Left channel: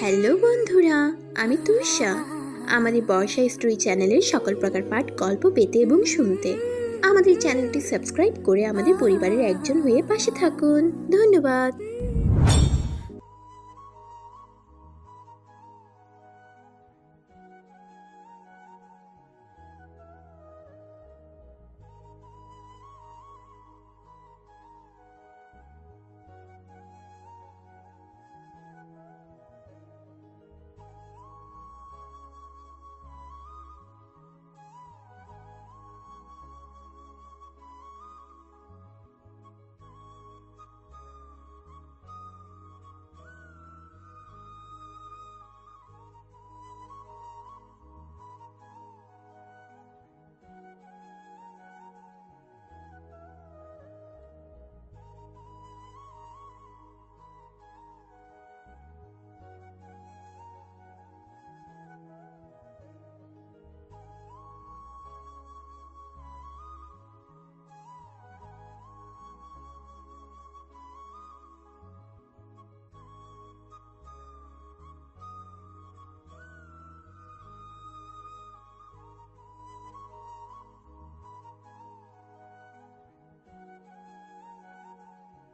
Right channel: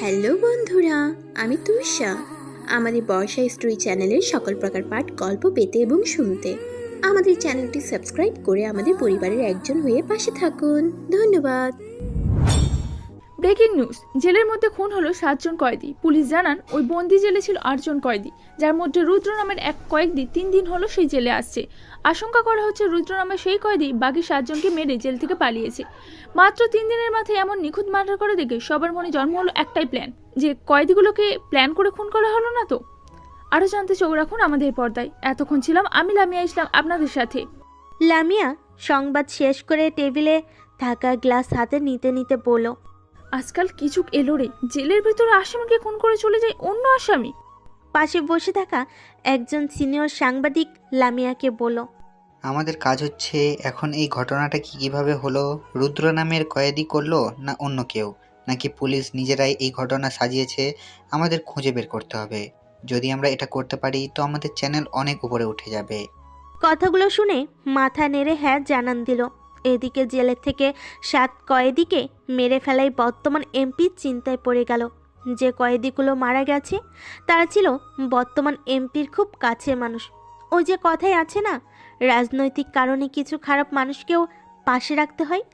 Hello বন্ধুরা, আমি তুষা। আমাদের বর্ষা স্টোরি চ্যানেলের সকল প্রকার পাঠ গল্প পেতে এবং শুনতে আমাদের চ্যানেলটি সাবস্ক্রাইব করে আমাদের পরিবারের একজন হয়ে পাশে থাকুন। ধন্যবাদ। ব্রেকিং নিউজ, জেলের মধ্যে খুন হলো 7 জন কয়েদি। পুলিশ জানান ওই বন্দি জেলে ছিল 8 জন কয়েদি, যার মধ্যে রুদ্র নামের এক কয়েদি 3 দিন হলো সেই জেলে আসছে। আশঙ্কা করা হচ্ছে রুদ্র নামের সেই কয়েদি বাকি 7 জনকে মেরে জেল থেকে পালিয়েছে। মাত্র 3 দিনের মাথায় এমন নিখুঁত মার্ডার করে দেখে সবার মনে জন্ম হলো একটাই প্ল্যান, যে কয়েদিগুলোকে প্ল্যান করে খুন করা হলো না তো। আরও জানতে চোখ রাখুন আমাদের পর্দায়। এতক্ষণ ছিলাম আমি লামিয়া ইসলাম আপনাদের সাথে। লামিয়া সংবাদ শেষ করে টেবিলে থাকা গ্লাস হাতে নিতে নিতে বলল, আজকাল কিছু এলো রে, জেলের ভিতরে আসামিকে খুন করে চলে যায় অন্য আসামি। পাশে বসে থাকা একজন সিনিয়র সাংবাদিক লামিয়াকে বলল, আমাদের কাজ হচ্ছে এখন এই ঘটনাটা কিভাবে হলো, রুদ্র নামের কয়েদি করলো না অন্য কেউ, নাকি পুলিশ নিজেরাই এই ঘটনা সাজিয়েছে, আমাদের খুঁজে বের করতে হবে। যদি আমরা এটা করতে পারি তো আমাদের চ্যানেল অনেক উপরে উঠে যাবে। কথাগুলো শুনে মাথা নেড়ে হ্যাঁ জানান দিল। এদিকে জেলের থেকে 7 কয়েদিকে মেরে ফেলাই বর্তমান এমপি চিন্তায় পড়ে গেল। যে কয়েদিগুলো মারা গেছে তারা ছিল বর্তমান এমপির খুব কাছের মানুষ। ওই যে কথাই আছে না, রাজনৈতিক কারণে কিছু খারাপ মানুষকেও পাশে রাখতে হয়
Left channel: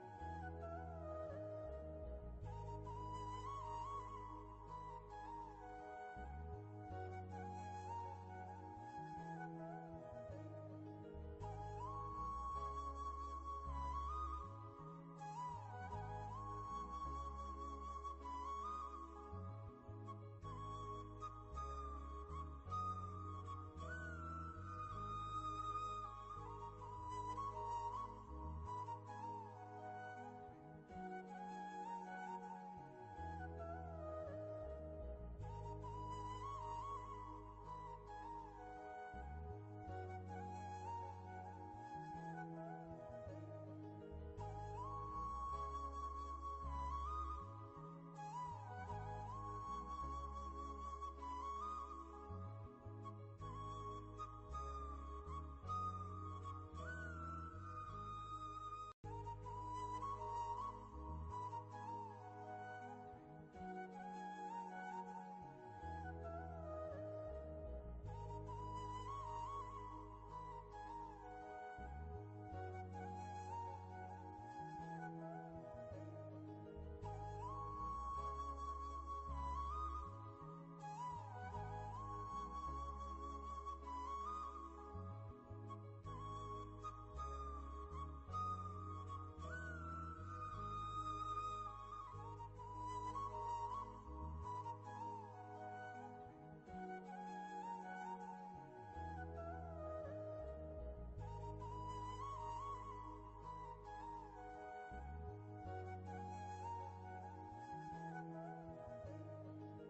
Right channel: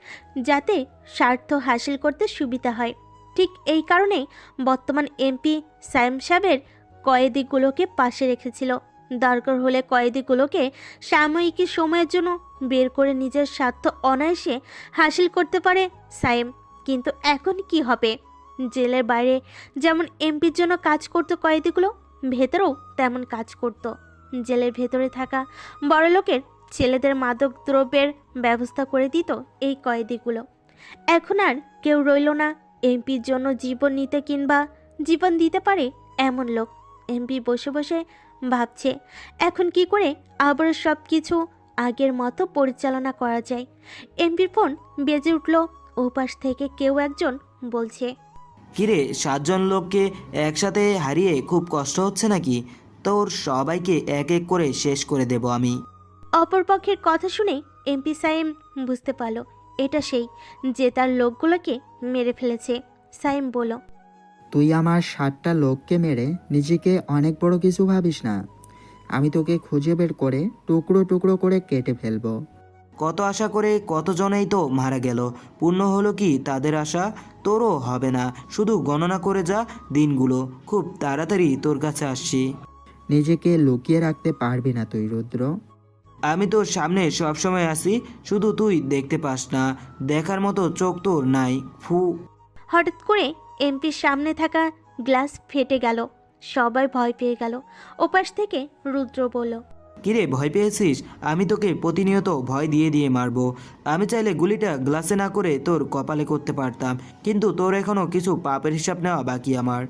যাতে স্বার্থ হাসিল করতে সুবিধা হয়। ঠিক এই কারণেই বর্তমান এমপি সায়েম সাহেবের কয়েদিগুলোকে পাশে রেখেছিল। দরকার হলে কয়েদিগুলোকে সাময়িক সময়ের জন্য বের করে নিজের স্বার্থ অনায়াসে হাসিল করতে পারে সায়েম। কিন্তু এখন কি হবে? জেলের বাইরে যেমন এমপির জন্য কাজ করত কয়েদিগুলো, ভেতরেও তেমন কাজ করত। জেলের ভেতরে থাকা বড়লোকের ছেলেদের মাদক দ্রব্যের ব্যবস্থা করে দিত এই কয়েদিগুলো। এখন আর কেউ রইল না এমপির জন্য জীবন নিতে কিংবা জীবন দিতে পারে এমন লোক। এমপি বসে বসে ভাবছে এখন কি করে আবার সব কিছু আগের মতো পরিচালনা করা যায়। এমপির ফোন বেজে উঠল। ওপাশ থেকে কেউ একজন বলছে, কিরে, 7 জন লোককে একসাথে হারিয়ে খুব কষ্ট হচ্ছে নাকি? তোর সবাইকে এক এক করে শেষ করে দেব আমি। অপরপক্ষের কথা শুনে এমপি সাইম বুঝতে পারল এটা সেই যে তার লোকগুলোকে মেরে ফেলেছে। সাইম বলল, তুই আমার 7টা লোককে মেরে নিজেকে অনেক বড় কিছু ভাবিস না। আমি তোকে খুঁজে বের করে টুকরো টুকরো করে কেটে ফেলবো। কত আশা করে কতজনেই তো মারা গেল, পূর্ণ হলো কি তাদের আশা? তোরও হবে না, শুধু গণনা করে যা দিনগুলো। খুব তাড়াতাড়ি তোর কাছে আসছি। নিজেকে লুকিয়ে রাখতে পারবি না তুই, রুদ্র। আমি তোর সামনে সবসময় আসি, শুধু তুই দেখতে পাস না। দেখার মতো চোখ তোর নাই। ফু। হঠাৎ করে এমপির সামনে থাকা গ্লাস ফেটে গেল। সবাই ভয় পেয়ে গেল। ওপাশ থেকে রুদ্র বলল, কিরে, ভয় পেয়েছিস? আমি তোকে প্রতিনিয়ত ভয় দিয়ে দিয়ে মারবো। আমি চাইলে গুলিটা গ্লাসে না করে তোর কপালে করতে পারতাম, কিন্তু তোর এখনো কিছু পাপের হিসাব নেওয়া বাকি আমার।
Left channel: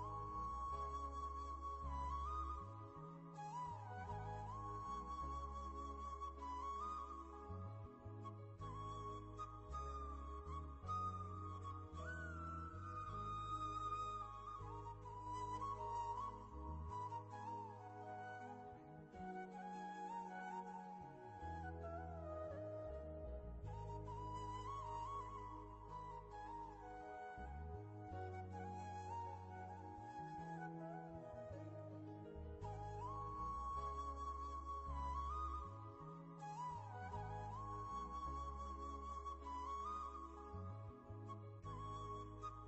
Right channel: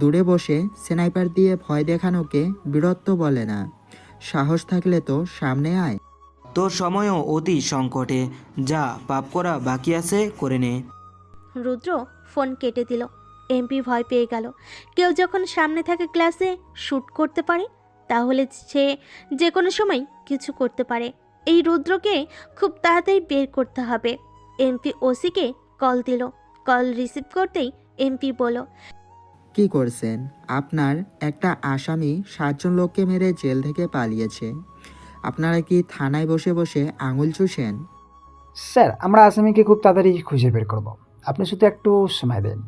দূরে বসে স্নাইপার দিয়ে ভয় দেখানোকে বীরত্ব বলে না। সাহস থাকলে তো সামনে আয়। তোর সময়ও অতি সংকটে, যা পাপ করা বাকি আছে করে নে। রুদ্র ফোন কেটে দিল। এমপি ভয় পেয়ে গেল। কেউ যখন সামনে থাকা গ্লাসে শ্যুট করতে পারে তাহলে সে যে কোনো সময় কিছু করতে পারে। এই রুদ্রকে খুব তাড়াতাড়ি বের করতে হবে। এমপি ওসিকে কল দিল। কল রিসিভ করতেই এমপি বলল, কি করছেন? আপনার একটা আসামি 7 জন লোককে মেরে জেল থেকে পালিয়েছে। আপনারা কি থানায় বসে বসে আঙুল চুষেন? স্যার, আমরা আসামিকে খুব তাড়াতাড়ি খুঁজে বের করব। আপনি শুধু একটু সময় দেন।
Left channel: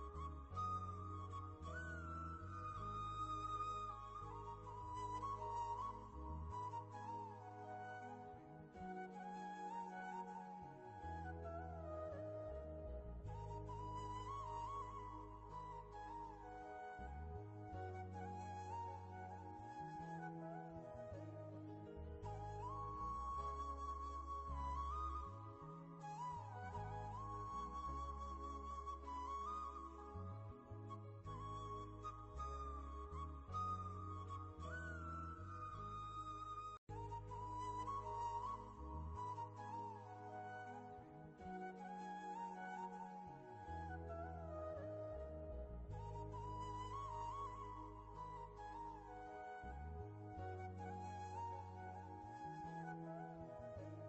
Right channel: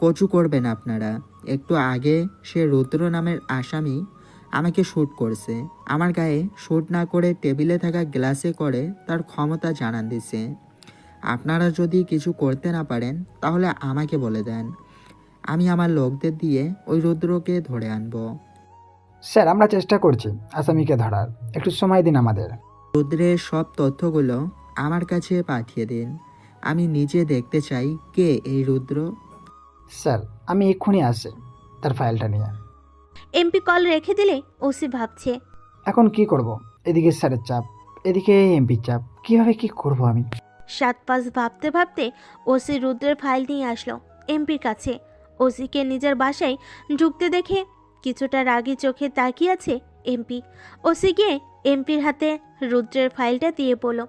কচু করবেন আপনারা। একটু আগে সে রুদ্র নামের আসামি আমাকে শ্যুট করছে। আমার গায়ে শ্যুট না করে টেবিলে থাকা গ্লাসে করে তার ক্ষমতা জানান দিছে। আপনারা যদি কিছু করতে না পারেন তাহলে আমাকে বলে দেন, আমি আমার লোকদের দিয়ে ওই রুদ্রকে ধরে আনবো। স্যার, আমরা চেষ্টা করছি আসামিকে ধরার, একটু সময় দিন আমাদের। রুদ্রের সব তথ্যগুলো আমার কাছে পাঠিয়ে দিন। আমি নিজে দেখতে চাই কে এই রুদ্র। স্যার, আমি এক্ষুনি আসছি তার ফাইলটা নিয়ে। এমপি কল রেখে দিলে ওসি ভাবছে, এখন কি করব? এদিকে স্যারের চাপ, এদিকে এমপির চাপ, কিভাবে কি করব আমি? 7-5 ভাবতে ভাবতে ওসি রুদ্রের ফাইল নিয়ে আসলো এমপির কাছে। ওসিকে নিজের বাসায় ঢুকতে দেখে কিছুটা রাগী চোখে তাকিয়ে আছে এমপি। ওসি গিয়ে এমপির হাতে রুদ্রের ফাইলটা দিয়ে বলল,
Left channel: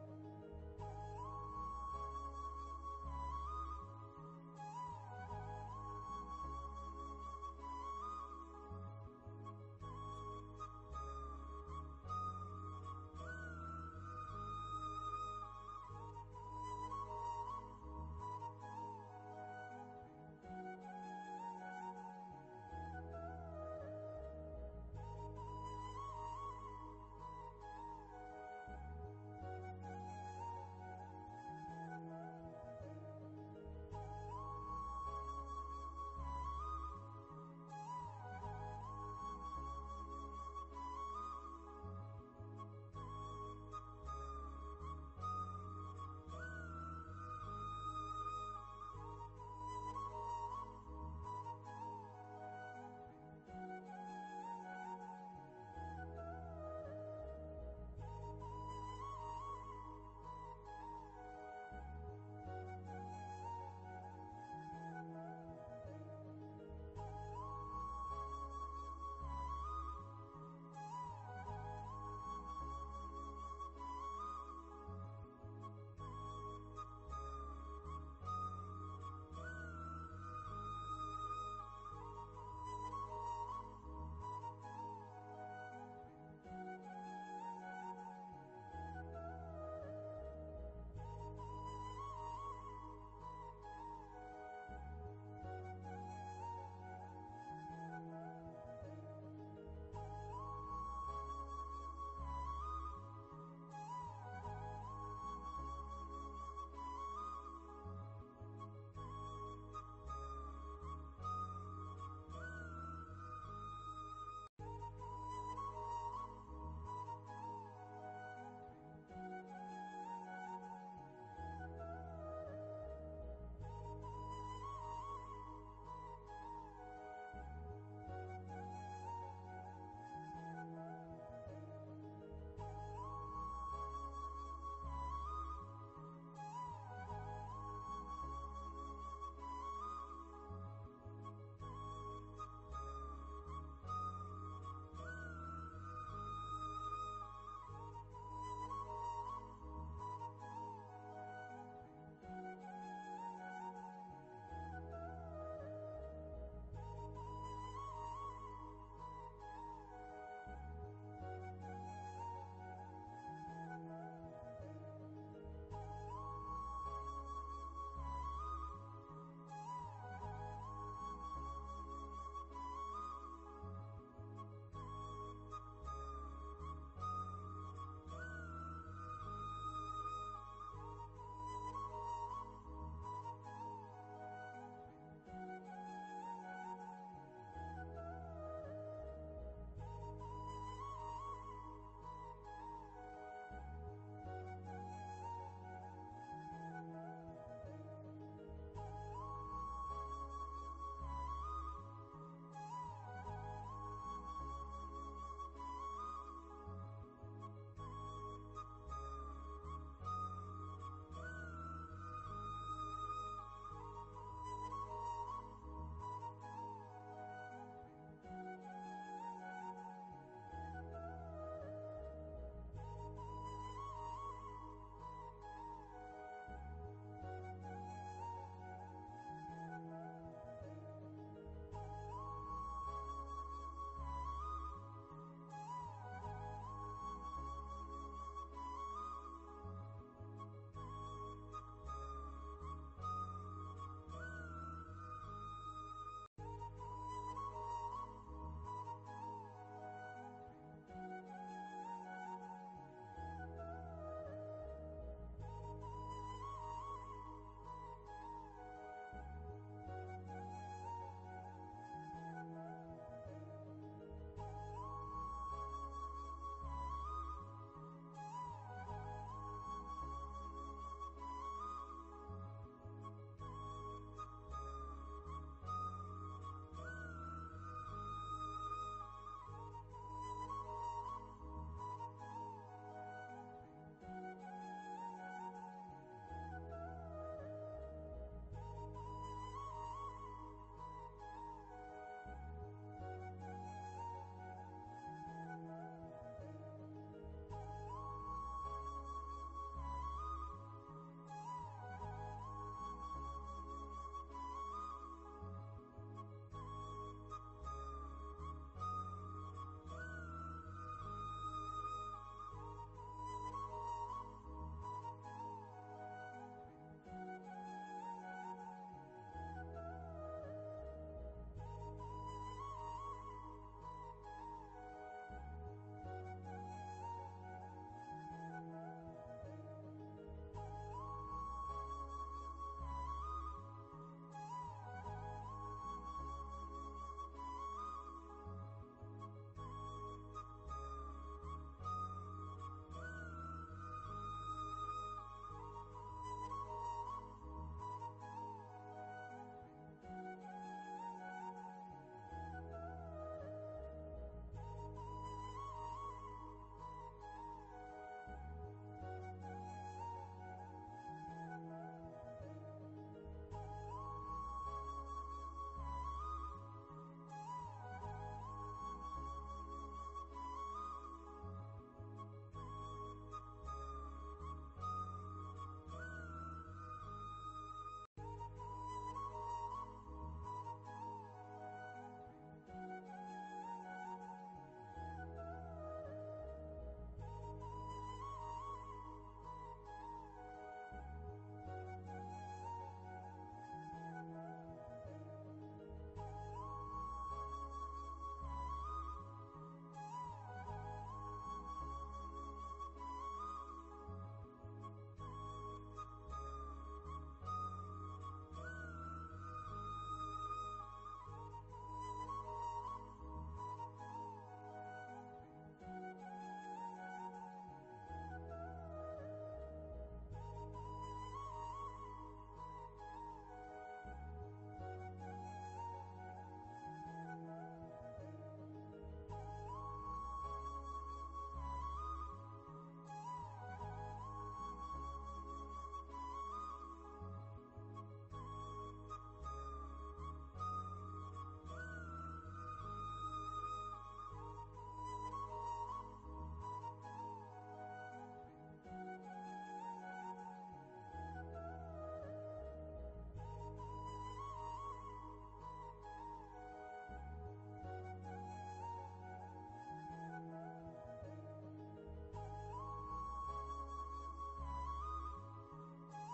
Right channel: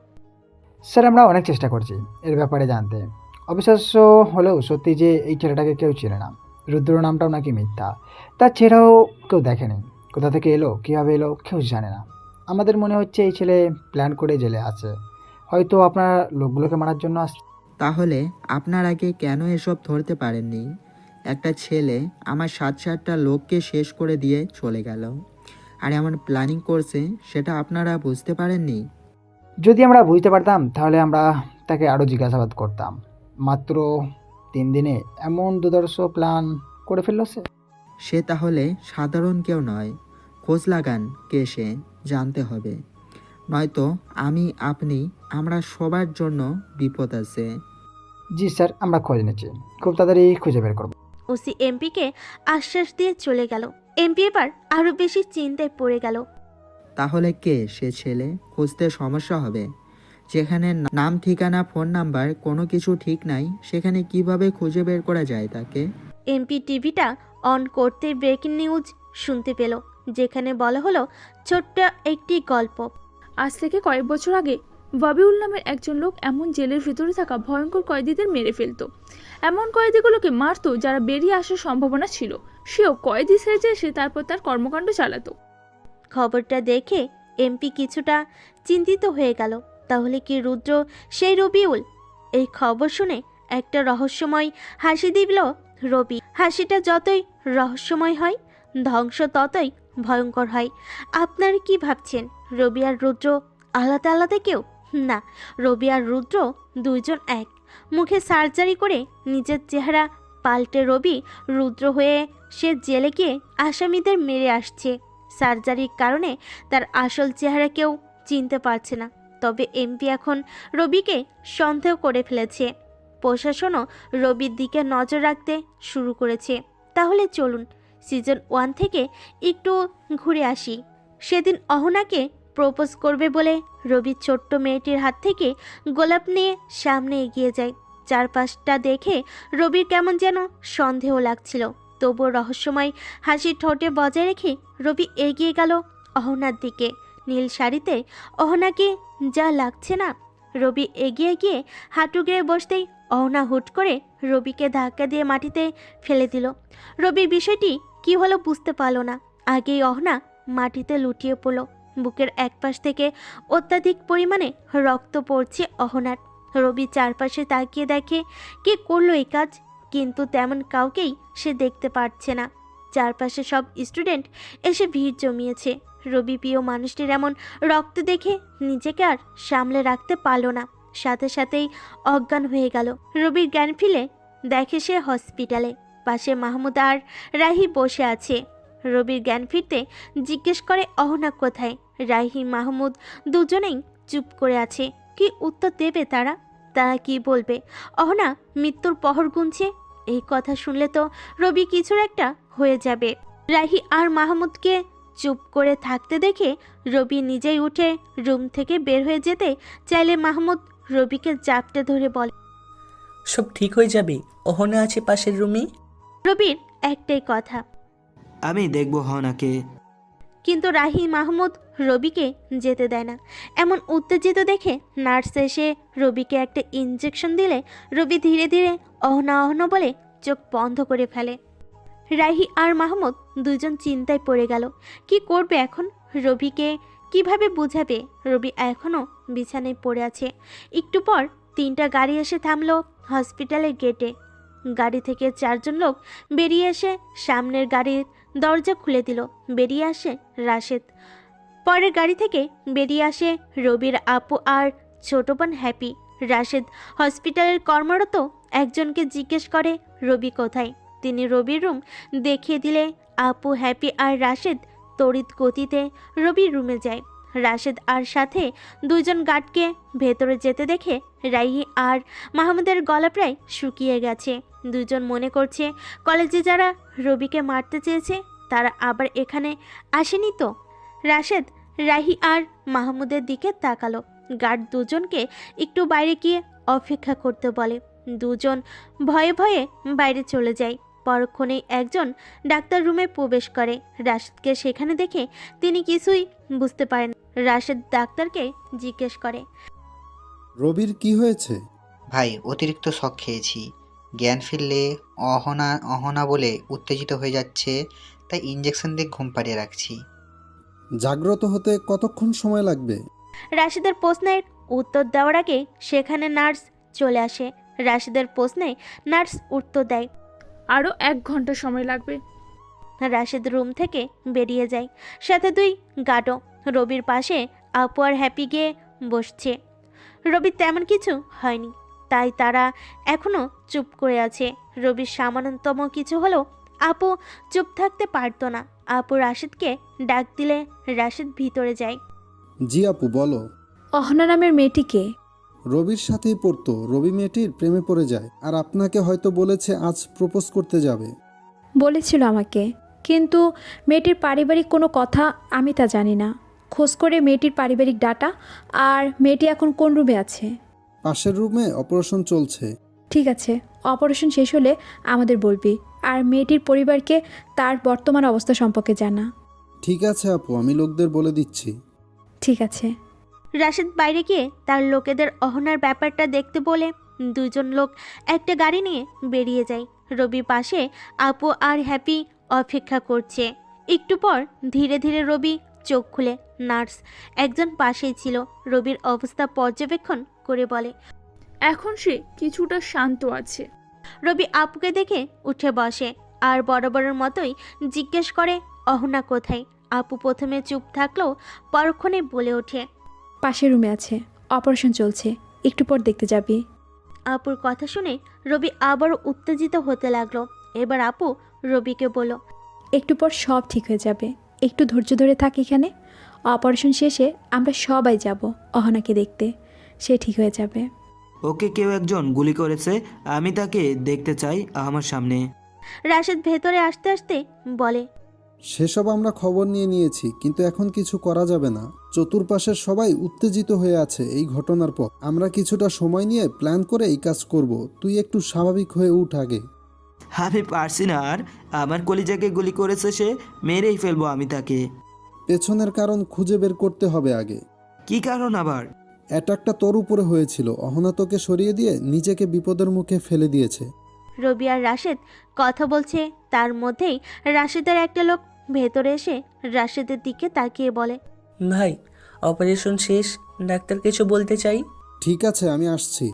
স্যার আমরা অনেক চেষ্টা করছি এর ব্যাপারে জানতে। অবিশ্বাস্য হলেও সত্যি যে এই ছেলেটাকে কেউ চেনে না। রুদ্র নামটাও নাকি মিথ্যা, তার চেহারাও কেউ দেখেনি। কোথা থেকে এলো, কীভাবে এলো, কেউ জানে না। আমাদের মনে হচ্ছে এই ছেলে প্ল্যান করে জেলে আছে, হয়তো আপনার লোকগুলোকে মারার জন্য আসছে। তাহলে আপনার আগে কেন এসব ধরতে পারেননি? একটা ছেলে আমার 7-8টা লোককে শেষ করে দিয়ে চলে গেল, আর এমন প্ল্যানিং করছে সেটা আপনারা বুঝতে পারেননি? যদি আমরা বুঝতে পারতাম তাহলে আমরা তাকে আরও জিজ্ঞাসাবাদ করতাম। মাত্র 3 দিনে এমন দুর্ধর্ষ প্ল্যান করে ফেললো সে। সে তাহলে সাধারণ কেউ নয়। খোঁজ লাগান কে সে, জানতে হবে। নয়তো আমি, আপনি, আমরা সবার জন্য বিপদ আছে। জি স্যার, আমরা খোঁজ নিচ্ছি, খুব তাড়াতাড়ি খুঁজে বের করব। ওসি এমপিকে আশ্বাস দিয়ে চলে গেল। এমপি এবার আরো বেশি চিন্তায় পড়ে গেল। তাহলে কে সে ছেলে? খুঁজতে সমস্যা হবে। যেখানে নাম, ঠিকানা, ফোন নাম্বার কোনো কিছু ঠিক নাই, সেখানে কিভাবে খুঁজে বের করা যায় তাকে? এমপি টিভিটা অন করতে ব্রেকিং নিউজ শুনতে পেল, যেখানে বলা হলো ছোট্ট একটি গল্প। আজ থেকে কয়েক বছর আগে ববিউল নামের একজন লোক এমন জেলের ভিতরে থাকা ভয়ঙ্কর কয়েদিদের মেরে ফেলতো। এমন কয়েদিগুলোকে মারতো যারা বেরিয়ে আসার সম্ভাবনা ছিল। সেও কয়েদি সেজে সে তারপর তার কর্মকাণ্ড চালাতো। খবরটা দেখে এমপি কিছুটা চিন্তিত হয়ে গেল। তাহলে কি রুদ্র সেই রবিউল? এই খবর শুনে একটা রহস্যময় হাসি দিল রবি। হাসিটা যতই রহস্যময় হয়, ধ্বংস ততই ভয়ঙ্কর হয়। আপনারা কি ভাবছেন রবি আর রুদ্র আলাদা আলাদা কেউ? না, রবি আর রুদ্র দুইজন এক। মুখে সার্জারি করে নিজের চেহারা পাল্টে রবি রুদ্র হয়ে সে জেলে গিয়ে আসামিদের মেরে আসছে। সার্জারির কারণে তার আসল চেহারা কেউ চিনতে পারছে না। তবে এমপি এখন রবিকে সন্দেহ করে ফেলেছে। প্রশাসনও রবির দিকে নজর রাখতে শুরু করেছে। তাহলে চলুন সিজন 1 থেকে একটু ঘুরে আসি। সেদিন অহনাকে প্রপোজ করবে বলে রবি ছোট্ট মেয়েটির হাত থেকে গোলাপ নিয়ে সামনে এগিয়ে যায়। চারপাশটা দেখে রবির কেমন যেন সন্দেহ লাগছিল, তবুও রহস্যময় হাসি ঠোঁটে বজায় রেখে রবি এগিয়ে গেল অহনার দিকে। নীল শাড়িতে অহনাকে যা লাগছে না! রবি এগিয়ে গিয়ে হাঁটু গেড়ে বসতেই অহনা হুট করে রবিকে ধাক্কা দিয়ে মাটিতে ফেলে দিল। রবি বিষয়টি কি হলো বুঝতে পারল না। আগেই অহনা মাটিতে লুটিয়ে পড়ল। বুকের একপাশ থেকে অত্যাধিক পরিমাণে রক্ত পড়ছে অহনার। রবি চারপাশে তাকিয়ে দেখে কে করলো এই কাজ, কিন্তু তেমন কাউকেই সে দেখতে পাচ্ছে না। চারপাশে সব স্টুডেন্ট এসে ভিড় জমিয়েছে। রবি প্রিয় মানুষটির এমন রক্ত দেখে নিজেকে আর সামলে রাখতে পারল না, সাথে সাথেই অজ্ঞান হয়ে গেল। রবির জ্ঞান ফিরে দেখে সে হসপিটালে। পাশে মাহমুদ আর রাহি বসে আছে। রবির জ্ঞান ফিরতে জিজ্ঞেস করে অহনা কোথায়। রাহি মাহমুদ দুজনেই চুপ করে আছে। কি উত্তর দেবে তারা? তারা কি বলবে? অহনা মৃত্যুর পহর গুনছে। এই কথা শুনলে তো রবি কিছুর একটা হয়ে যাবে। রাহি আর মাহমুদকে চুপ করে থাকতে দেখে রবি নিজেই উঠে রুম থেকে বের হয়ে যেতে চাইলে মাহমুদ রবিকে জাপটে ধরে বলে, সব ঠিক হয়ে যাবে, অহনা আছে পাশের রুমে। রবির একটাই কথা, আমি দেখব হনাকে। কিন্তু রাহি মাহমুদ রবিকে যেতে দেয় না। এমন উত্তেজিত দেখে নার্স এসে রবিকে একটা ইঞ্জেকশন দিলে রবি ধীরে ধীরে অহনা অহনা বলে চোখ বন্ধ করে ফেলে। রাহি আর মাহমুদ দুজন চিন্তায় পড়ে গেল। কি করবে এখন? রবিকে কিভাবে বুঝাবে? রবি এখনও বিছানায় পড়ে আছে। একটু পর 3টা গাড়ি এসে থামলো হসপিটালের গেটে। গাড়ি থেকে 4 জন লোক বেরিয়ে এসে সামনের গাড়ির দরজা খুলে দিল। বেরিয়ে আসে রাশেদ। পরের গাড়ি থেকে বেরিয়ে আসে রবির আপু আর ছোট বোন হ্যাপি। রাশেদ হসপিটালের কর্মরত একজনকে জিজ্ঞেস করে রবি কোথায়। তিনি রবির রুম দেখিয়ে দিলে আপু, হ্যাপি আর রাশেদ তড়িৎ গতিতে রবির রুমে যায়। রাশেদ আর সাথে 2 জন গার্ডকে ভেতরে যেতে দেখে রাহি আর মাহমুদের গলা প্রায় শুকিয়ে গেছে। 2 জন মনে করছে কলেজে যারা রবিকে মারতে চেয়েছে তারা আবার এখানে আসেনি তো। রাশেদ রাহি আর মাহমুদের দিকে তাকালো। গার্ড 2 জনকে একটু বাইরে গিয়ে অপেক্ষা করতে বলে। 2 জন ভয়ে ভয়ে বাইরে চলে যায়। পরক্ষণেই একজন ডাক্তার রুমে প্রবেশ করে। রাশেদকে সেখানে দেখে তিনি কিছুই বুঝতে পারেন। রাশেদ ডাক্তারকে জিজ্ঞেস করে, রবির কি হয়েছে? ভাই অতিরিক্ত শক খেয়েছি, জ্ঞান ফিরলে অহনা অহনা বলে উত্তেজিত হয়ে যাচ্ছে, তাই ইঞ্জেকশন দিয়ে ঘুম পাড়িয়ে রাখছি। জাগ্রত হতে কতক্ষণ সময় লাগবে? রাশিদের প্রশ্নের উত্তর দেওয়ার আগে সেখানে নার্স চলে আসে। রাশিদের প্রশ্নে নার্স উত্তর দেয়। আরও 1 ঘন্টা সময় লাগবে। রাশিদ রুম থেকে বেরিয়ে যায়, সাথে 2 গার্ডও। রবির পাশে আপু আর হ্যাপি গিয়ে বসছে। রবির তেমন কিছু হয়নি, তাই তারা এখনো চুপ করে আছে। রবির সামান্যতম কিছু হলেও আপু চুপ থাকতে পারতো না। আপু রাশিদকে ডাক দিলে রাশিদ ভিতরে যায়। জি আপু বলো। অহনা নামের মেয়েটিকে রবির সাথেই পড়তো, রবি মেয়েটির প্রেমে পড়ে যায় আর আপনাকে হয়তো বলেছে আজ প্রপোজ করতে যাবে। বলেছিল আমাকে, কিন্তু মেয়েটির পারিবারিক কোনো কথা আমি তা জানি না। খোঁজ করে মেয়েটির পারিবারিক ডাটা আর মেয়েটি এখন কোন রুমে আছে। পাশের রুমে অপারেশন চলছে। ঠিক আছে, অপারেশন শেষ হলে আমাদের বলবি, আর মেয়েটির পরিবারকে তার বর্তমান অবস্থা সম্পর্কে জানা। ঠিক আছে আপু, আমি লোকদের বলে দিচ্ছি। ঠিক আছে। রাশিদ বাইরে গিয়ে তার লোকেদের অহনার ব্যাপারটা দেখতে বলে 2 জন লোক একটা গাড়ি নিয়ে বেরিয়ে যায়। রবি পাশে আপু আর হ্যাপি অপেক্ষা করছে। একটু পর ধীরে ধীরে রবি চোখ খুলে। নার্স একজন পাশেই ছিল, রবির অবস্থা পর্যবেক্ষণ করে বলে। এখন সে কিছুটা শান্ত আছে। রবি আপুকে দেখে উঠে বসে আর বরাবরের মতোই জিজ্ঞেস করে অহনা কোথায়। আপু প্রথমে চুপ থাকলেও পরক্ষণে বলে ওঠে, পাশের রুমে আছে, অপারেশন চলছে, একটু পর দেখতে যাবি। আপুর কথা শুনে রবি আবারও উত্তেজিত হতে লাগলো। এবার আপু রবিকে বলল, একটু পর সব ঠিক হয়ে যাবে, একটু ধৈর্য ধরে থাক এখানে। অপারেশন শেষে আমরা সবাই যাব অহনাকে দেখতে, সে ঠিক হয়ে যাবে। ওকে কেউ একজন গুলি করেছে, আমি তাকে দেখতে চাই আমার সামনে। রাশেদ ভেতরে আসতে আসতে বলে, সেসব আমরা খবর নিয়ে নিয়েছি, কিন্তু এখন কিছু করা যাবে না। চতুর্পাশের সবাই উত্তেজিত হয়ে আছে এই ঘটনার পর। আমরা কিছুটা সময় নিয়ে প্ল্যান করে এই কাজ করব। তুই একটু স্বাভাবিক হয়ে উঠ আগে। আমি পারছি না আর, আমার কলিজাকে গুলি করেছে সে, মেরেই ফেলবো আমি তাকে। পেছনের কারণ খুঁজে বের করতে হবে আগে। কি কারণ আবার? অ্যাটাকটা তোর উপরে হয়েছিল, অহনা তোকে সরিয়ে দিয়ে নিজেকে বিপদের মুখে ফেলে দিয়েছে। রবি আর রাশেদ কথা বলছে, তার মধ্যেই রাশেদের একটা লোক ভেতরে এসে রাশেদের দিকে তাকিয়ে বলে, ভাই অপারেশন শেষ, ডাক্তার কিছু বলতে চাই। ঠিক আছে, আমি আসছি।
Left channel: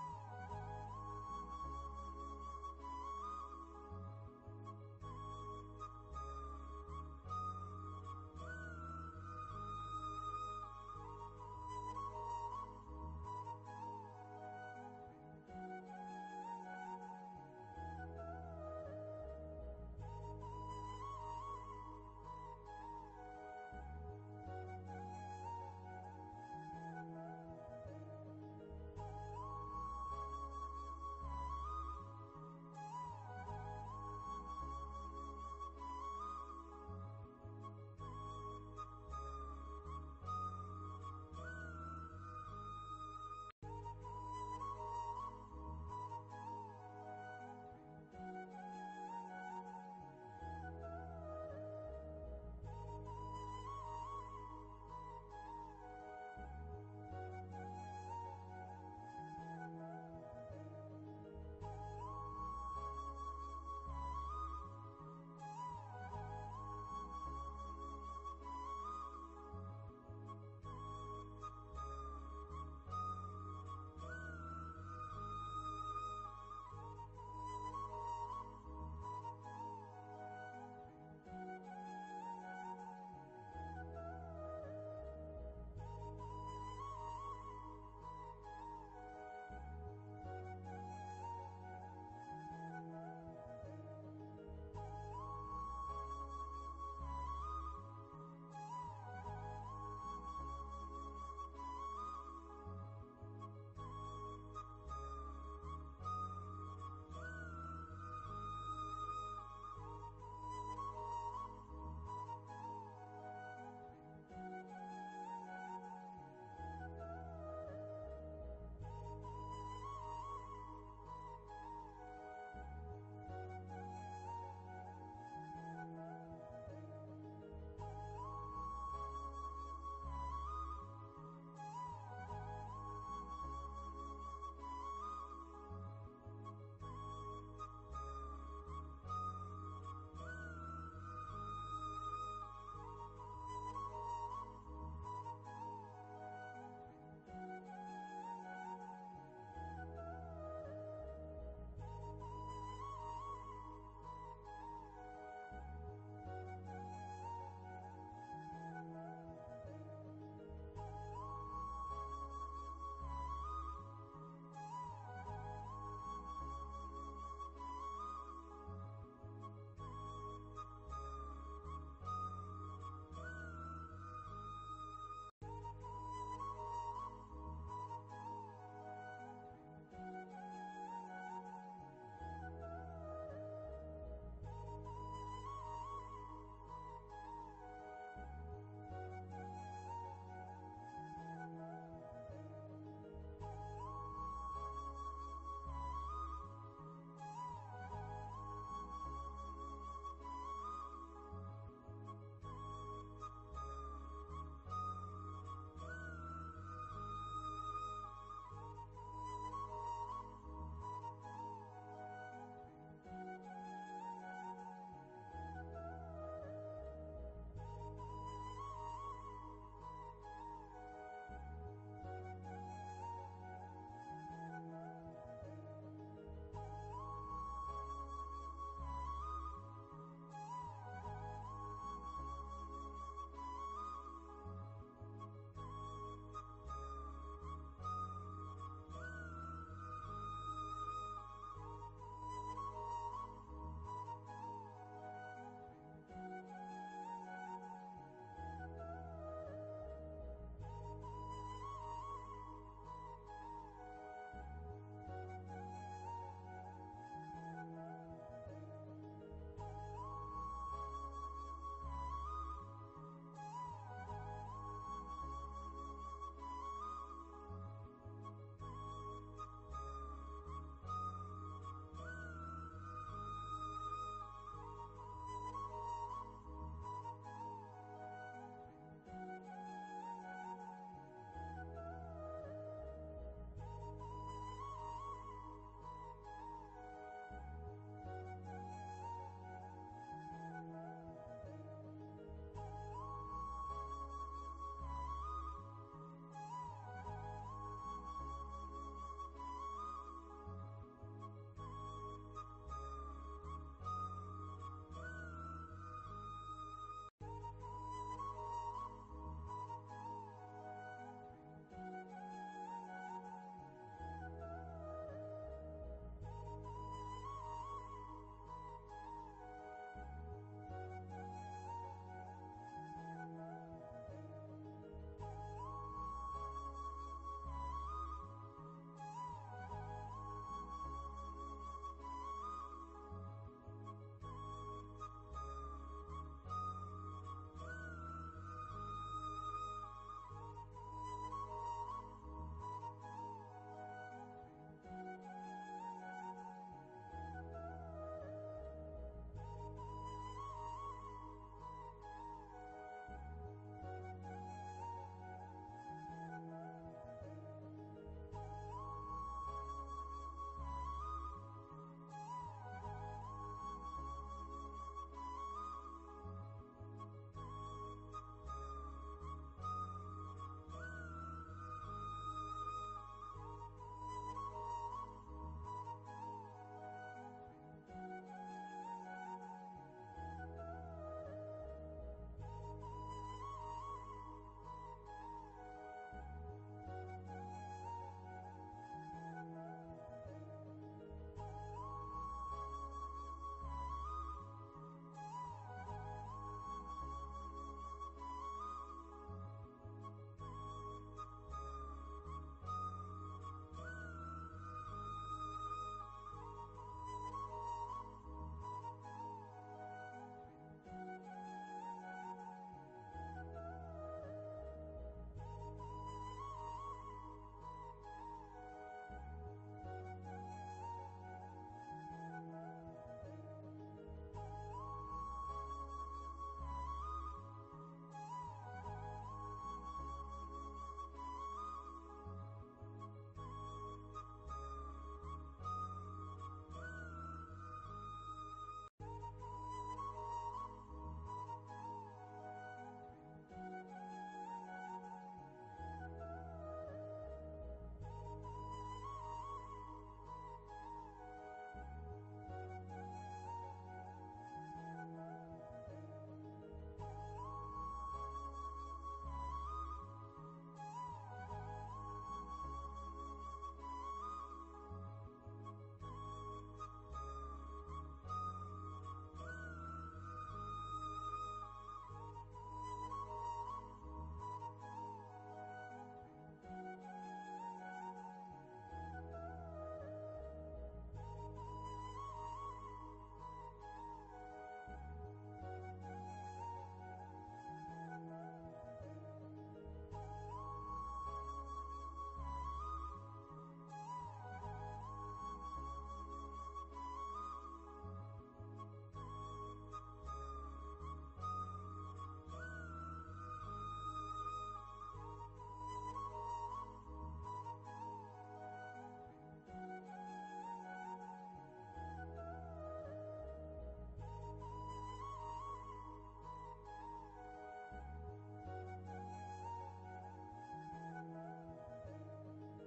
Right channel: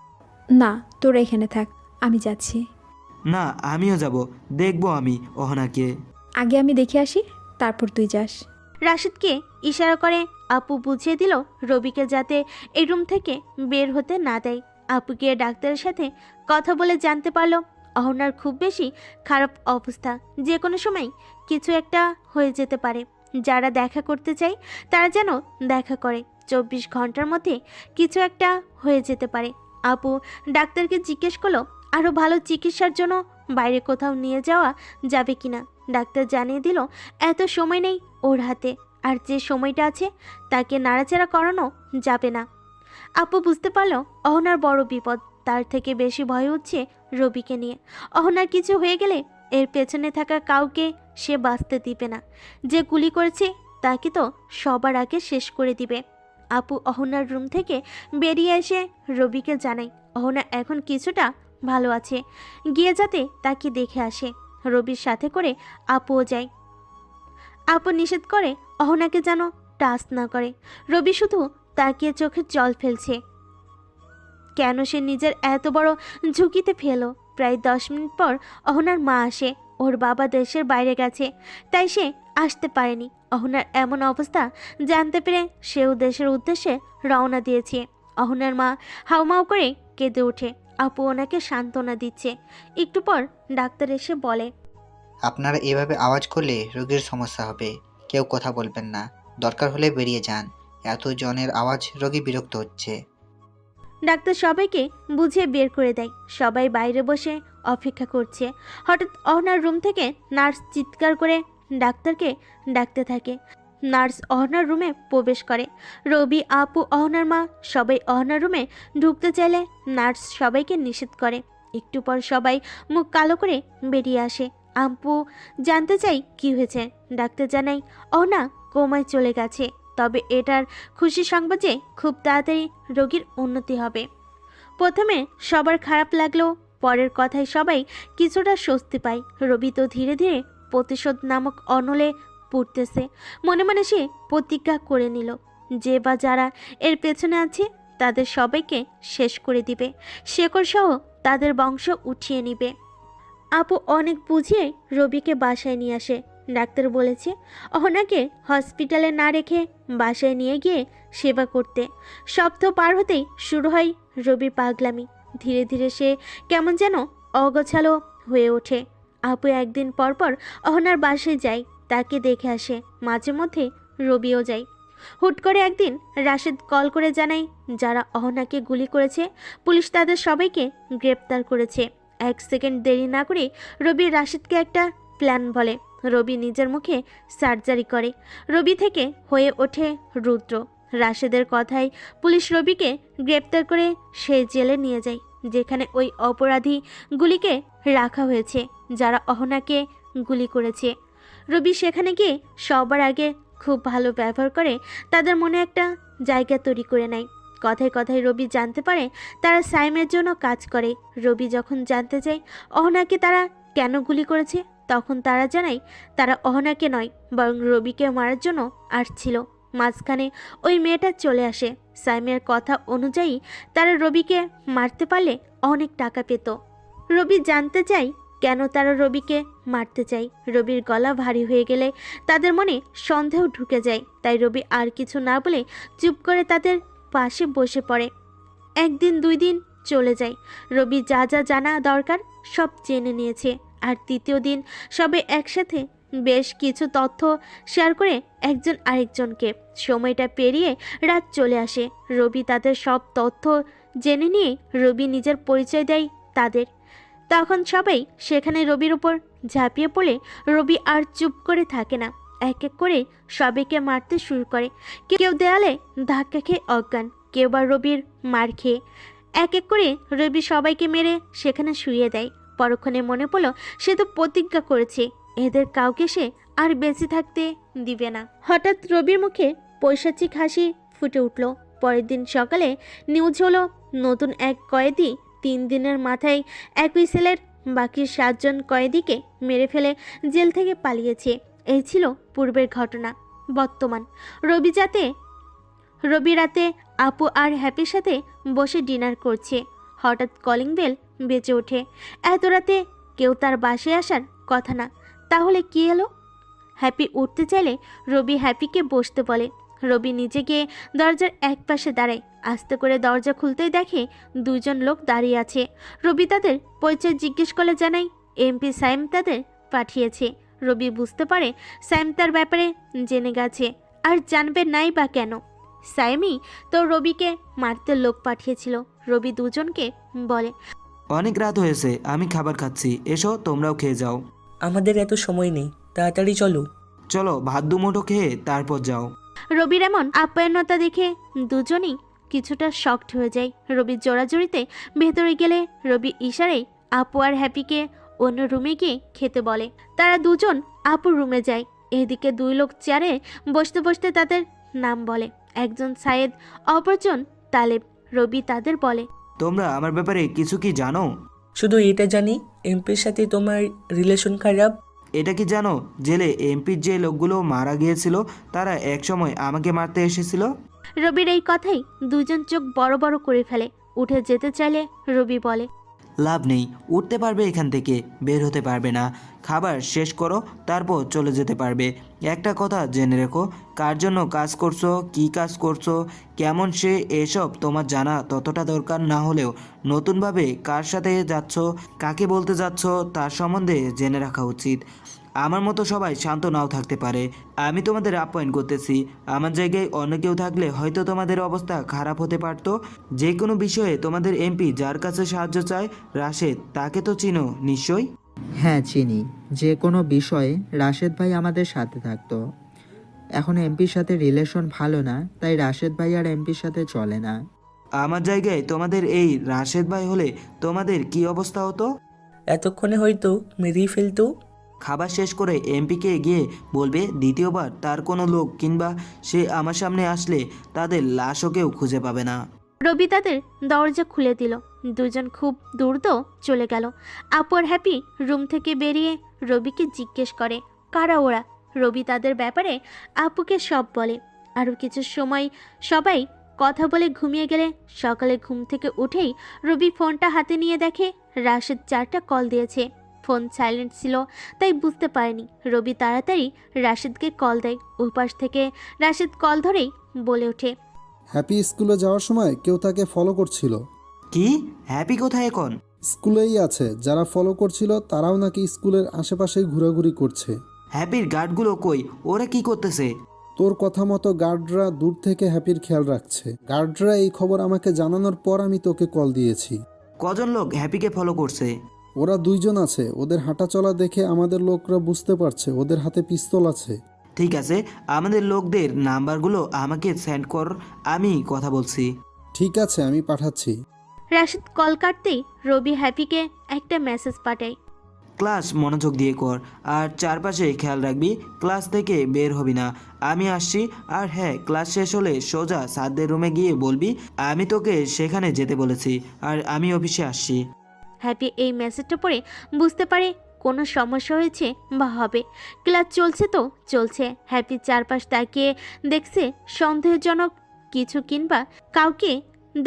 না, তোরা এখানে থাক, আমি যাচ্ছি। না, আমিও যাব, দেখবো আমি অহনাকে। আগে আমি দেখে আসি, তারপর তুই যাস। রাশেদকে ইশারা করে আপু বুঝিয়ে দিল রবিকে যাতে এই রুম থেকে বের হতে না দেয়। আপু গিয়ে ডাক্তারের সাথে কথা বলে জানতে পারলো অহনার খুব বেশি খারাপ অবস্থা, যে কোনো সময় কিছু একটা হয়ে যেতে পারে। যারা দেখা করতে চায় তারা যেন দেখা করে, 24 ঘন্টার মধ্যে কিছু একটা হয়ে যেতে পারে। আপু ডাক্তারকে জিজ্ঞেস করলো আরও ভালো চিকিৎসার জন্য বাইরে কোথাও নিয়ে যাওয়া যাবে কিনা। ডাক্তার জানিয়ে দিল এত সময় নেই ওর হাতে, আর যে সময়টা আছে তাকে নাড়াচাড়া করানো যাবে না। আপু বুঝতে পারলো অহনার বড় বিপদ, তার থেকে বেশি ভয় হচ্ছে রবিকে নিয়ে। অহনার কিছু হয়ে গেলে এর পেছনে থাকা কাউকে সে বাঁচতে দিবে না। যে গুলি করেছে তাকে তো সবার আগে শেষ করে দিবে। আপু অহনার রুম থেকে বেরিয়ে এসে রবিকে জানায় অহনা এখন কিছুটা ভালো আছে, গিয়ে যাতে তাকে দেখে আসে। রবির সাথে করে আপুও যায়। আপু নিষেধ করে অহনাকে যেন টাচ না করে। রবি শুধু তাকিয়ে চোখে জল ফেলছে। কেন সে নিজের এত বড় ঝুঁকিতে ফেলো? প্রায় 10 মিনিট পর অহনার মা আসে। ওর বাবা দেশের বাইরে গেছে, তাই সে আসতে পারেনি। অহনার এমন অবস্থা জানতে পেরে সেও দেশের উদ্দেশ্যে রওনা দিয়েছে। অহনার মা হাউমাউ করে কেঁদে ওঠে। আপু ওনাকে সান্ত্বনা দিচ্ছে। একটু পর ডাক্তার এসে বলে, আপনারা এভাবে আওয়াজ করলে রোগীর সমস্যা হবে, কেউ কথা বলবেন না, দরকার হলে বেরিয়ে যান। এত জনের আওয়াজ, রোগী বিরক্ত হচ্ছে। ডাক্তার সবাইকে বুঝিয়ে বের করে দেয়। সবাই বাইরে বসে অপেক্ষা করছে। হঠাৎ অহনার রুম থেকে নার্স চিৎকার করে ডাক্তারকে ডাকতে থাকে। নার্স অহনার রুমে প্রবেশ করে। রবি, আপু, অহনার মা সবাই অহনার রুমে ঢুকতে চাইলে নার্স সবাইকে নিষেধ করে। একটু পর সবাই মুখ কালো করে বেরিয়ে আসে। আপু জানতে চাই কি হয়েছে। ডাক্তার জানাই অহনা কোমায় চলে গেছে। তবে এটার খুশি সংবাদ যে খুব তাড়াতাড়ি রোগীর উন্নতি হবে। প্রথমে সবার খারাপ লাগলেও পরের কথায় সবাই কিছুটা স্বস্তি পায়। রবি তো ধীরে ধীরে প্রতিশোধ নামক অনলে পড়তেছে। মনে মনে সে প্রতিজ্ঞা করে নিল, যে বা যারা এর পেছনে আছে তাদের সবাইকে শেষ করে দিবে, শেকড় সহ তাদের বংশ উঠিয়ে নিবে। আপু অনেক বুঝিয়ে রবিকে বাসায় নিয়ে আসে। ডাক্তার বলেছে অহনাকে হসপিটালে না রেখে বাসায় নিয়ে গিয়ে সেবা করতে। সপ্তাহ পার হতেই শুরু হয় রবির পাগলামি। ধীরে ধীরে সে কেমন যেন অগোছালো হয়ে ওঠে। আপু একদিন পর পর অহনার বাসায় যায়, তাকে দেখে আসে। মাঝে মধ্যে রবিও যায়। হুট করে একদিন রাশেদ কল করে জানায় যারা অহনাকে গুলি করেছে পুলিশ তাদের সবাইকে গ্রেপ্তার করেছে। 1 সেকেন্ড দেরি না করে রবি রাশেদকে একটা প্ল্যান বলে। রবি নিজের মুখে সার্জারি করে। রবি থেকে হয়ে ওঠে রুদ্র। রাশেদের কথায় পুলিশ রবিকে গ্রেপ্তার করে সেই জেলে নিয়ে যায় যেখানে ওই অপরাধীগুলিকে রাখা হয়েছে যারা অহনাকে গুলি করেছে। রবি সেখানে গিয়ে সবার আগে খুব ভালো ব্যবহার করে তাদের মনে একটা জায়গা তৈরি করে নেয়। কথায় কথায় রবি জানতে পারে তারা সাইমের জন্য কাজ করে। রবি যখন জানতে চায় অহনাকে তারা কেন গুলি করেছে, তখন তারা জানায় তারা অহনাকে নয় বরং রবিকে মারার জন্য আসছিল। মাঝখানে ওই মেয়েটা চলে আসে। সাইমের কথা অনুযায়ী তারা রবিকে মারতে পারলে অনেক টাকা পেত। রবি জানতে চায় কেন তারা রবিকে মারতে চায়। রবির গলা ভারী হয়ে গেলে তাদের মনে সন্দেহ ঢুকে যায়। তাই রবি আর কিছু না বলে চুপ করে তাদের পাশে বসে পড়ে। 1 দিন 2 দিন চলে যায়। রবি যা যা জানা দরকার সব জেনে নিয়েছে। আর 3য় দিন সবে একসাথে বেশ কিছু তথ্য শেয়ার করে একজন আরেকজনকে। সময়টা পেরিয়ে রাত চলে আসে। রবি তাদের সব তথ্য জেনে নিয়ে রবি নিজের পরিচয় দেয় তাদের। তখন সবাই সেখানে রবির উপর ঝাঁপিয়ে পড়ে রবি আর চুপ করে থাকে না। এক এক করে সবাইকে মারতে শুরু করে। কেউ দেয়ালে ধাক্কা খেয়ে অজ্ঞান, কেউ বা রবির মার খেয়ে। এক এক করে রবি সবাইকে মেরে সেখানে শুইয়ে দেয়। পরক্ষণে মনে পড়ল সে তো প্রতিজ্ঞা করেছে এদের কাউকে সে আর বেঁচে থাকতে দিবে না। হঠাৎ রবির মুখে পৈশাচিক হাসি ফুটে উঠল। পরের দিন সকালে নিউজ হলো নতুন এক কয়েদি 3 দিনের মাথায় একই সেলের বাকি 7 জন কয়েদিকে মেরে ফেলে জেল থেকে পালিয়েছে। এই ছিল পূর্বের ঘটনা। বর্তমান রবি রাতে আপু আর হ্যাপির সাথে বসে ডিনার করছে। হঠাৎ কলিং বেল বেজে ওঠে। এত রাতে কেউ তার বাসায় আসার কথা না, তাহলে কি এলো? হ্যাপি উঠতে চাইলে রবি হ্যাপিকে বসতে বলে। রবি নিজে গিয়ে দরজার এক পাশে দাঁড়ায়। আস্তে করে দরজা খুলতেই দেখে 2 জন লোক দাঁড়িয়ে আছে। রবি তাদের পরিচয় জিজ্ঞেস করলে জানায় এমপি সাইম তাদের পাঠিয়েছে। রবি বুঝতে পারে সাইম তার ব্যাপারে জেনে গেছে, আর জানবে নাই বা কেন। সাইমই তো রবিকে মারতে লোক পাঠিয়েছিল। রবি 2 জনকে বলে, অনেক রাত হয়েছে, আমি খাবার খাচ্ছি, এসো তোমরাও খেয়ে যাও। আমাদের এত সময় নেই, তাড়াতাড়ি চলো। চলো ভাত দুমুঠো খেয়ে তারপর যাও। রবির এমন আপ্যায়নতা দেখে 2 জনই কিছুটা শকড হয়ে যায়। রবির জোড়াজড়িতে ভেতরে গেলে রবি ইশারায় আপু আর হ্যাপিকে অন্য রুমে গিয়ে খেতে বলে। তারা 2 জন আপুর রুমে যায়। এদিকে 2 লোক চেয়ারে বসতে বসতে তাদের নাম বলে। একজন সায়েদ, অপরজন তালেব। রবি তাদের বলে, তোমরা আমার ব্যাপারে কিছু কি জানো? শুধু এটা জানি এমপির সাথে তোমার রিলেশন খারাপ। এটা কি জানো জেলে এমপির যে লোকগুলো মারা গিয়েছিল তারা একসময় আমাকে মারতে এসেছিল? রবির এই কথাই 2 জন চোখ বড় বড় করে ফেলে। উঠে যেতে চাইলে রবি বলে, লাভ নেই, উঠতে পারবে এখান থেকে, বের হতে পারবে না। খাবার শেষ করো, তারপর চলে যেতে পারবে। একটা কথা জেনে রেখো, কার জন্য কাজ করছো, কি কাজ করছো, কেমন সে, এসব তোমার জানা ততটা দরকার না হলেও নতুনভাবে কার সাথে যাচ্ছ, কাকে বলতে যাচ্ছ তার সম্বন্ধে জেনে রাখা উচিত। আমার মতো সবাই শান্ত নাও থাকতে পারে। আমি তোমাদের আপ্যায়ন করতেছি। আমার জায়গায় অন্য কেউ থাকলে হয়তো তোমাদের অবস্থা খারাপ হতে পারতো। যে কোনো বিষয়ে তোমাদের এমপি যার কাছে সাহায্য চায়, রাশেদ, তাকে তো চিনো নিশ্চয়ই? হ্যাঁ চিনি। যে কোনো বিষয়ে রাশেদ ভাই আমাদের সাথে থাকতো। এখন এমপির সাথে রিলেশন ভালো না, তাই রাশেদ ভাই আর এমপির সাথে চলে না। আমার জায়গায় তোমাদের এই রাশেদ ভাই হলে তোমাদের কি অবস্থা হতো? এতক্ষণে হয়তো মেরেই ফেলতো। খাবার শেষ করে এমপিকে গিয়ে বলবে দ্বিতীয়বার তার কোনো লোক কিংবা সে আমার সামনে আসলে তাদের লাশও কেউ খুঁজে পাবে না। রবি তাদের দরজা খুলে দিল। দুজন খুব দ্রুত চলে গেল। আপু আর হ্যাপি রুম থেকে বেরিয়ে রবিকে জিজ্ঞেস করে কারা ওরা। রবি তাদের ব্যাপারে আপুকে সব বলে। আরও কিছু সময় সবাই কথা বলে ঘুমিয়ে গেলে সকালে ঘুম থেকে উঠেই রবি ফোনটা হাতে নিয়ে দেখে রাশেদ 4টা কল দিয়েছে। ফোন সাইলেন্ট ছিল তাই বুঝতে পারেনি। রবি তাড়াতাড়ি রাশেদকে কল দেয়। ওপাশ থেকে রাশেদ কল ধরেই বলে ওঠে, হ্যাপি স্কুলে যাওয়ার সময় কেউ তাকে ফলো করছিল। কি? হ্যাপি কোথায় এখন? স্কুলেই আছে। যারা ফলো করছিল তারাও নাকি স্কুলের আশেপাশেই ঘোরাঘুরি করছে। হ্যাপির গার্ডগুলো কই? ওরা কি করতেছে? তোর কথা মতো গার্ডরা দূর থেকে হ্যাপির খেয়াল রাখছে। গার্ডরা এই খবর আমাকে জানানোর পর আমি তোকে কল দিয়েছি। কজন লোক হ্যাপিকে ফলো করছে? ওরা 2 জন আছে। ওদের হাঁটাচলা দেখে আমাদের লোকরা বুঝতে পারছে ওদের হাতে পিস্তল আছে। ঠিক আছে, আমাদের লোকদের নাম্বারগুলো আমাকে সেন্ড কর, আমি কথা বলছি। ঠিক আছে, আমি পাঠাচ্ছি। রাশেদ কল কাটতেই রবি হ্যাপিকে একটা মেসেজ পাঠায়। ক্লাস মনোযোগ দিয়ে কর আর চারপাশে খেয়াল রাখবি, ক্লাস থেকে বের হবি না। আমি আসছি। আর হ্যাঁ, ক্লাস শেষ হলে সোজা স্যারদের রুমে গিয়ে বলবি আমি তোকে সেখানে যেতে বলেছি আর আমি অফিসে আসছি। হ্যাপি এই মেসেজটা পড়ে বুঝতে পারে কোনো সমস্যা হয়েছে বা হবে। ক্লাস চলছে তো চলছে। হ্যাপি চারপাশ তাকিয়ে দেখছে সন্দেহজনক কিছু কিংবা কাউকে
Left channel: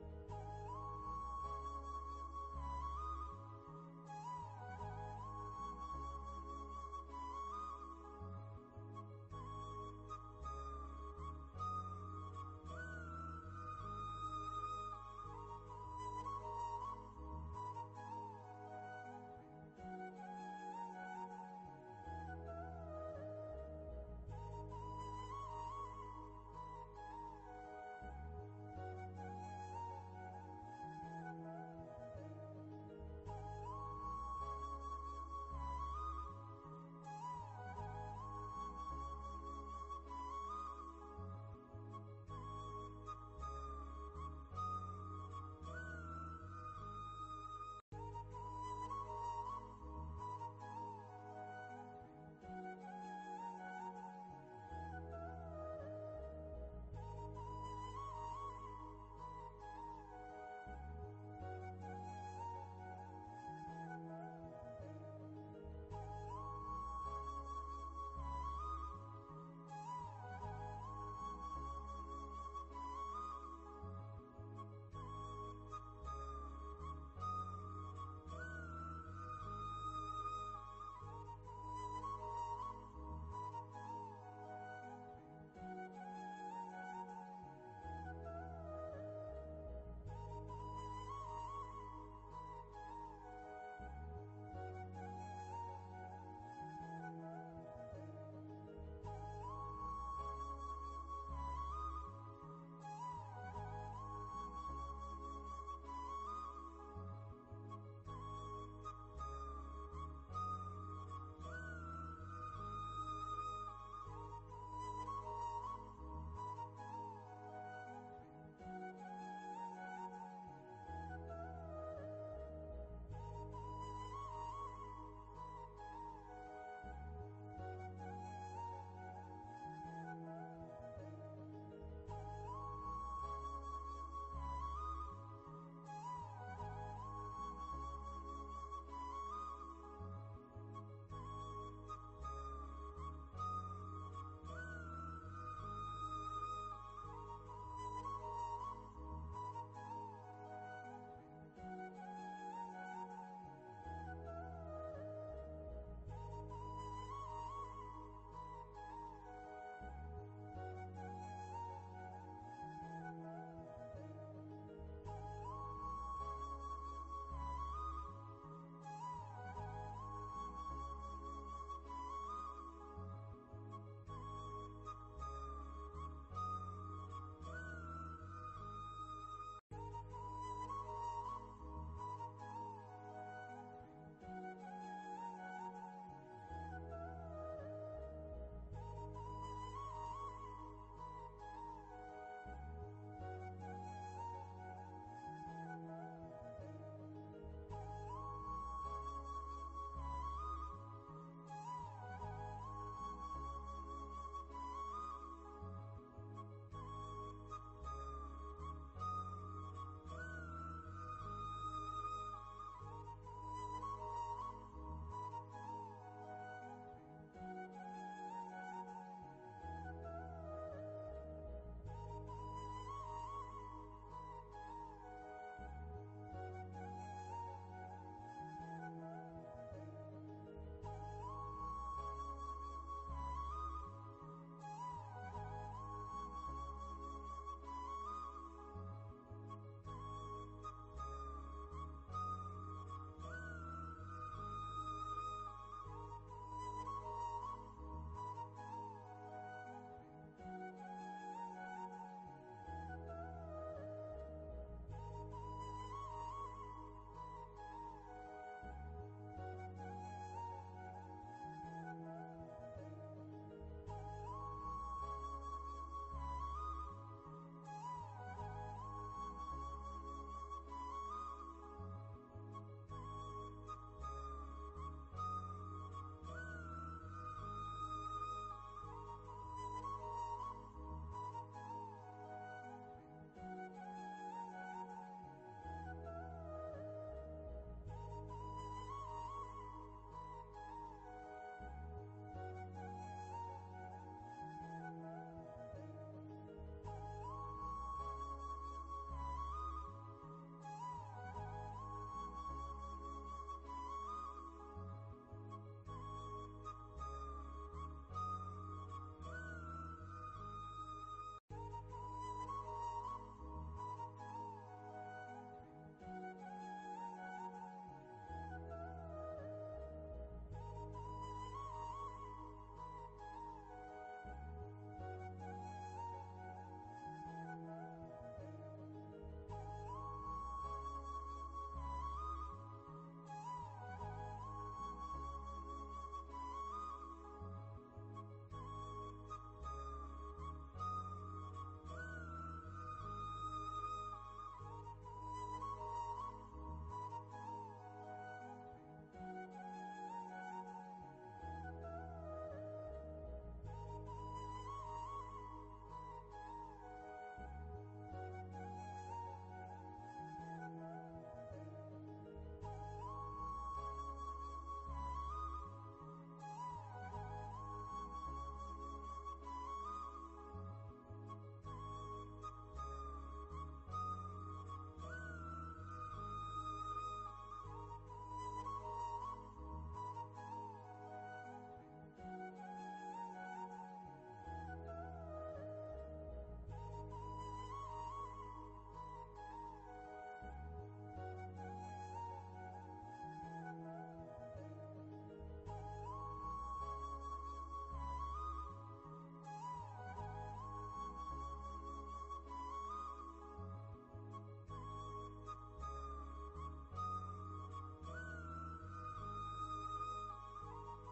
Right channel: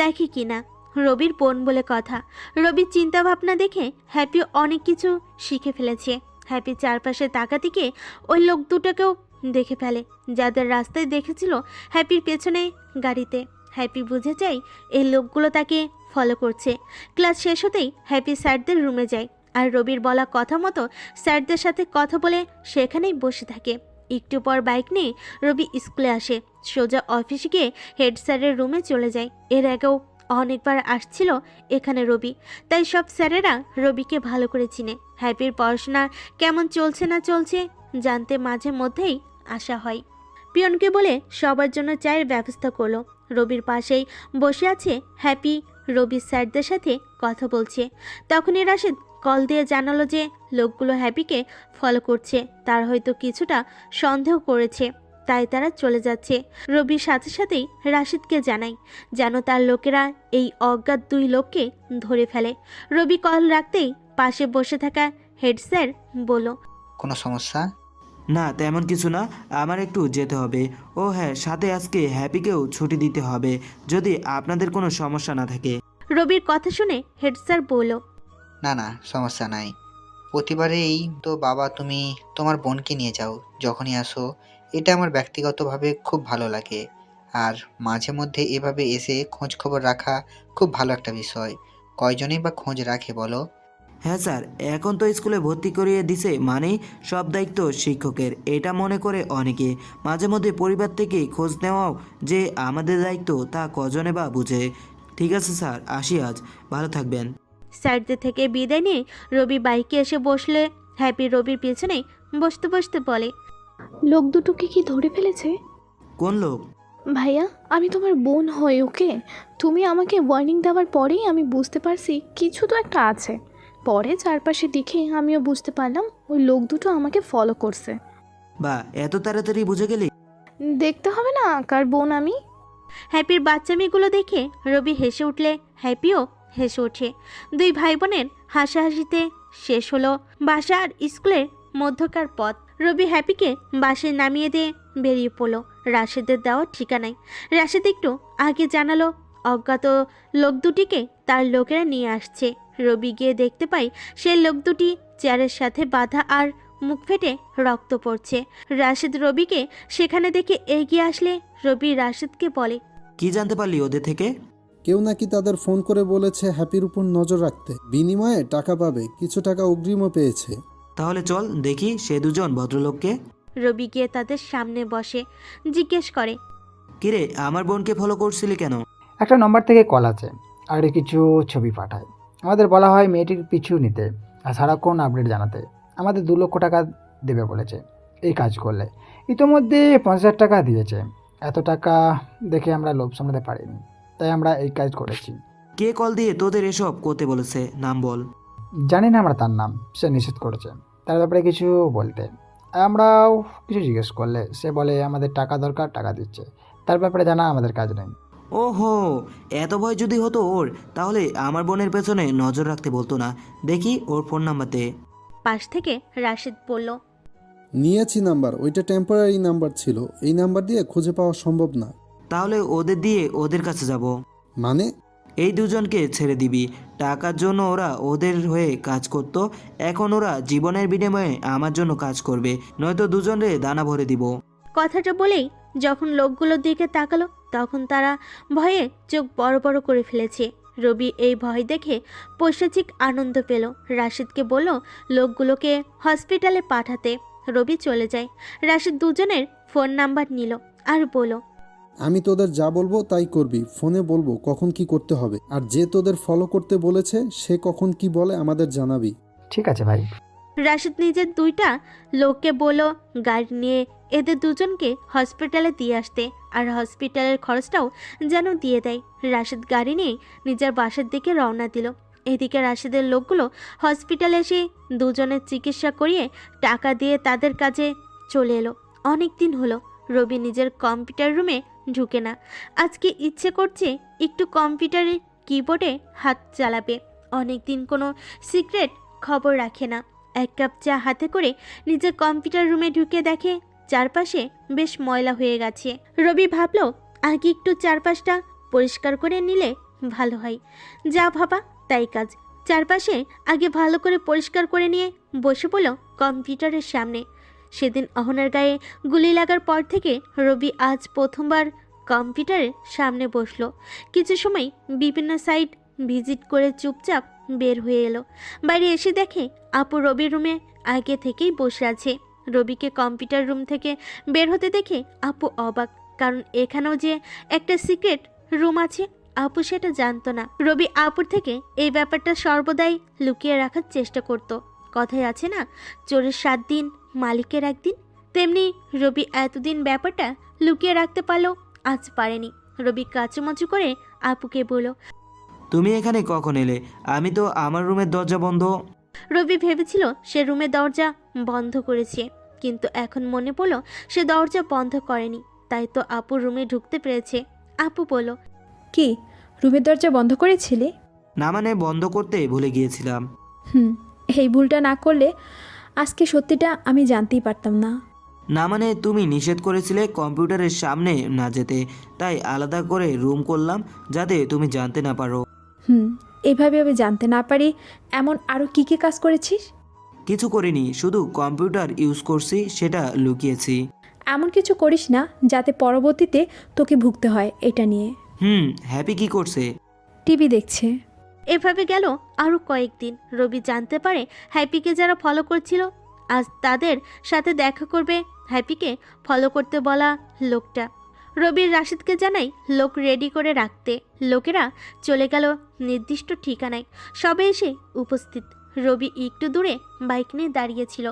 দেখে কিনা। রবির বোন বলে কথা। রবির চিন্তা ভাবনা দেখে হ্যাপি অনেক কিছু শিখে ফেলেছে। হ্যাপি চারপাশে তাকাতিকে ওই লোক দুটোকেও দেখে ফেলে যাদের রাস্তায় দেখেছিল হ্যাপির পেছনে গাড়িতে। হ্যাপি বুঝে যায় এই লোকগুলো তাকে ফলো করছে। ক্লাস শেষ হতেই হ্যাপি স্যারদের রুমে যায় আর রবির বলা কথা মতো স্যারদের সাথে কথা বলে সেখানেই বসে থাকে। একটু পর বাইক নিয়ে রবি স্কুলে আসে। সোজা অফিসে গিয়ে হেড স্যারের রুমে চলে যায়। এর আগেও অনেকবার আসছিল এখানে রবি, তাই সব স্যারেরা রবিকে ভালো করে চিনে। হ্যাপির পড়াশোনা কেমন চলছে না চলছে জানতে মাঝে মধ্যেই আসা হয়। পিয়নকে বলে সবার জন্য চায়ের ব্যবস্থা করলো। রবির পাশেই বসে আছে হ্যাপি। রবি স্যারদের সাথে কথা বলছে। তখনই রাশেদ কল দিয়ে জানালো যে লোকগুলো হ্যাপিকে ফলো করছে। তার হয়তো কিছুটা সন্দেহ করেছে, তাই তারা চলে যাচ্ছে। রবির সাথে সাথেই রাশেদকে জানায় যেন তার লোকেরা এই অজ্ঞাত 2 লোককে ধরে ফেলে। রবি কল রাখতেই পাশে বসে থাকা হেড স্যার বলল, কোনো সমস্যা? না তেমন কিছু না, আমার একটু যেতে হবে। ও হ্যাঁ, সাথে আজকে হ্যাপিকেও ছুটি দিতে হবে যদি আপনাদের কোনো সমস্যা না থাকে। রবির কথা শুনে হেড স্যার বলল, না না, সমস্যা নাই। প্রতিবারেই তো বাবা তুমি তোমার বোনকে নিয়ে যাও যখনই আসো। এটা আমার ব্যক্তিগতভাবে খুব ভালো লাগে। আর মাঝে মধ্যে এভাবে এসে খোঁজ খবর রাখা খুব ভালো একটা বিষয়। কয়জনই বা খোঁজ রাখে বলো? হ্যাঁ স্যার, এখন তো স্কুলে ভর্তি করিয়ে দিছে মানেই সব দায়িত্ব শিক্ষকের, এটা মনে করে অনেকে। মাঝে মধ্যে পরিবার থেকে খোঁজ নেওয়াও যে আমাদের দায়িত্ব তা কজনে বা বুঝে। ঠিক আছে স্যার, আসি আজ, ভালো থাকবেন। স্যারদের থেকে বিদায় নিয়ে রবি বাইকে এসে বসলে হ্যাপি রবির পেছনে বসতে বসতে বলে, লোক দুটোকে কি ধরে ফেলেছে? কোন লোক? ভাইয়া, আমি তোমার বোন হই, ওকে? তুমি আমাকে ওয়ার্নিং দেওয়ার পরেই আমি বুঝতে পারছি কিছু তো একটা আছে। পরে চারপাশে দেখে আমিও বুঝতে পারলাম ওই লোক দুটো আমাকে ফলো করছে। বা এত তাড়াতাড়ি বুঝে গেলি? দেখতে হবে না কার বোন আমি? হ্যাপির বাচ্চামিগুলো দেখে রবি হেসে উঠলে হ্যাপিও হেসে ওঠে। 2 ভাই বোনের হাসাহাসিতে শেষ হলো বাসা আর স্কুলের মধ্যকার পথ। রবি হ্যাপিকে বাসে নামিয়ে দিয়ে বেরিয়ে পড়লো রাশেদের দেওয়া ঠিকানায়। রাশেদ একটু আগে জানালো অজ্ঞাত লোক দুটিকে তার লোকেরা নিয়ে আসছে। রবি গিয়ে দেখতে পায় সেই লোক দুটি চেয়ারের সাথে বাঁধা আর মুখ ফেটে রক্ত পড়ছে। রাশেদ রবিকে সেখানে দেখে এগিয়ে আসলে রবি রাশেদকে বলে, কি জানতে পারলি ওদের থেকে? কেউ নাকি তাদের ফোন করে বলেছে হ্যাপির উপর নজর রাখতে, বিনিময়ে টাকা পাবে। কিছু টাকা অগ্রিমও পেয়েছে। তাহলে চল দেখি সে দুজন ভদ্রলোককে। রবি গিয়ে তাদের সামনে বসে জিজ্ঞেস করে, কিরে, আমার বোনকে ফলো করছিলি কেন? একটা নম্বর থেকে কল আছে আর কিছু ছবি পাঠায়। আমাদের বলা হয় মেয়েটির পিছু নিতে আর সারাক্ষণ আপডেট জানাতে। আমাদের 2 লক্ষ টাকা দেবে বলেছে এই কাজ করলে। ইতোমধ্যে 50,000 টাকা দিয়েছে। এত টাকা দেখে আমরা লোভ সামলাতে পারিনি, তাই আমরা এই কাজ করেছি। কে কল দিয়ে তোদের এসব করতে বলেছে? নাম বল। জানি না আমরা তার নাম, সে নিষেধ করেছে, তার ব্যাপারে কিছু বলতে। আমরাও কিছু জিজ্ঞেস করলে সে বলে আমাদের টাকা দরকার, টাকা দিচ্ছে। তার ব্যাপারে জানা আমাদের কাজ নেই। ওহো, এত ভয় যদি হতো ওর, তাহলে আমার বোনের পেছনে নজর রাখতে বলতো না। দেখি ওর ফোন নাম্বার দে। পাশ থেকে রাশিদ বলল, নিয়েছি নাম্বার, ওইটা টেম্পোরারি নাম্বার ছিল, এই নাম্বার দিয়ে খুঁজে পাওয়া সম্ভব না। তাহলে ওদের দিয়ে ওদের কাছে যাব। মানে? এই দুজনকে ছেড়ে দিবি। টাকার জন্য ওরা ওদের হয়ে কাজ করত, এখন ওরা জীবনের বিনিময়ে আমার জন্য কাজ করবে, নয়তো দুজনে দানা ভরে দিব। কথাটা বলেই যখন লোকগুলোর দিকে তাকালো তখন তারা ভয়ে চোখ বড় বড় করে ফেলেছে। রবি এই ভয় দেখে পৈশাচিক আনন্দ পেল। রাশিদকে বলল লোকগুলোকে হসপিটালে পাঠাতে। রবি চলে যায়। রাশিদ দুজনের ফোন নাম্বার নিল আর বলল, আমি তোদের যা বলবো তাই করবি, ফোনে বলবো কখন কি করতে হবে, আর যে তোদের ফলো করতে বলেছে সে কখন কি বলে আমাদের জানাবি। ঠিক আছে ভাই। রাশিদ নিজের দুইটা লোককে বলল গাড়ি নিয়ে এদের দুজনকে হসপিটালে দিয়ে আসতে, আর হসপিটালের খরচটাও যেন দিয়ে দেয়। রাশিদ গাড়ি নিয়ে নিজের বাসার দিকে রওনা দিল। এদিকে রাশিদের লোকগুলো হসপিটালে এসে দুজনের চিকিৎসা করিয়ে টাকা দিয়ে তাদের কাজে চলে এলো। অনেক দিন হলো রবি নিজের কম্পিউটার রুমে ঢুকে না। আজকে ইচ্ছে করছে একটু কম্পিউটারের কিবোর্ডে হাত চালাবে। অনেক দিন কোনো সিক্রেট খবর রাখে না। এক কাপ চা হাতে করে নিজের কম্পিউটার রুমে ঢুকে দেখে চারপাশে বেশ ময়লা হয়ে গেছে। রবি ভাবলো আগে একটু চারপাশটা পরিষ্কার করে নিলে ভালো হয়। যা ভাবা তাই কাজ। চারপাশে আগে ভালো করে পরিষ্কার করে নিয়ে বসে পড়ল কম্পিউটারের সামনে। সেদিন অহনার গায়ে গুলি লাগার পর থেকে রবি আজ প্রথমবার কম্পিউটারের সামনে বসলো। কিছু সময় বিভিন্ন সাইট ভিজিট করে চুপচাপ বের হয়ে এলো। বাইরে এসে দেখে আপু রবির রুমে আগে থেকেই বসে আছে। রবিকে কম্পিউটার রুম থেকে বের হতে দেখে আপু অবাক, কারণ এখানেও যে একটা সিক্রেট রুম আছে আপু সেটা জানতো না। রবি আপুর থেকে এই ব্যাপারটা সর্বদাই লুকিয়ে রাখার চেষ্টা করত। কথায় আছে না, চোরের 7 দিন মালিকের একদিন, তেমনি রবি এতদিন ব্যাপারটা লুকিয়ে রাখতে পারলো, আজ পারেনি। রবি কাচুমাচু করে আপুকে বলল, তুমি এখানে কখন এলে? আমি তো আমার রুমের দরজা বন্ধ। রবি ভেবেছিল সে রুমের দরজা বন্ধ করেছে, কিন্তু এখন মনে পড়ল সে দরজা বন্ধ করেনি, তাই তো আপুর রুমে ঢুকতে পেরেছে। আপু বলল, কি, রুমের দরজা বন্ধ করেছিলে? না মানে বন্ধ করতে ভুলে গিয়েছিলাম। এই ভুলটা না করলে আজকে সত্যিটা আমি জানতেই পারতাম না। না মানে তুমি নিষেধ করেছিলে কম্পিউটারের সামনে না যেতে, তাই আলাদা করে রুম করলাম যাতে তুমি জানতে না পারো। এভাবে আমি জানতে না পারি এমন আরও কী কী কাজ করেছিস? কিছু করিনি, শুধু কম্পিউটার ইউজ করছি, সেটা লুকিয়েছি। এমন কিছু করিস না যাতে পরবর্তীতে তোকে ভুগতে হয় এটা নিয়ে। হ্যাপি কি করছে? টিভি দেখছে। এভাবে গেল আরও কয়েকদিন। রবি জানতে পারে হ্যাপিকে যারা ফলো করছিল আজ তাদের সাথে দেখা করবে হ্যাপিকে ফলো করতে বলা লোকটা। রবির রাশিদকে জানাই লোক রেডি করে রাখতে। লোকেরা চলে গেল নির্দিষ্ট ঠিকানায়। সবে এসে উপস্থিত। রবি একটু দূরে বাইক নিয়ে দাঁড়িয়েছিল।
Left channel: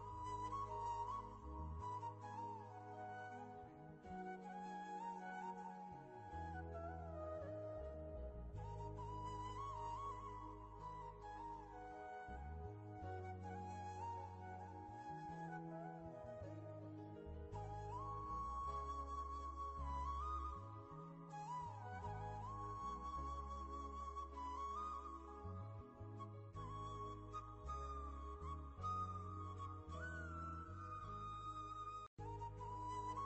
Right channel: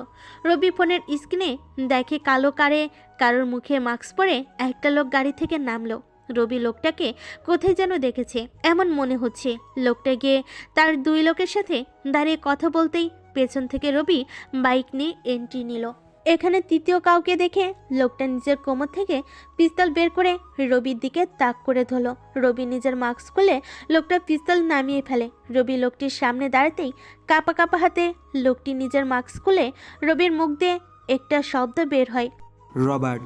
রবি ফোনের স্ক্রিনে দেখে কালো কারে কারোর মুখে মাস্ক পরে একটা লোক গাড়ি থেকে নামলো। রবি লোকটাকে কোথায় যেন দেখেছে এমন মনে হচ্ছে। লোকটা গিয়ে তার 2 লোকের সাথে দাঁড়িয়ে কথা বলতেই পেছন থেকে রবি বাইক নিয়ে এন্ট্রি নিল। এখানে তৃতীয় কাউকে দেখে লোকটা নিজের কোমর থেকে পিস্তল বের করে রবির দিকে তাক করে ধরল। রবি নিজের মাস্ক খুলে লোকটা পিস্তল নামিয়ে ফেলে। রবি লোকটির সামনে দাঁড়াতেই কাঁপা কাঁপা হাতে লোকটি নিজের মাস্ক খুলে রবির মুখ দিয়ে একটা শব্দ বের হয়, রবার্ট।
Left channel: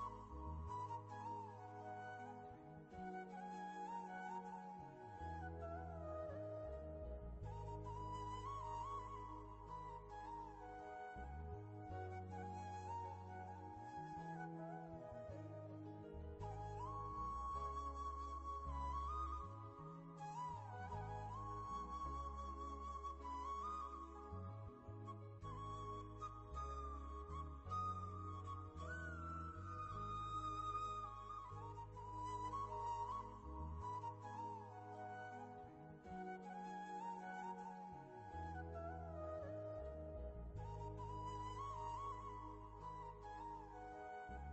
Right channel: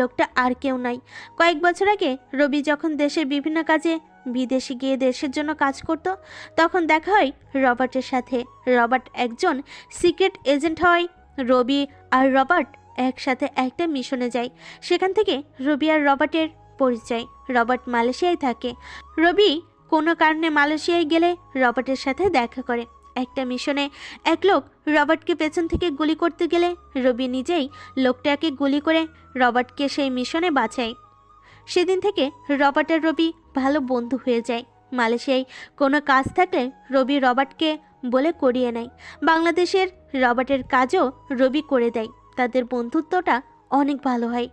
লোকটা আর কেউ নাই। কয়েক বছর আগে রবি যখন দেশের বিভিন্ন কাজে বিদেশে গিয়ে দেশের জন্য কাজ করত তখন দেখা হয় রবার্টের সাথে। রবার্ট একজন সিক্রেট এজেন্ট হয়। রবি আর রবার্ট একসাথে একটা মিশনে যায়। সেখান থেকে রবি আর রবার্টের পরিচয়। রবার্ট মালয়েশিয়ায় থাকে। রবি কোনো কারণে মালয়েশিয়ায় গেলে রবার্টের সাথে দেখা করে। একটা মিশনে এক লোক রবার্টকে পেছন থেকে গুলি করতে গেলে রবি নিজেই লোকটাকে গুলি করে রবার্টকে সেই মিশনে বাঁচায়। সেদিন থেকে রবার্ট আর রবি ভালো বন্ধু হয়ে যায়। মালয়েশিয়ায় কোনো কাজ থাকলে রবি রবার্টকে বলে করিয়ে নেয়। বাংলাদেশের রবার্টের কাজও রবি করে দেয়। তাদের বন্ধুত্বটা অনেক ভালো হয়।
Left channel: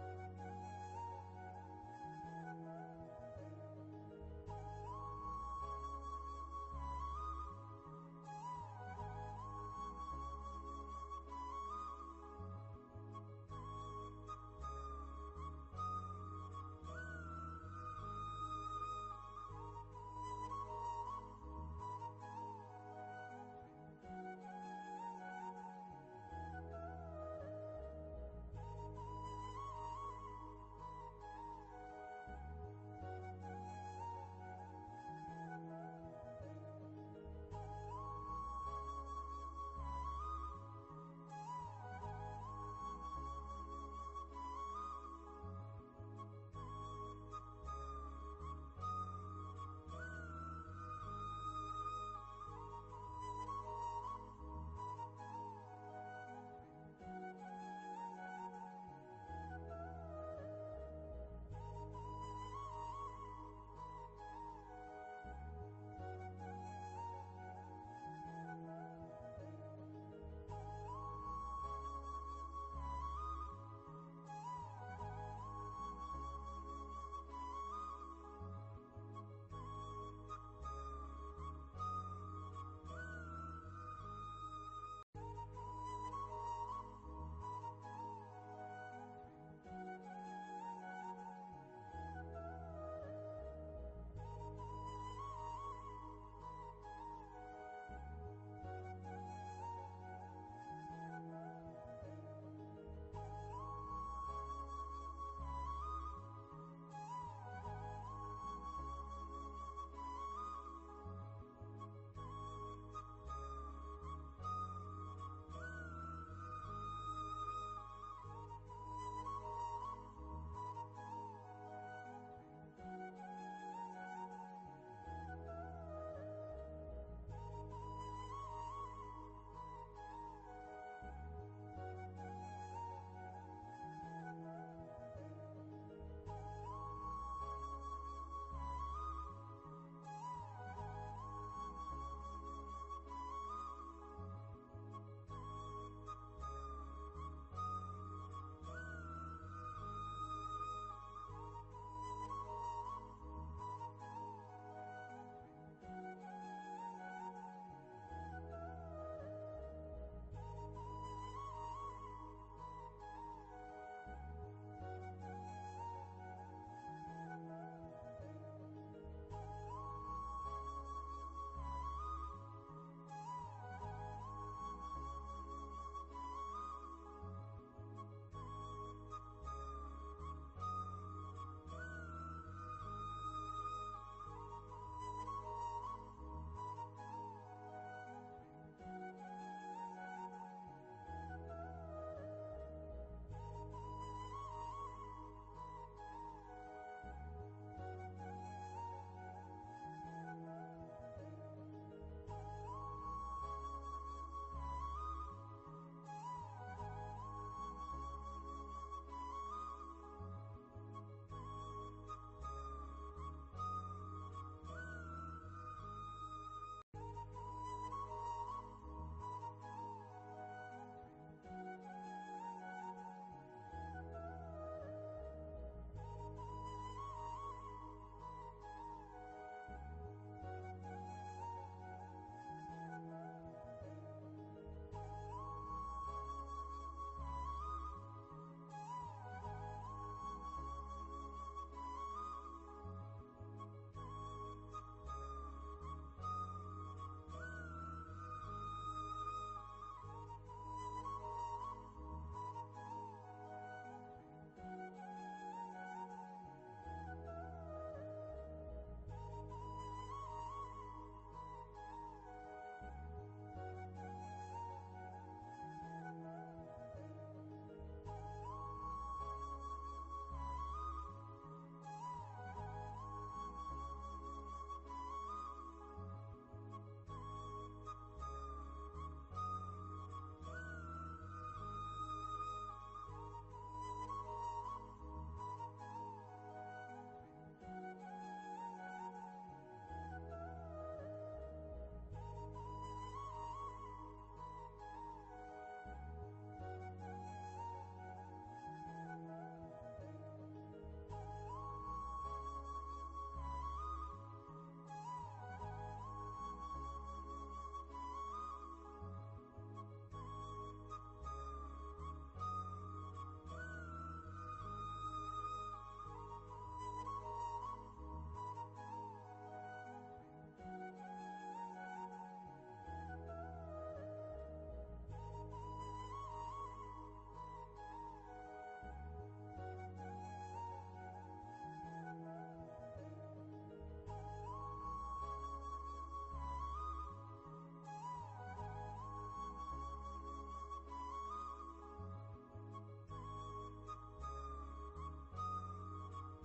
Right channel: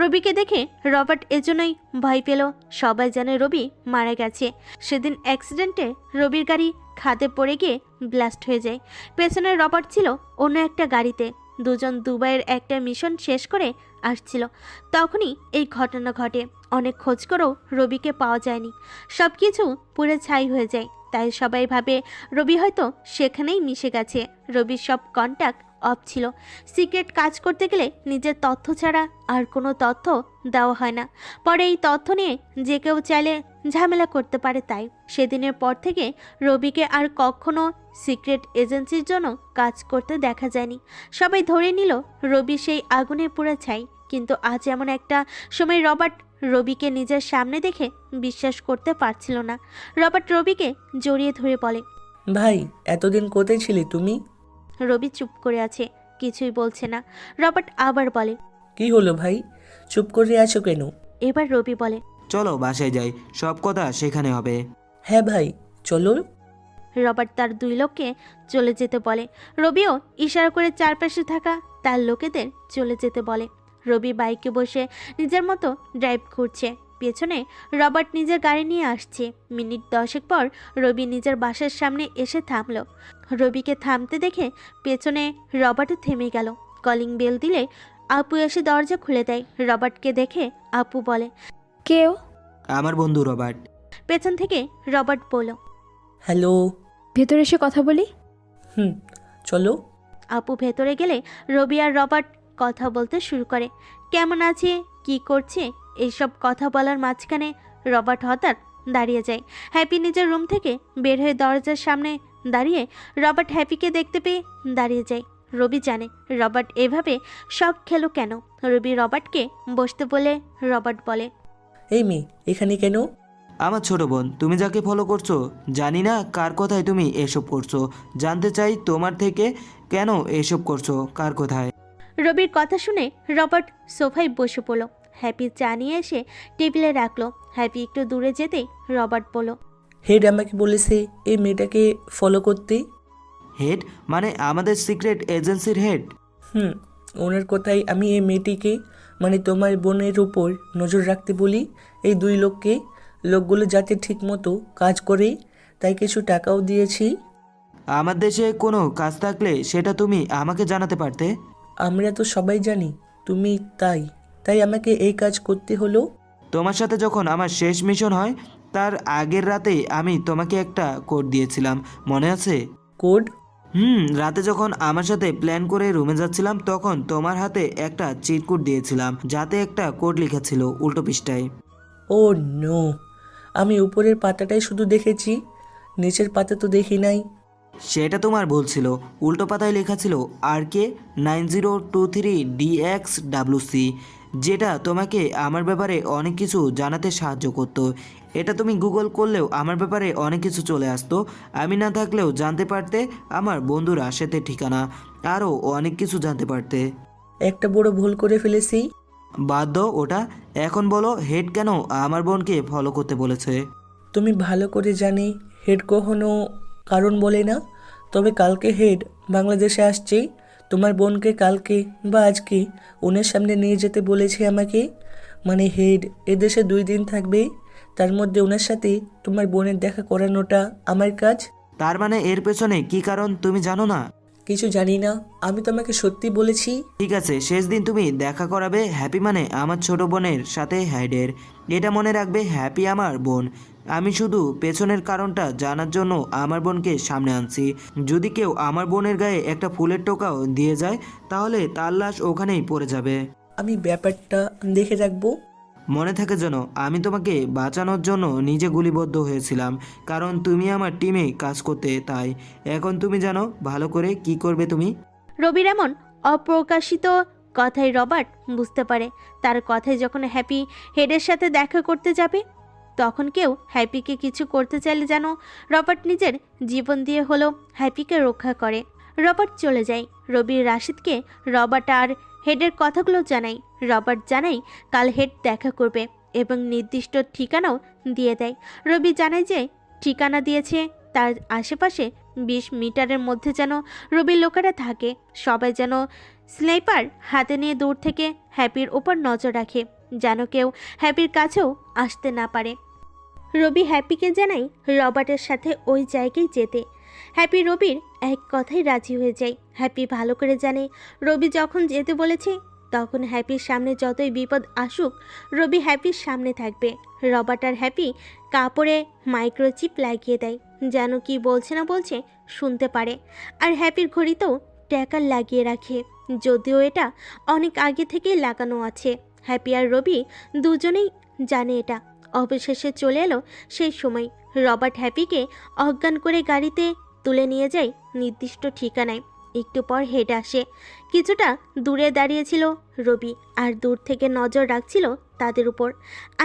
রবিকে দেখে রবার্ট এজন্যই ভয় পেল। সবাই জানে রবি মারা গেছে। সেদিন অ্যাক্সিডেন্টে রবির গাড়ি খাদে পড়ে গিয়ে ব্লাস্ট হয়ে যায়। পেছনে রবার্ট ছিল অন্য একটা গাড়িতে। দুজন দুবাইয়ের একটা মিশন শেষ করে আসছিল। তখনই এই ঘটনা ঘটে। অনেক খোঁজ করেও রবিকে পাওয়া যায়নি। সব কিছু পুরো ছাই হয়ে যায়। তাই সবাই ভাবে রবি হয়তো সেখানেই মিশে গেছে। রবির সব কন্ট্যাক্ট অফ ছিল। সিক্রেট কাজ করতে গেলে নিজের তথ্য ছাড়া আর কোনো তথ্য দেওয়া হয় না। পরে এই তথ্য নিয়ে যে কেউ চাইলে ঝামেলা করতে পারে। তাই সেদিনের পর থেকে রবিকে আর কখনো সিক্রেট এজেন্সির জন্য কাজ করতে দেখা যায়নি। সবাই ধরে নিল রবি সেই আগুনে পুড়ে ছাই। কিন্তু আজ এমন একটা সময় রবার্ট রবিকে নিজের সামনে দেখে বিশ্বাস করতে পারছিল না। রবার্ট রবিকে জড়িয়ে ধরে বলে, ভাই এতদিন কোথায় ছিলে তুমি? রবি চুপ করে আছে, কিছুই বলছে না। রবার্ট আবার বলে, কি হলো ভাই, চুপ করে আছো কেন? এবার রবি বলে, চলো বাসায় যাই, সব কথা সেখানে হবে। হ্যাঁ ভাই চলো। রবার্ট তার দুই লোককে চলে যেতে বলে। রবিও ইশারা করে চারপাশে থাকা তার লোকেদের চলে যেতে বলে। রবি বাইকে বসে নিজের মতো ড্রাইভ করছে। পেছনে রবার্ট নিজের গাড়ি নিয়ে আসছে। মিনিট 10 পর রবি নিজের বাসার সামনে এসে থামলো। রবিকে থামতে দেখে পেছনে রবার্টও থেমে গেল। কলিং বেল দিলে আপু এসে দরজা খুলে দেয়। রবার্টকে দেখে আপু বলে, কেউ? আমার বন্ধু রবার্ট। পেছন থেকে রবার্ট বলল, হ্যালো। ভেতরে এসে কথা বলি। চলো। আপু ভেতরে গেলে রবি আর রবার্ট কথা বলতে শুরু করে। কেমন আছে, কি করছে, এইসব কথা বলার মাঝখানে রবার্ট হঠাৎ দাঁড়িয়ে যায়। হ্যাপি নিজের রুম থেকে বের হয়ে দরজার সামনে দাঁড়িয়ে রবার্ট হ্যাপিকে দেখতে পেয়ে দাঁড়িয়ে যায়। রবি জানে রবার্ট এভাবে শখ খেলো কেন। রবি রবার্টকে বসতে বলে রবার্ট বলে, এই মেয়ে এখানে কেন? আমার ছোট বোন, তুমি যাকে ফলো করছো, জানি না কার কথায় তুমি এসব করছো। জানতে চাই তোমার থেকে কেন এসব করছো, কার কথায়? রবির কথা শুনে রবার্ট সোফায় বসে পড়ল। হ্যাপি চা নিয়ে এসে টেবিলে রাখলো। হ্যাপি একটু দূরে যেতেই রবার্ট বলল, হেড আমাকে বলেছে এই মেয়েটাকে ফলো করতে। হেড মানে আমাদের সিক্রেট এজেন্সির হেড? ওনার কথাই আমি এই মেয়েটিকে মানে তোমার বোনের উপর নজর রাখতে বলি। এই দুই লোকগুলো যাতে ঠিক মতো কাজ করে, তাই কিছু টাকাও দিয়েছি। আমার দেশে কোনো কাজ থাকলে সেটা তুমি আমাকে জানাতে পারতে। আমরা তো সবাই জানি তুমি, তাই আমাকে এই কাজ করতে হলো। তোমার সাথে যখন আমার শেষ মিশন হয় তার আগের রাতে আমি তোমাকে একটা কোড দিয়েছিলাম, মনে আছে? কোড? রাতে যখন আমার সাথে প্ল্যান করে রুমে যাচ্ছিলাম তখন তোমার হাতে একটা চিট কোড দিয়েছিলাম, যাতে একটা কোড লেখা ছিল উল্টো পৃষ্ঠায়। ও নো, আমি উপরের পাতাটাই শুধু দেখেছি, নিচের পাতা তো দেখি নাই। সেটা তোমার ভুল ছিল। উল্টো পাতায় লেখা ছিল RK9023DXWC, যেটা তোমাকে আমার ব্যাপারে অনেক কিছু জানাতে সাহায্য করতো। এটা তুমি গুগল করলেও আমার ব্যাপারে অনেক কিছু চলে আসতো। আমি না থাকলেও জানতে পারতে আমার বন্ধুর আশেতে ঠিকানা, আরও অনেক কিছু জানতে পারতে। একটা বড় ভুল করে ফেলেছি। বাদ দাও ওটা, এখন বলো হেড কেন আমার বোনকে ফলো করতে বলেছে? তুমি ভালো করে জানি হেড কখনো কারণ বলে না। তবে কালকে হেড বাংলাদেশে আসছে। তোমার বোনকে কালকে বা আজকে ওনার সামনে নিয়ে যেতে বলেছে আমাকে। মানে হেড এদেশে 2 দিন থাকবে, তার মধ্যে ওনার সাথে তোমার বোনের দেখা করানোটা আমার কাজ। তার মানে এর পেছনে কি কারণ তুমি জানো না? কিছু জানি না, আমি তোমাকে সত্যি বলেছি। ঠিক আছে, শেষ দিন তুমি দেখা করাবে হ্যাপি মানে আমার ছোট বোনের সাথে হেডের। এটা মনে রাখবে, হ্যাপি আমার বোন। আমি শুধু পেছনের কারণটা জানার জন্য আমার বোনকে সামনে আনছি। যদি কেউ আমার বোনের গায়ে একটা ফুলের টোকাও দিয়ে যায় তাহলে তার লাশ ওখানেই পড়ে যাবে। আমি ব্যাপারটা দেখে রাখবো। মনে থাকে যেন আমি তোমাকে বাঁচানোর জন্য নিজে গুলিবদ্ধ হয়েছিলাম, কারণ তুমি আমার টিমে কাজ করতে। তাই এখন তুমি জানো ভালো করে কি করবে তুমি। রবির এমন অপ্রকাশিত কথাই রবার্ট বুঝতে পারে। তার কথায় যখন হ্যাপি হেডের সাথে দেখা করতে যাবে তখন কেউ হ্যাপিকে কিছু করতে চাইলে যেন রবার্ট নিজের জীবন দিয়ে হলেও হ্যাপিকে রক্ষা করে। রবার্ট চলে যায়। রবির রাশিদকে রবার্ট আর হেডের কথাগুলো জানাই। রবার্ট জানাই কাল হেড দেখা করবে এবং নির্দিষ্ট ঠিকানাও দিয়ে দেয়। রবি জানায় যে ঠিকানা দিয়েছে তার আশেপাশে 20 মিটারের মধ্যে যেন রবির লোকেরা থাকে। সবাই যেন স্নাইপার হাতে নিয়ে দূর থেকে হ্যাপির ওপর নজর রাখে, যেন কেউ হ্যাপির কাছেও আসতে না পারে। রবি হ্যাপিকে জানাই রবার্টের সাথে ওই জায়গায় যেতে। হ্যাপি রবির এক কথায় রাজি হয়ে যায়। হ্যাপি ভালো করে জানে রবি যখন যেতে বলেছে তখন হ্যাপির সামনে যতই বিপদ আসুক রবি হ্যাপির সামনে থাকবে। রবার্ট আর হ্যাপি কাপড়ে মাইক্রোচিপ লাগিয়ে দেয়, যেন কি বলছে না বলছে শুনতে পারে। আর হ্যাপির ঘড়িতেও ট্র্যাকার লাগিয়ে রাখে, যদিও এটা অনেক আগে থেকেই লাগানো আছে। হ্যাপি আর রবি দুজনেই জানে এটা। অবশেষে চলে এলো সেই সময়। রবার্ট হ্যাপিকে অজ্ঞান করে গাড়িতে তুলে নিয়ে যায় নির্দিষ্ট ঠিকানায়। একটু পর হেড আসে। কিছুটা দূরে দাঁড়িয়েছিল রবি আর দূর থেকে নজর রাখছিল তাদের উপর।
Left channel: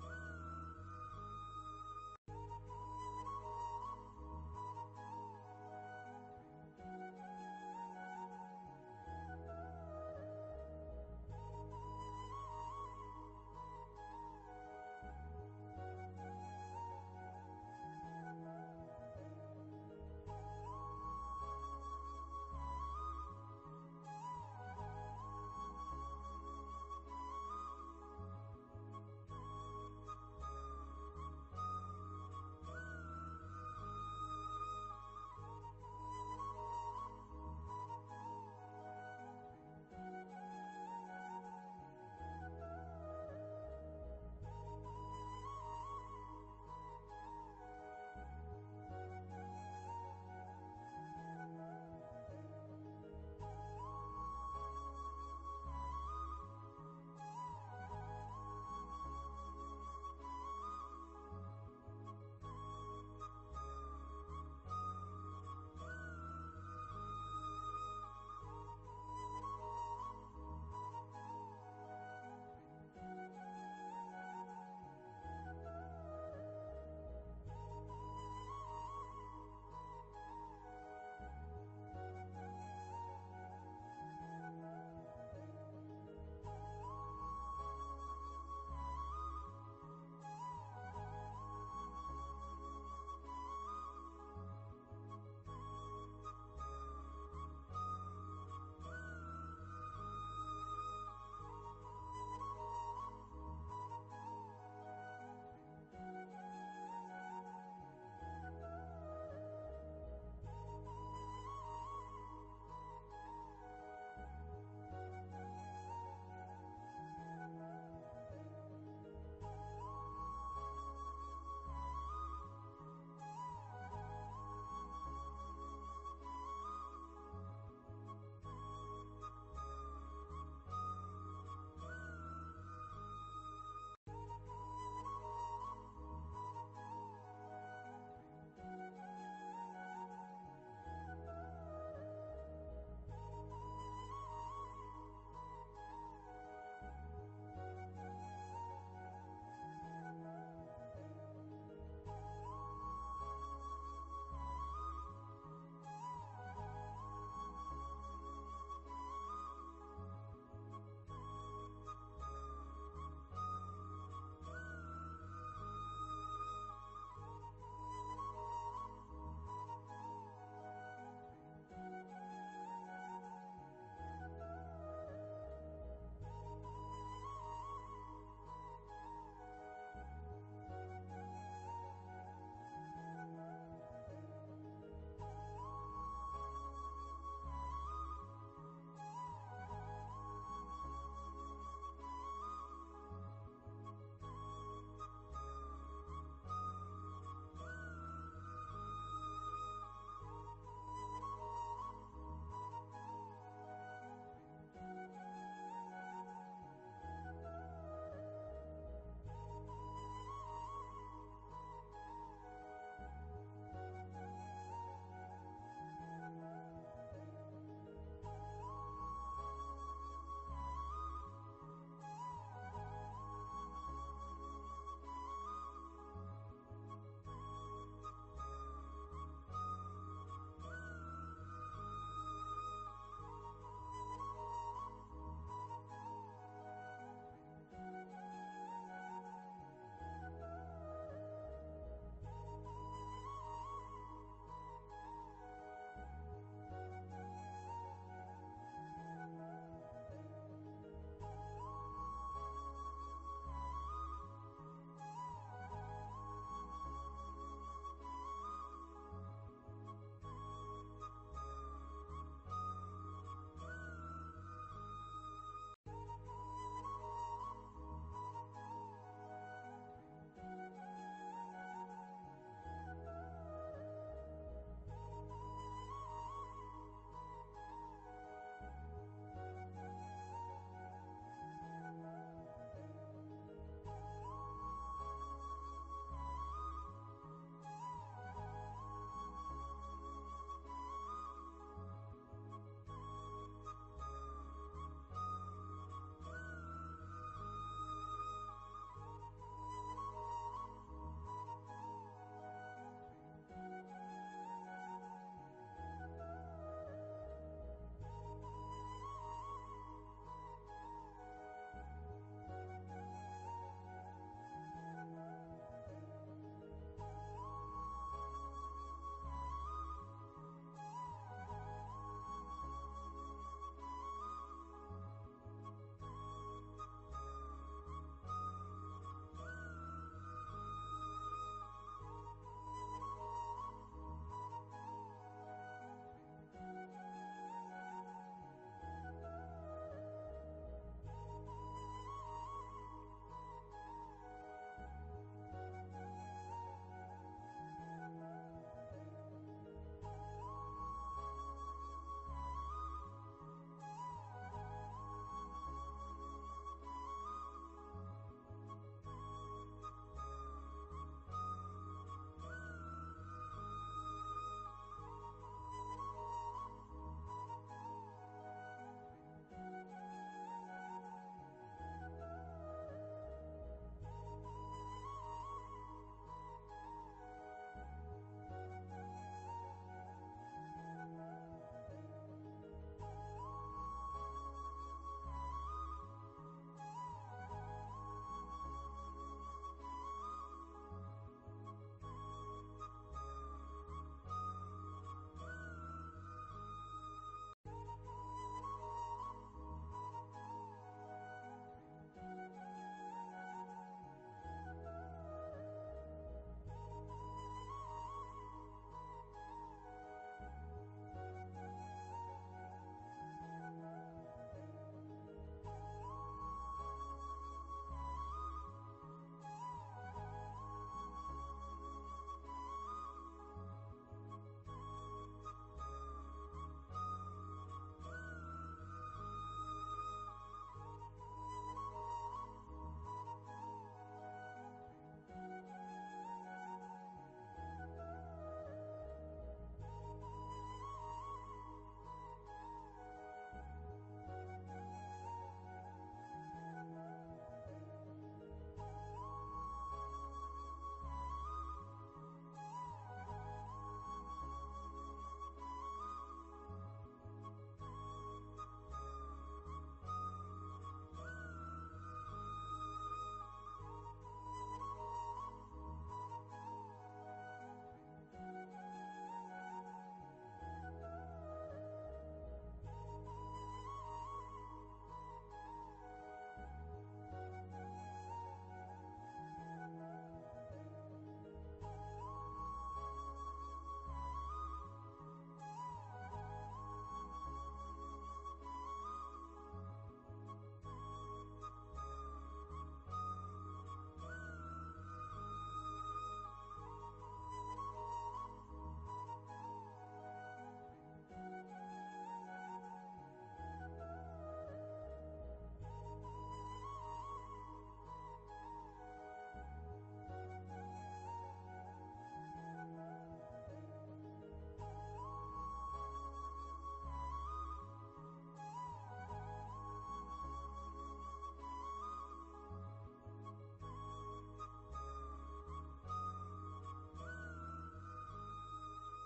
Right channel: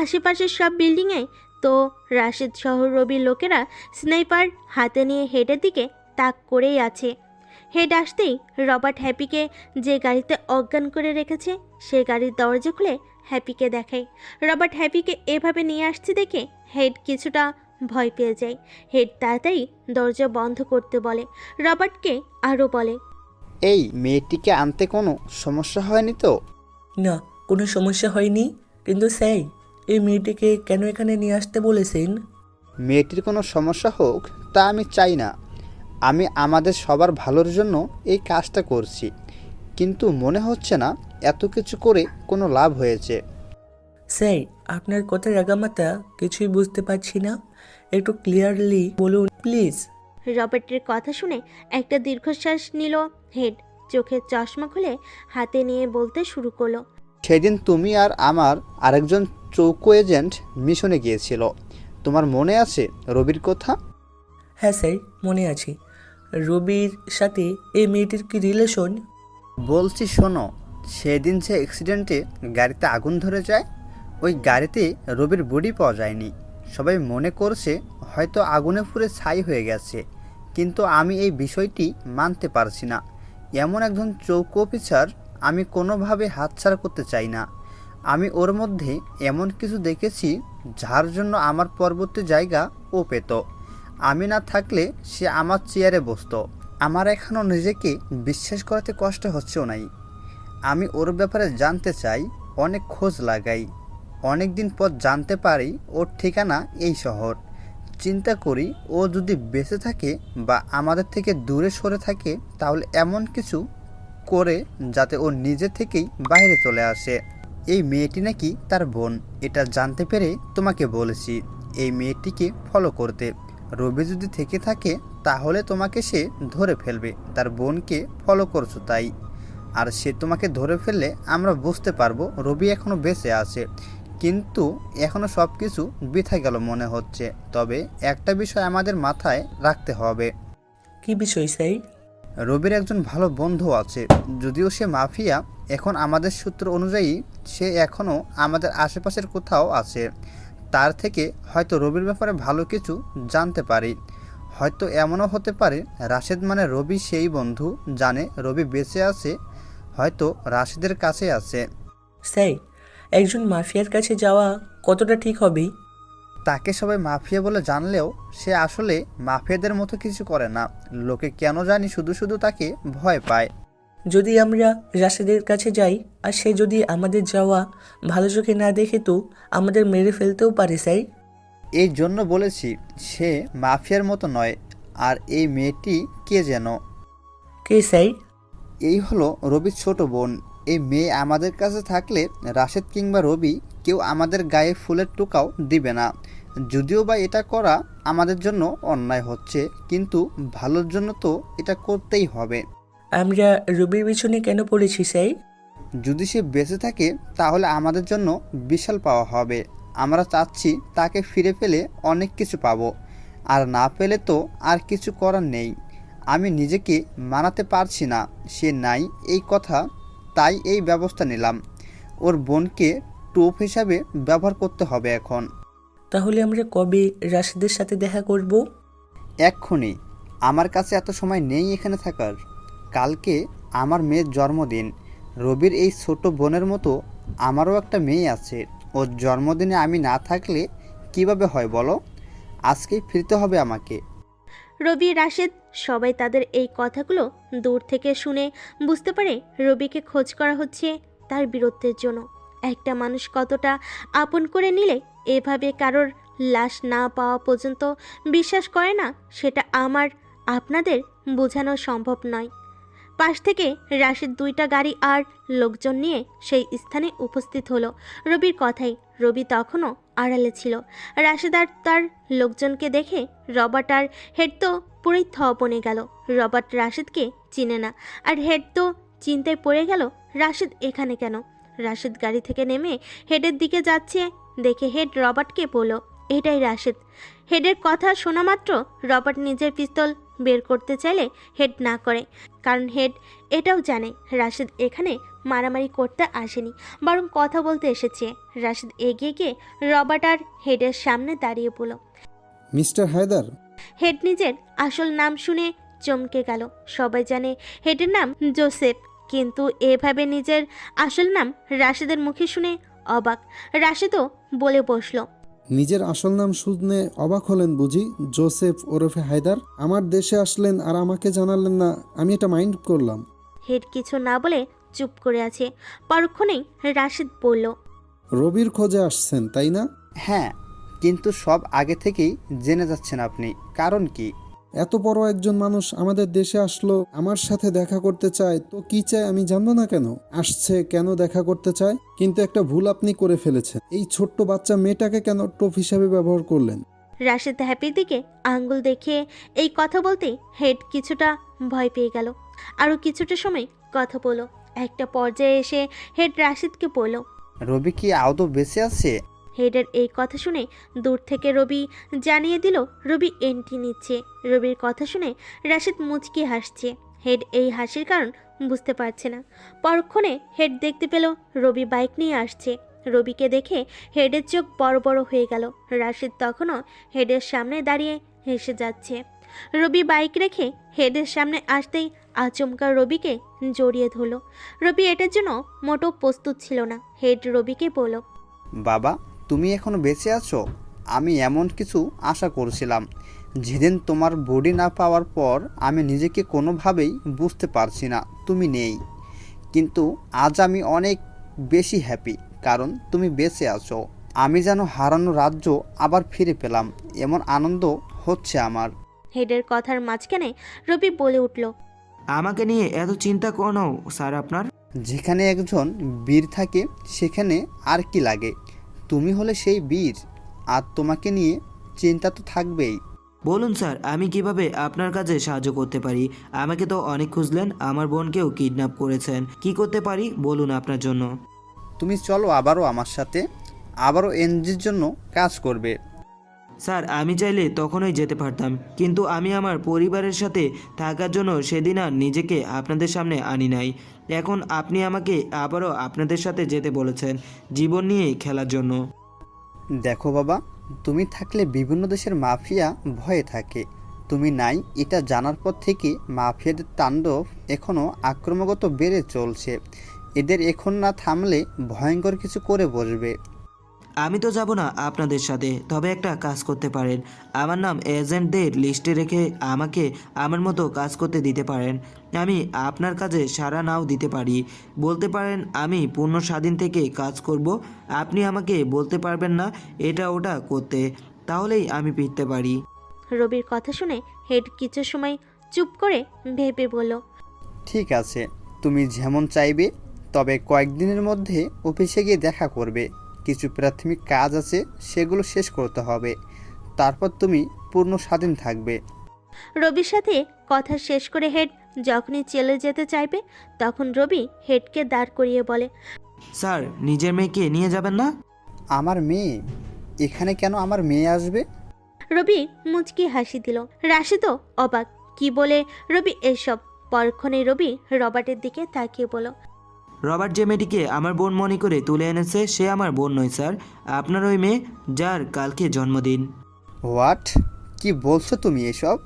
আশেপাশের সব বিল্ডিংয়ে তো রাশেদ সহ রবির লোকেরা স্নাইপার হাতে নিয়ে হেডের দিকে তাক করেই আছে। হেড আসতেই রবার্ট হ্যাপিকে যে গাড়িতে অজ্ঞান করে রেখেছে সে গাড়ির দরজা খুলে হ্যাপিকে দেখায়। রবার্ট হ্যাপিকে এভাবে নিয়ে আসছে দেখে হেড কিছুটা ভয় পেয়ে যায়। হেড তাড়াতাড়ি দরজা বন্ধ করতে বলে। রবার্টকে আরও বলে, এই মেয়েটিকে আনতে কোনো সমস্যা হয়নি তো? না, কোনো সমস্যা হয়নি, কিন্তু স্যার এই মেয়েটিকে কেন এখানে নিয়ে আসতে বলেছেন? মেয়েটির কোনো সমস্যা হোক তা আমি চাই না। আমি আমাদের সবার ভালোর জন্য এই কাজটা করছি, কিন্তু মনে হচ্ছে না এত কিছু করে কোনো লাভ হয়েছে। স্যার, আপনার কথার আগামাতা কিছুই বুঝতে পারছি না, একটু ক্লিয়ারলি বলুন প্লিজ। রবার্টের কথা শুনে একটা দীর্ঘশ্বাস নিল হেড। চোখের চশমা খুলে হাতে নিয়ে বলতে শুরু করলো, সেদিন তুমি আর আমার আরেকজন চৌকো এজেন্ট মিশনে গিয়েছিল, তোমার মনে আছে রবির কথা? হ্যাঁ স্যার, মনে আছে। রবির সাথে এই মেয়েটির কি রিলেশন? বলছি শোনো, সেদিন যে অ্যাক্সিডেন্টে গাড়িতে আগুন ধরে যায়, ওই গাড়িতে রবির বডি পাওয়া যায়নি। সবাই মনে করছে হয়তো আগুনে পুড়ে ছাই হয়ে গেছে, কিন্তু আমি এই বিষয়টি মানতে পারছি না। এমন একজন চৌকো অফিসার আমি কোনোভাবে হাতছাড়া করতে চাই না। আমি ওর মধ্যে এমন কিছু দেখেছি যার জন্য আমার পরবর্তী জায়গা ও পেত। আমি না থাকলে সে আমার চেয়ারে বসতো। আমার এখনও নিজেকে বিশ্বাস করাতে কষ্ট হচ্ছেও নাই। আমি ওর ব্যাপারে জানতে চাই, অনেক খোঁজ লাগাই। অনেক দিন পর জানতে পারি ওর ঠিকানা এই শহর। চিন্তা করি ও যদি বেঁচে থাকে বা আমাদের থেকে দূরে সরে থাকে, তাহলে এমন কিছু করে যাতে ও নিজে থেকেই বাইরে চলে আসে। এই মেয়েটি নাকি তার বোন, এটা জানতে পেরে তোমাকে বলেছি এই মেয়েটিকে ফলো করতে। রবি যদি থেকে থাকে তাহলে তোমাকে সে ধরে ফেলবে, তার বোনকে ফলো করছো তাই। আর সে তোমাকে ধরে ফেললে আমরা বুঝতে পারবো রবি এখনও বেঁচে আছে। কিন্তু এখনও সব কিছু বৃথা গেল মনে হচ্ছে। তবে একটা বিষয় আমাদের মাথায় রাখতে হবে। কি বিষয় স্যার? রবির একজন ভালো বন্ধু আছে, যদিও সে মাফিয়া। এখন আমাদের সূত্র অনুযায়ী সে এখনও আমাদের আশেপাশের কোথাও আছে। তার থেকে হয়তো রবির ব্যাপারে ভালো কিছু জানতে পারি। হয়তো এমনও হতে পারে রাশেদ মানে রবি সেই বন্ধু জানে রবি বেঁচে আছে, হয়তো রাশেদের কাছে আছে। স্যার, একজন মাফিয়ার কাছে যাওয়া কতটা ঠিক হবে? তাকে সবাই মাফিয়া বলে জানলেও সে আসলে মাফিয়াদের মতো কিছু করে না। লোকে কেন জানি শুধু শুধু তাকে ভয় পায়। যদি আমরা রাশেদের কাছে যাই আর সে যদি আমাদের যাওয়া ভালো চোখে না দেখে তো আমাদের মেরে ফেলতেও পারে স্যার। এই জন্য বলেছি সে মাফিয়ার মতো নয়। আর এই মেয়েটি কে যেন? কে স্যার? এই হলো রবির ছোট বোন। এই মেয়ে আমাদের কাছে থাকলে রাশেদ কিংবা রবি কেউ আমাদের গায়ে ফুলের টোকাও দিবে না। যদিও বা এটা করা আমাদের জন্য অন্যায় হচ্ছে, কিন্তু ভালোর জন্য তো এটা করতেই হবে। আমরা রবির পিছনে কেন পড়েছি স্যার? যদি সে বেঁচে থাকে তাহলে আমাদের জন্য বিশাল পাওয়া হবে। আমরা চাচ্ছি তাকে ফিরে পেলে অনেক কিছু পাবো, আর না পেলে তো আর কিছু করার নেই। আমি নিজেকে মানাতে পারছি না সে নাই এই কথা, তাই এই ব্যবস্থা নিলাম। ওর বোনকে টোপ হিসাবে ব্যবহার করতে হবে এখন। তাহলে আমরা কবে রাশেদের সাথে দেখা করব? এক্ষুনি। আমার কাছে এত সময় নেই এখানে থাকার। কালকে আমার মেয়ের জন্মদিন। রবির এই ছোট বোনের মতো আমারও একটা মেয়ে আছে। ওর জন্মদিনে আমি না থাকলে কিভাবে হয় বলো? আজকেই ফিরতে হবে আমাকে। রবি রাশেদ সবাই তাদের এই কথাগুলো দূর থেকে শুনে বুঝতে পারে রবিকে খোঁজ করা হচ্ছে তার বীরত্বের জন্য। একটা মানুষ কতটা আপন করে নিলে এভাবে কারোর লাশ না পাওয়া পর্যন্ত বিশ্বাস করে না, সেটা আমার আপনাদের বোঝানো সম্ভব নয়। পাশ থেকে রাশেদ 2টা গাড়ি আর লোকজন নিয়ে সেই স্থানে উপস্থিত হলো। রবির কথাই, রবি তখনও আড়ালে ছিল। রাশেদ আর তার লোকজনকে দেখে রবার্ট আর হেড তো পুরোই বনে গেল। রবার্ট রাশেদকে চিনে না, আর হেড তো চিন্তায় পড়ে গেল রাশেদ এখানে কেন। রাশেদ গাড়ি থেকে নেমে হেডের দিকে যাচ্ছে দেখে হেড রবার্টকে বলল, এটাই রাশেদ। হেডের কথা শোনা মাত্র রবার্ট নিজের পিস্তল বের করতে চাইলে হেড না করে, কারণ হেড এটাও জানে রাশেদ এখানে মারামারি করতে আসেনি, বরং কথা বলতে এসেছে। রাশেদ এগিয়ে গিয়ে রবার্ট আর হেডের সামনে দাঁড়িয়ে বলল, মিস্টার হায়দার। হেড নিজের আসল নাম শুনে চমকে গেল। সবাই জানে হেডের নাম জোসেফ, কিন্তু এভাবে নিজের আসল নাম রাশেদের মুখে শুনে অবাক। রাশেদও বলে বসলো, নিজের আসল নাম শুনে অবাক হলেন বুঝি? জোসেফ ওরফে হায়দার। আমার দেশে আসলেন আর আমাকে জানালেন না, আমি এটা মাইন্ড করলাম। হেড কিছু না বলে চুপ করে আছে। পরক্ষণেই রাশেদ বলল, রবির খোঁজে আসছেন তাই না? হ্যাঁ, কিন্তু সব আগে থেকেই জেনে যাচ্ছেন আপনি, কারণ কি? এত বড় একজন মানুষ আমাদের দেশে আসলো, আমার সাথে দেখা করতে চায়, তো কি চায় আমি জানবো না কেন? আসছে কেন দেখা করতে চায়? কিন্তু একটা ভুল আপনি করে ফেলেছেন। এই ছোট্ট বাচ্চা মেয়েটাকে কেন টোপ হিসাবে ব্যবহার করলেন? রাশেদ হ্যাপির দিকে আঙ্গুল দেখিয়ে এই কথা বলতেই হেড কিছুটা ভয় পেয়ে গেল। আরও কিছুটা সময় কথা বলো। একটা পর্যায়ে এসে হেড রাশেদকে বলল, রবি কি আদৌ বেঁচে আছে? হেডের এই কথা শুনে দূর থেকে রবি জানিয়ে দিল রবি এন্ট্রি নিচ্ছে। রবির কথা শুনে রাশেদ মুচকি হাসছে। হেড এই হাসির কারণ বুঝতে পারছে না। পরক্ষণে হেড দেখতে পেল রবি বাইক নিয়ে আসছে। রবিকে দেখে হেডের চোখ বড় বড় হয়ে গেল। রাশেদ তখনও হেডের সামনে দাঁড়িয়ে হেসে যাচ্ছে। রবি বাইক রেখে হেডের সামনে আসতেই আচমকা রবিকে জড়িয়ে ধরল। রবি এটার জন্য মোটো প্রস্তুত ছিল না। হেড রবিকে বলল, বাবা, তুমি এখনো বেঁচে আছো? আমি এমন কিছু আশা করছিলাম। যেদিন তোমার বডি না পাওয়ার পর আমি নিজেকে কোনোভাবেই বুঝতে পারছি না তুমি নেই, কিন্তু আজ আমি অনেক বেশি হ্যাপি, কারণ তুমি বেঁচে আছো। আমি যেন হারানো রাজ্য আবার ফিরে পেলাম, এমন আনন্দ হচ্ছে আমার। হেডের কথার মাঝখানে রবি বলে উঠল, আমাকে নিয়ে এত চিন্তা কেন স্যার আপনার? যেখানে একজন বীর থাকে সেখানে আর কি লাগে? তুমি হলে সেই বীর, আর তোমাকে নিয়ে চিন্তা তো থাকবেই। বলুন স্যার, আমি কিভাবে আপনার কাজে সাহায্য করতে পারি? আমাকে তো অনেক খুঁজলেন, আমার বোনকেও কিডন্যাপ করেছেন, কি করতে পারি বলুন আপনার জন্য? তুমি চলো আবারও আমার সাথে, আবারও এনজির জন্য কাজ করবে। স্যার, আমি চাইলে তখনই যেতে পারতাম, কিন্তু আমি আমার পরিবারের সাথে থাকার জন্য সেদিন আর নিজেকে আপনাদের সামনে আনি নাই। এখন আপনি আমাকে আবারও আপনাদের সাথে যেতে বলেছেন জীবন নিয়ে খেলার জন্য। দেখো বাবা, তুমি থাকলে বিভিন্ন দেশের মাফিয়া ভয়ে থাকে, তুমি নাই এটা জানার পর থেকে মাফিয়াদের তাণ্ডব এখনও আক্রমণগত বেড়ে চলছে। এদের এখন না থামলে ভয়ঙ্কর কিছু করে বসবে। আমি তো যাব না আপনাদের সাথে, তবে একটা কাজ করতে পারেন, আমার নাম এজেন্টদের লিস্টে রেখে আমাকে আমার মতো কাজ করতে দিতে পারেন। আমি আপনার কাজে সাড়া নাও দিতে পারি, বলতে পারেন আমি পূর্ণ স্বাধীন থেকে কাজ করব, আপনি আমাকে বলতে পারবেন না এটা ওটা করতে, তাহলেই আমি ফিরতে পারি। রবির কথা শুনে হেড কিছু সময় চুপ করে ভেবে বলল, ঠিক আছে, তুমি যেমন চাইবে, তবে কয়েকদিনের মধ্যে অফিসে গিয়ে দেখা করবে। কিছু প্রাথমিক কাজ আছে, সেগুলো শেষ করতে হবে, তারপর তুমি পূর্ণ স্বাধীন থাকবে। রবির সাথে কথা শেষ করে হেড যখনই চলে যেতে চাইবে, তখন রবি হেডকে দাঁড় করিয়ে বলে, স্যার, নিজের মেয়েকে নিয়ে যাবেন না? আমার মেয়ে? এখানে কেন আমার মেয়ে আসবে? রবি মুচকি হাসি দিল। রাশিদও অবাক, কি বলে রবি এসব। পরক্ষণে রবি রবার্টের দিকে তাকিয়ে বলল, রবার্ট যে মেয়েটিকে আমার বোন মনে করে তুলে এনেছে সে আমার বোন নয় স্যার, আপনার ওই মেয়ে যার কালকে জন্মদিন। হোয়াট? কি বলছো তুমি এসব?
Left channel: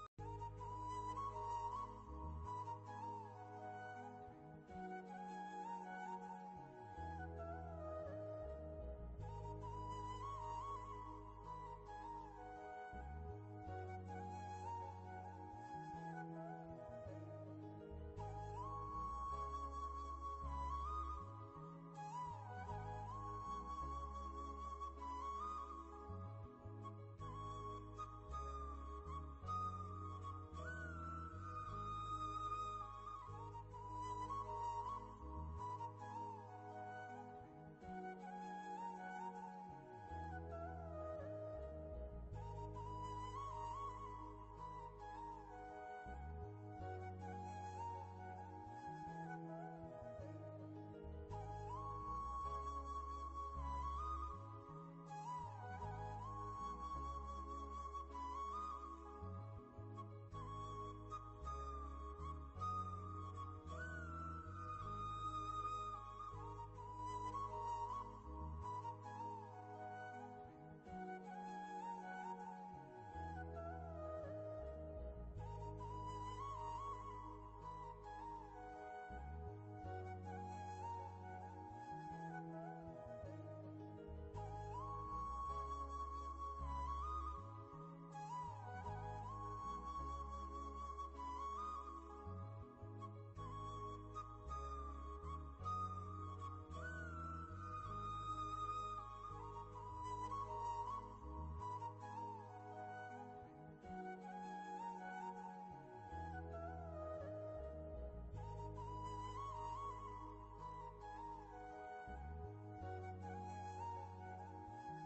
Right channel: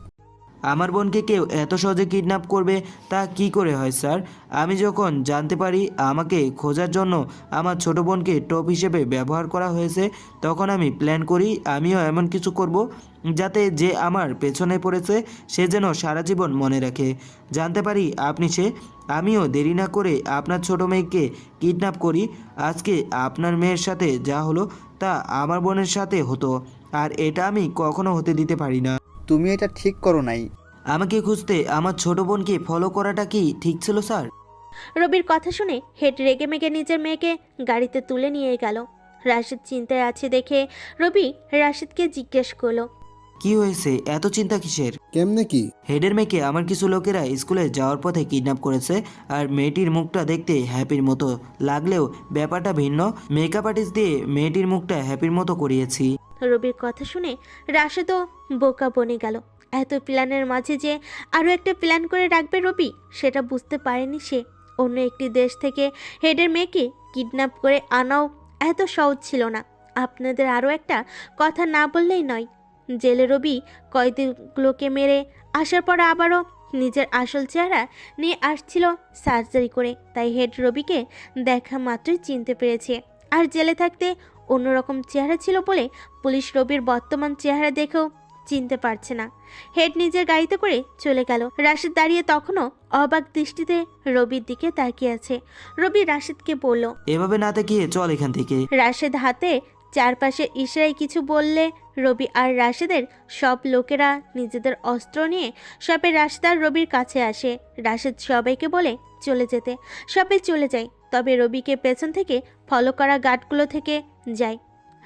আমার বোনকে কেউ এত সহজে কিডন্যাপ করবে তা কি করে হয় স্যার? আমি যখন জানতে পারি আমাকে খোঁজার জন্য আমার ছোট বোনকে টপ হিসেবে ব্যবহার করা হয়েছে, তখন আমি প্ল্যান করি আমিও এমন কিছু করব যাতে যে আমার পেছনে পড়েছে সে যেন সারা জীবন মনে রাখে। জানতে পারি আপনি সে। আমিও দেরি না করে আপনার ছোট মেয়েকে কিডন্যাপ করি। আজকে আপনার মেয়ের সাথে যা হলো তা আমার বোনের সাথে হতো, আর এটা আমি কখনো হতে দিতে পারি না। তুমি এটা ঠিক করো নাই। আমাকে খুঁজতে আমার ছোট বোনকে ফলো করাটা কি ঠিক ছিল স্যার? রবির কথা শুনে হেড রেগে মেগে নিজের মেয়েকে গাড়িতে তুলে নিয়ে গেল। রাশিদ চিন্তায় আছে দেখে রবি রাশিদকে জিজ্ঞেস করলো, কি হয়েছে, এত চিন্তা কিসের? কেমনে কি? হেডের মেয়েকে আমার কিছু লোকেরা স্কুলে যাওয়ার পথে কিডন্যাপ করেছে। আর মেয়েটির মুখটা দেখতে হ্যাপির মতো লাগলেও ব্যাপারটা ভিন্ন। মেকআপ আর্টিস্ট দিয়ে মেয়েটির মুখটা হ্যাপির মতো করিয়েছি। রবির কথা শুনে রাশিদও বোকা বনে গেল। এত প্ল্যানের মাঝে যে আরও একটা প্ল্যান করে রাখবে রবি, সেটা বুঝতে পারেনি সে। অন্য একটি দেশ থেকে হেডের মেয়েকে কিডন্যাপ করে আনাও এত সহজ ছিল না। আপনাদের আরও একটা কথা না বললেই নয়, জেলে রবি কয়েদিগুলোকে মেরে আসার পর আবারও নিজের আসল চেহারা নিয়ে আসছিল সার্জারি করে। তাই হেড রবিকে দেখা মাত্রই চিনতে পেরেছে। আর জেলে থাকতে অন্যরকম চেহারা ছিল বলে পুলিশ রবির বর্তমান চেহারা দেখেও চিনতে পারছে না। হেড নিজের গাড়িতে করে চলে গেল। রাশিদ দাঁড়িয়ে তখনও অবাক দৃষ্টিতে রবির দিকে তাকিয়ে আছে। রবি রাশিদকে বলল, এভাবে না তাকিয়ে চল এখান থেকে। রাশিদ হাতে চারপাশে ইশারায় কিছু বললে রবি আর রাশিদের সব লোকেরা নিজেদের অস্ত্র নিয়ে সবে রাশিদ আর রবির কাছে আসে। রাশিদ সবাইকে বলে চলে যেতে। সবাই চলে যায়, তবে রবিকে পেছন থেকে ফলো করা গার্ডগুলো থেকে যায়।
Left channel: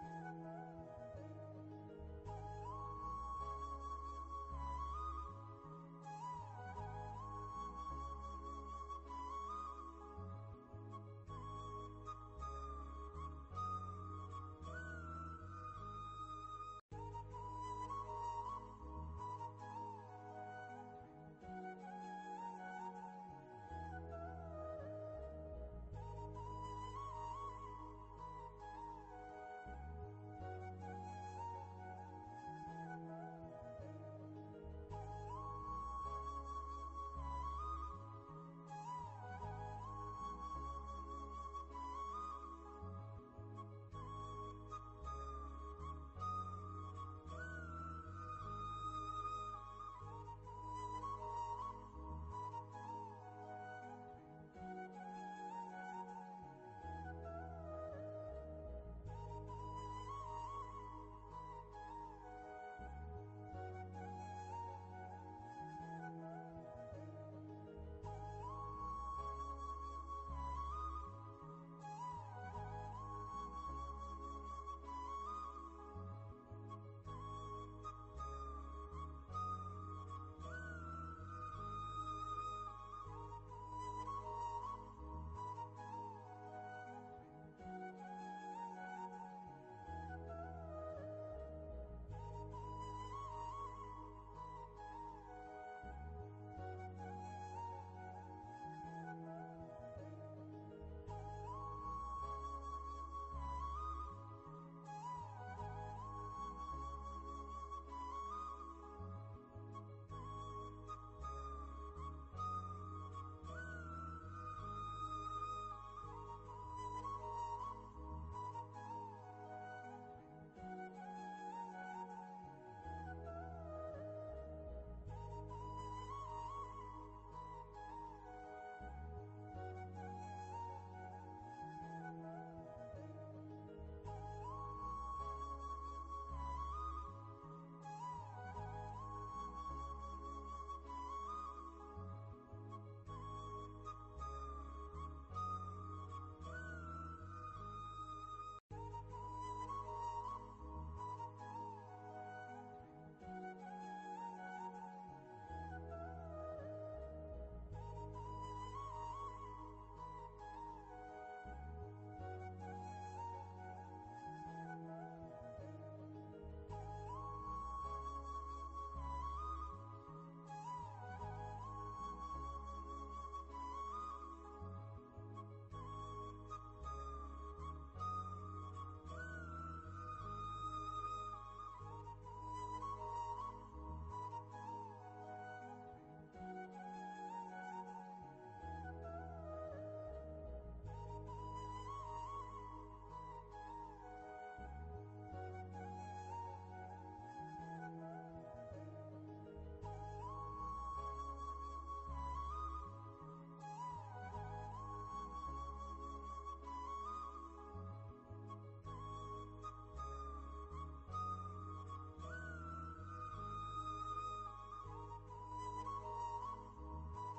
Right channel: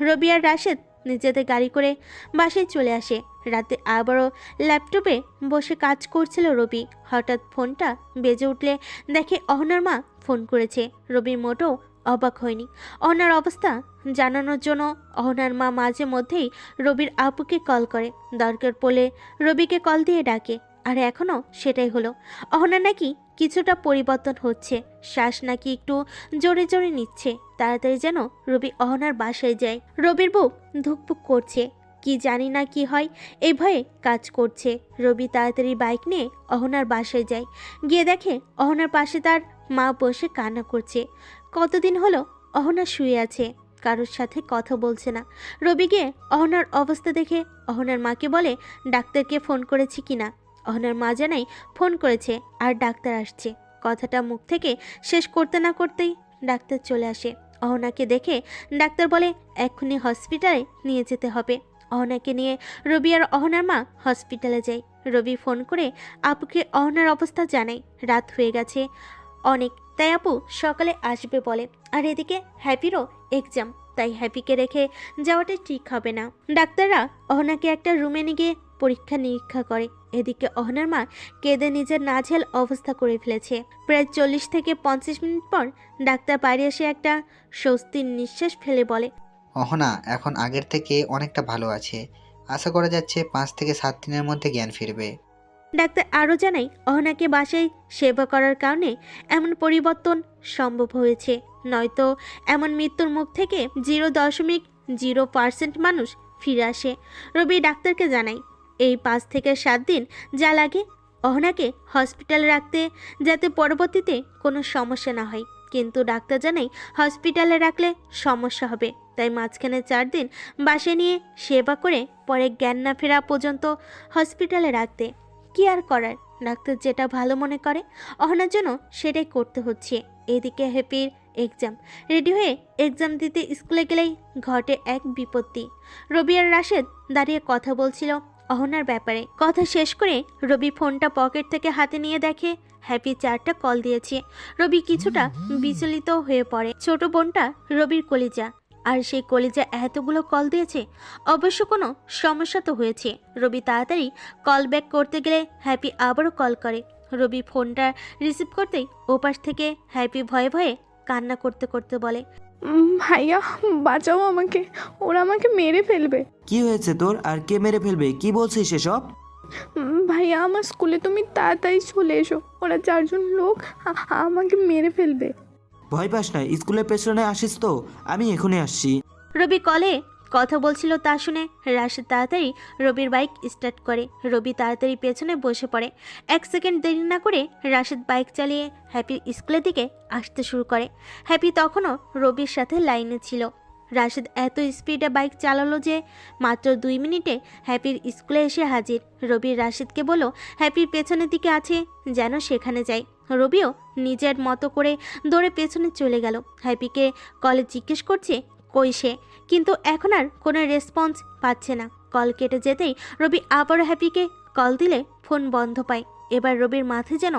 রবি আর রাশিদ নিজেদের গাড়ি করে বাসায় চলে আসে। রাতে আবারও ল্যাপটপে বসে কাজ করছিল রবি। হঠাৎ ফোনটা বেজে উঠলে দেখে অহনার মা ফোন করেছে। রবি মোটেও অবাক হয়নি। অহনার অবস্থা জানানোর জন্য অহনার মা মাঝে মধ্যেই রবির আপুকে কল করে। দরকার পড়লে রবিকে কল দিয়ে ডাকে। আর এখনও সেটাই হলো। অহনা নাকি কিছুটা পরিবর্তন হচ্ছে, শ্বাস নাকি একটু জোরে জোরে নিচ্ছে। তাড়াতাড়ি যেন রবি অহনার বাসায় যায়। রবির বুক ধুকপুক করছে, কি জানি না কি হয়, এই ভয়ে কাজ করছে। রবি তাড়াতাড়ি বাইক নিয়ে অহনার বাসায় যায়। গিয়ে দেখে অহনার পাশে তার মা বসে কান্না করছে। কতদিন হলো অহনা শুয়ে আছে, কারোর সাথে কথা বলছে না। রবি গিয়ে অহনার অবস্থা দেখে অহনার মাকে বলে ডাক্তারকে ফোন করেছি কিনা। অহনার মা জানাই ফোন করেছে আর ডাক্তার আসছে। কথাটা মুখ থেকে শেষ করতে না করতেই ডাক্তার চলে আসে। অহনাকে দেখে ডাক্তার বলে এক্ষুনি হসপিটালে নিয়ে যেতে হবে। অহনাকে নিয়ে রবি আর অহনার মা হসপিটালে যায়। রবি ফোন করে আপুকে অহনার অবস্থা জানায়। রাত হয়ে গেছে অনেক, তাই আপু সকালে আসবে বলে। আর এদিকে হ্যাপিরও এক্সাম, তাই হ্যাপিকে রেখে যাওয়াটা ঠিক হবে না। ডাক্তাররা অহনাকে একটা রুমে নিয়ে গিয়ে পরীক্ষা নিরীক্ষা করে। এদিকে অহনার মা কেঁদে নিজের নাজেহাল অবস্থা করে ফেলেছে। প্রায় 40 থেকে 50 মিনিট পর ডাক্তার বাইরে এসে একটা স্বস্তির নিঃশ্বাস ফেলে বলে, অহনা এখন আগের থেকে অনেকটা ভালো আছে। আশা করা যাচ্ছে 5 থেকে 7 দিনের মধ্যে জ্ঞান ফিরবে। ডাক্তার আরও জানাই অহনাকে বাসায় সেবা করার কারণে এমন পরিবর্তন সম্ভব হয়েছে, নয়তো এমন মৃত্যুর মুখ থেকে 0.0% মানুষ ফিরে আসে। রবি ডাক্তারকে জানাই এই 5 থেকে 7 দিন যা লাগে অহনাকে হসপিটালে রাখতে, যাতে পরবর্তীতে কোনো সমস্যা না হয়। কিন্তু ডাক্তার জানাই হসপিটালে রাখলে সমস্যা হবে, তাই মাঝখানে 4 দিন বাসায় নিয়ে সেবা করে পরে জ্ঞান না ফেরা পর্যন্ত হসপিটালে রাখতে। কি আর করার, ডাক্তার যেটা ভালো মনে করে অহনার জন্য সেটাই করতে হচ্ছে। এদিকে হ্যাপির এক্সাম, রেডি হয়ে এক্সাম দিতে স্কুলে গেলেই ঘটে এক বিপত্তি। রবি আর রাশেদ দাঁড়িয়ে কথা বলছিল অহনার ব্যাপারে। কথা শেষ করে রবি ফোনটা পকেট থেকে হাতে নিয়ে দেখে হ্যাপি 4টা কল দিয়েছে। রবি কিছুটা বিচলিত হয়ে পড়ে। ছোট বোনটা রবির কলিজা, আর সেই কলিজা এতগুলো কল দিয়েছে, অবশ্য কোনো সমস্যা তো হয়েছে। রবি তাড়াতাড়ি কল ব্যাক করতে গেলে হ্যাপি আবারও কল করে। রবি ফোনটা রিসিভ করতেই ওপাশ থেকে হ্যাপি ভয়ে ভয়ে কান্না করতে করতে বলে, ভাইয়া বাঁচাও আমাকে, ওরা আমাকে মেরে ফেলবে। কি হয়েছে তোর, আর কে মেরে ফেলবে, কি বলছিস সেসব? ভাইয়া আমার স্কুলে তুমি তাড়াতাড়ি চলে এসো, ওরা 4 জন লোক আমাকে মেরে ফেলবে। ভয় পাস না, স্কুলের পেছনে আসিস তো, আমি এখনই আসছি। রবি কলে কথা বলছিল তা শুনে রাশেদ তাড়াতাড়ি রবির বাইক স্টার্ট করে। রবি তাড়াতাড়ি পেছনে বসে পড়ে। 1 সেকেন্ড দেরি না করে রাশেদ বাইক চালিয়ে হ্যাপির স্কুলের দিকে আসতে শুরু করে। হ্যাপি তখনও রবির সাথে লাইনে ছিল। রাশেদ এত স্পিডে বাইক চালালো যে মাত্র 2 মিনিটে হ্যাপির স্কুলে এসে হাজির। রবি রাশেদকে বলল হ্যাপির পেছনের দিকে আছে, যেন সেখানে যায়। রবিও নিজের মতো করে দৌড়ে পেছনে চলে গেল। হ্যাপিকে কলে জিজ্ঞেস করছে কই সে, কিন্তু এখন আর কোনো রেসপন্স পাচ্ছে না। কল কেটে যেতেই রবি আবারও হ্যাপিকে কল দিলে ফোন বন্ধ পায়। এবার রবির মাথায় যেন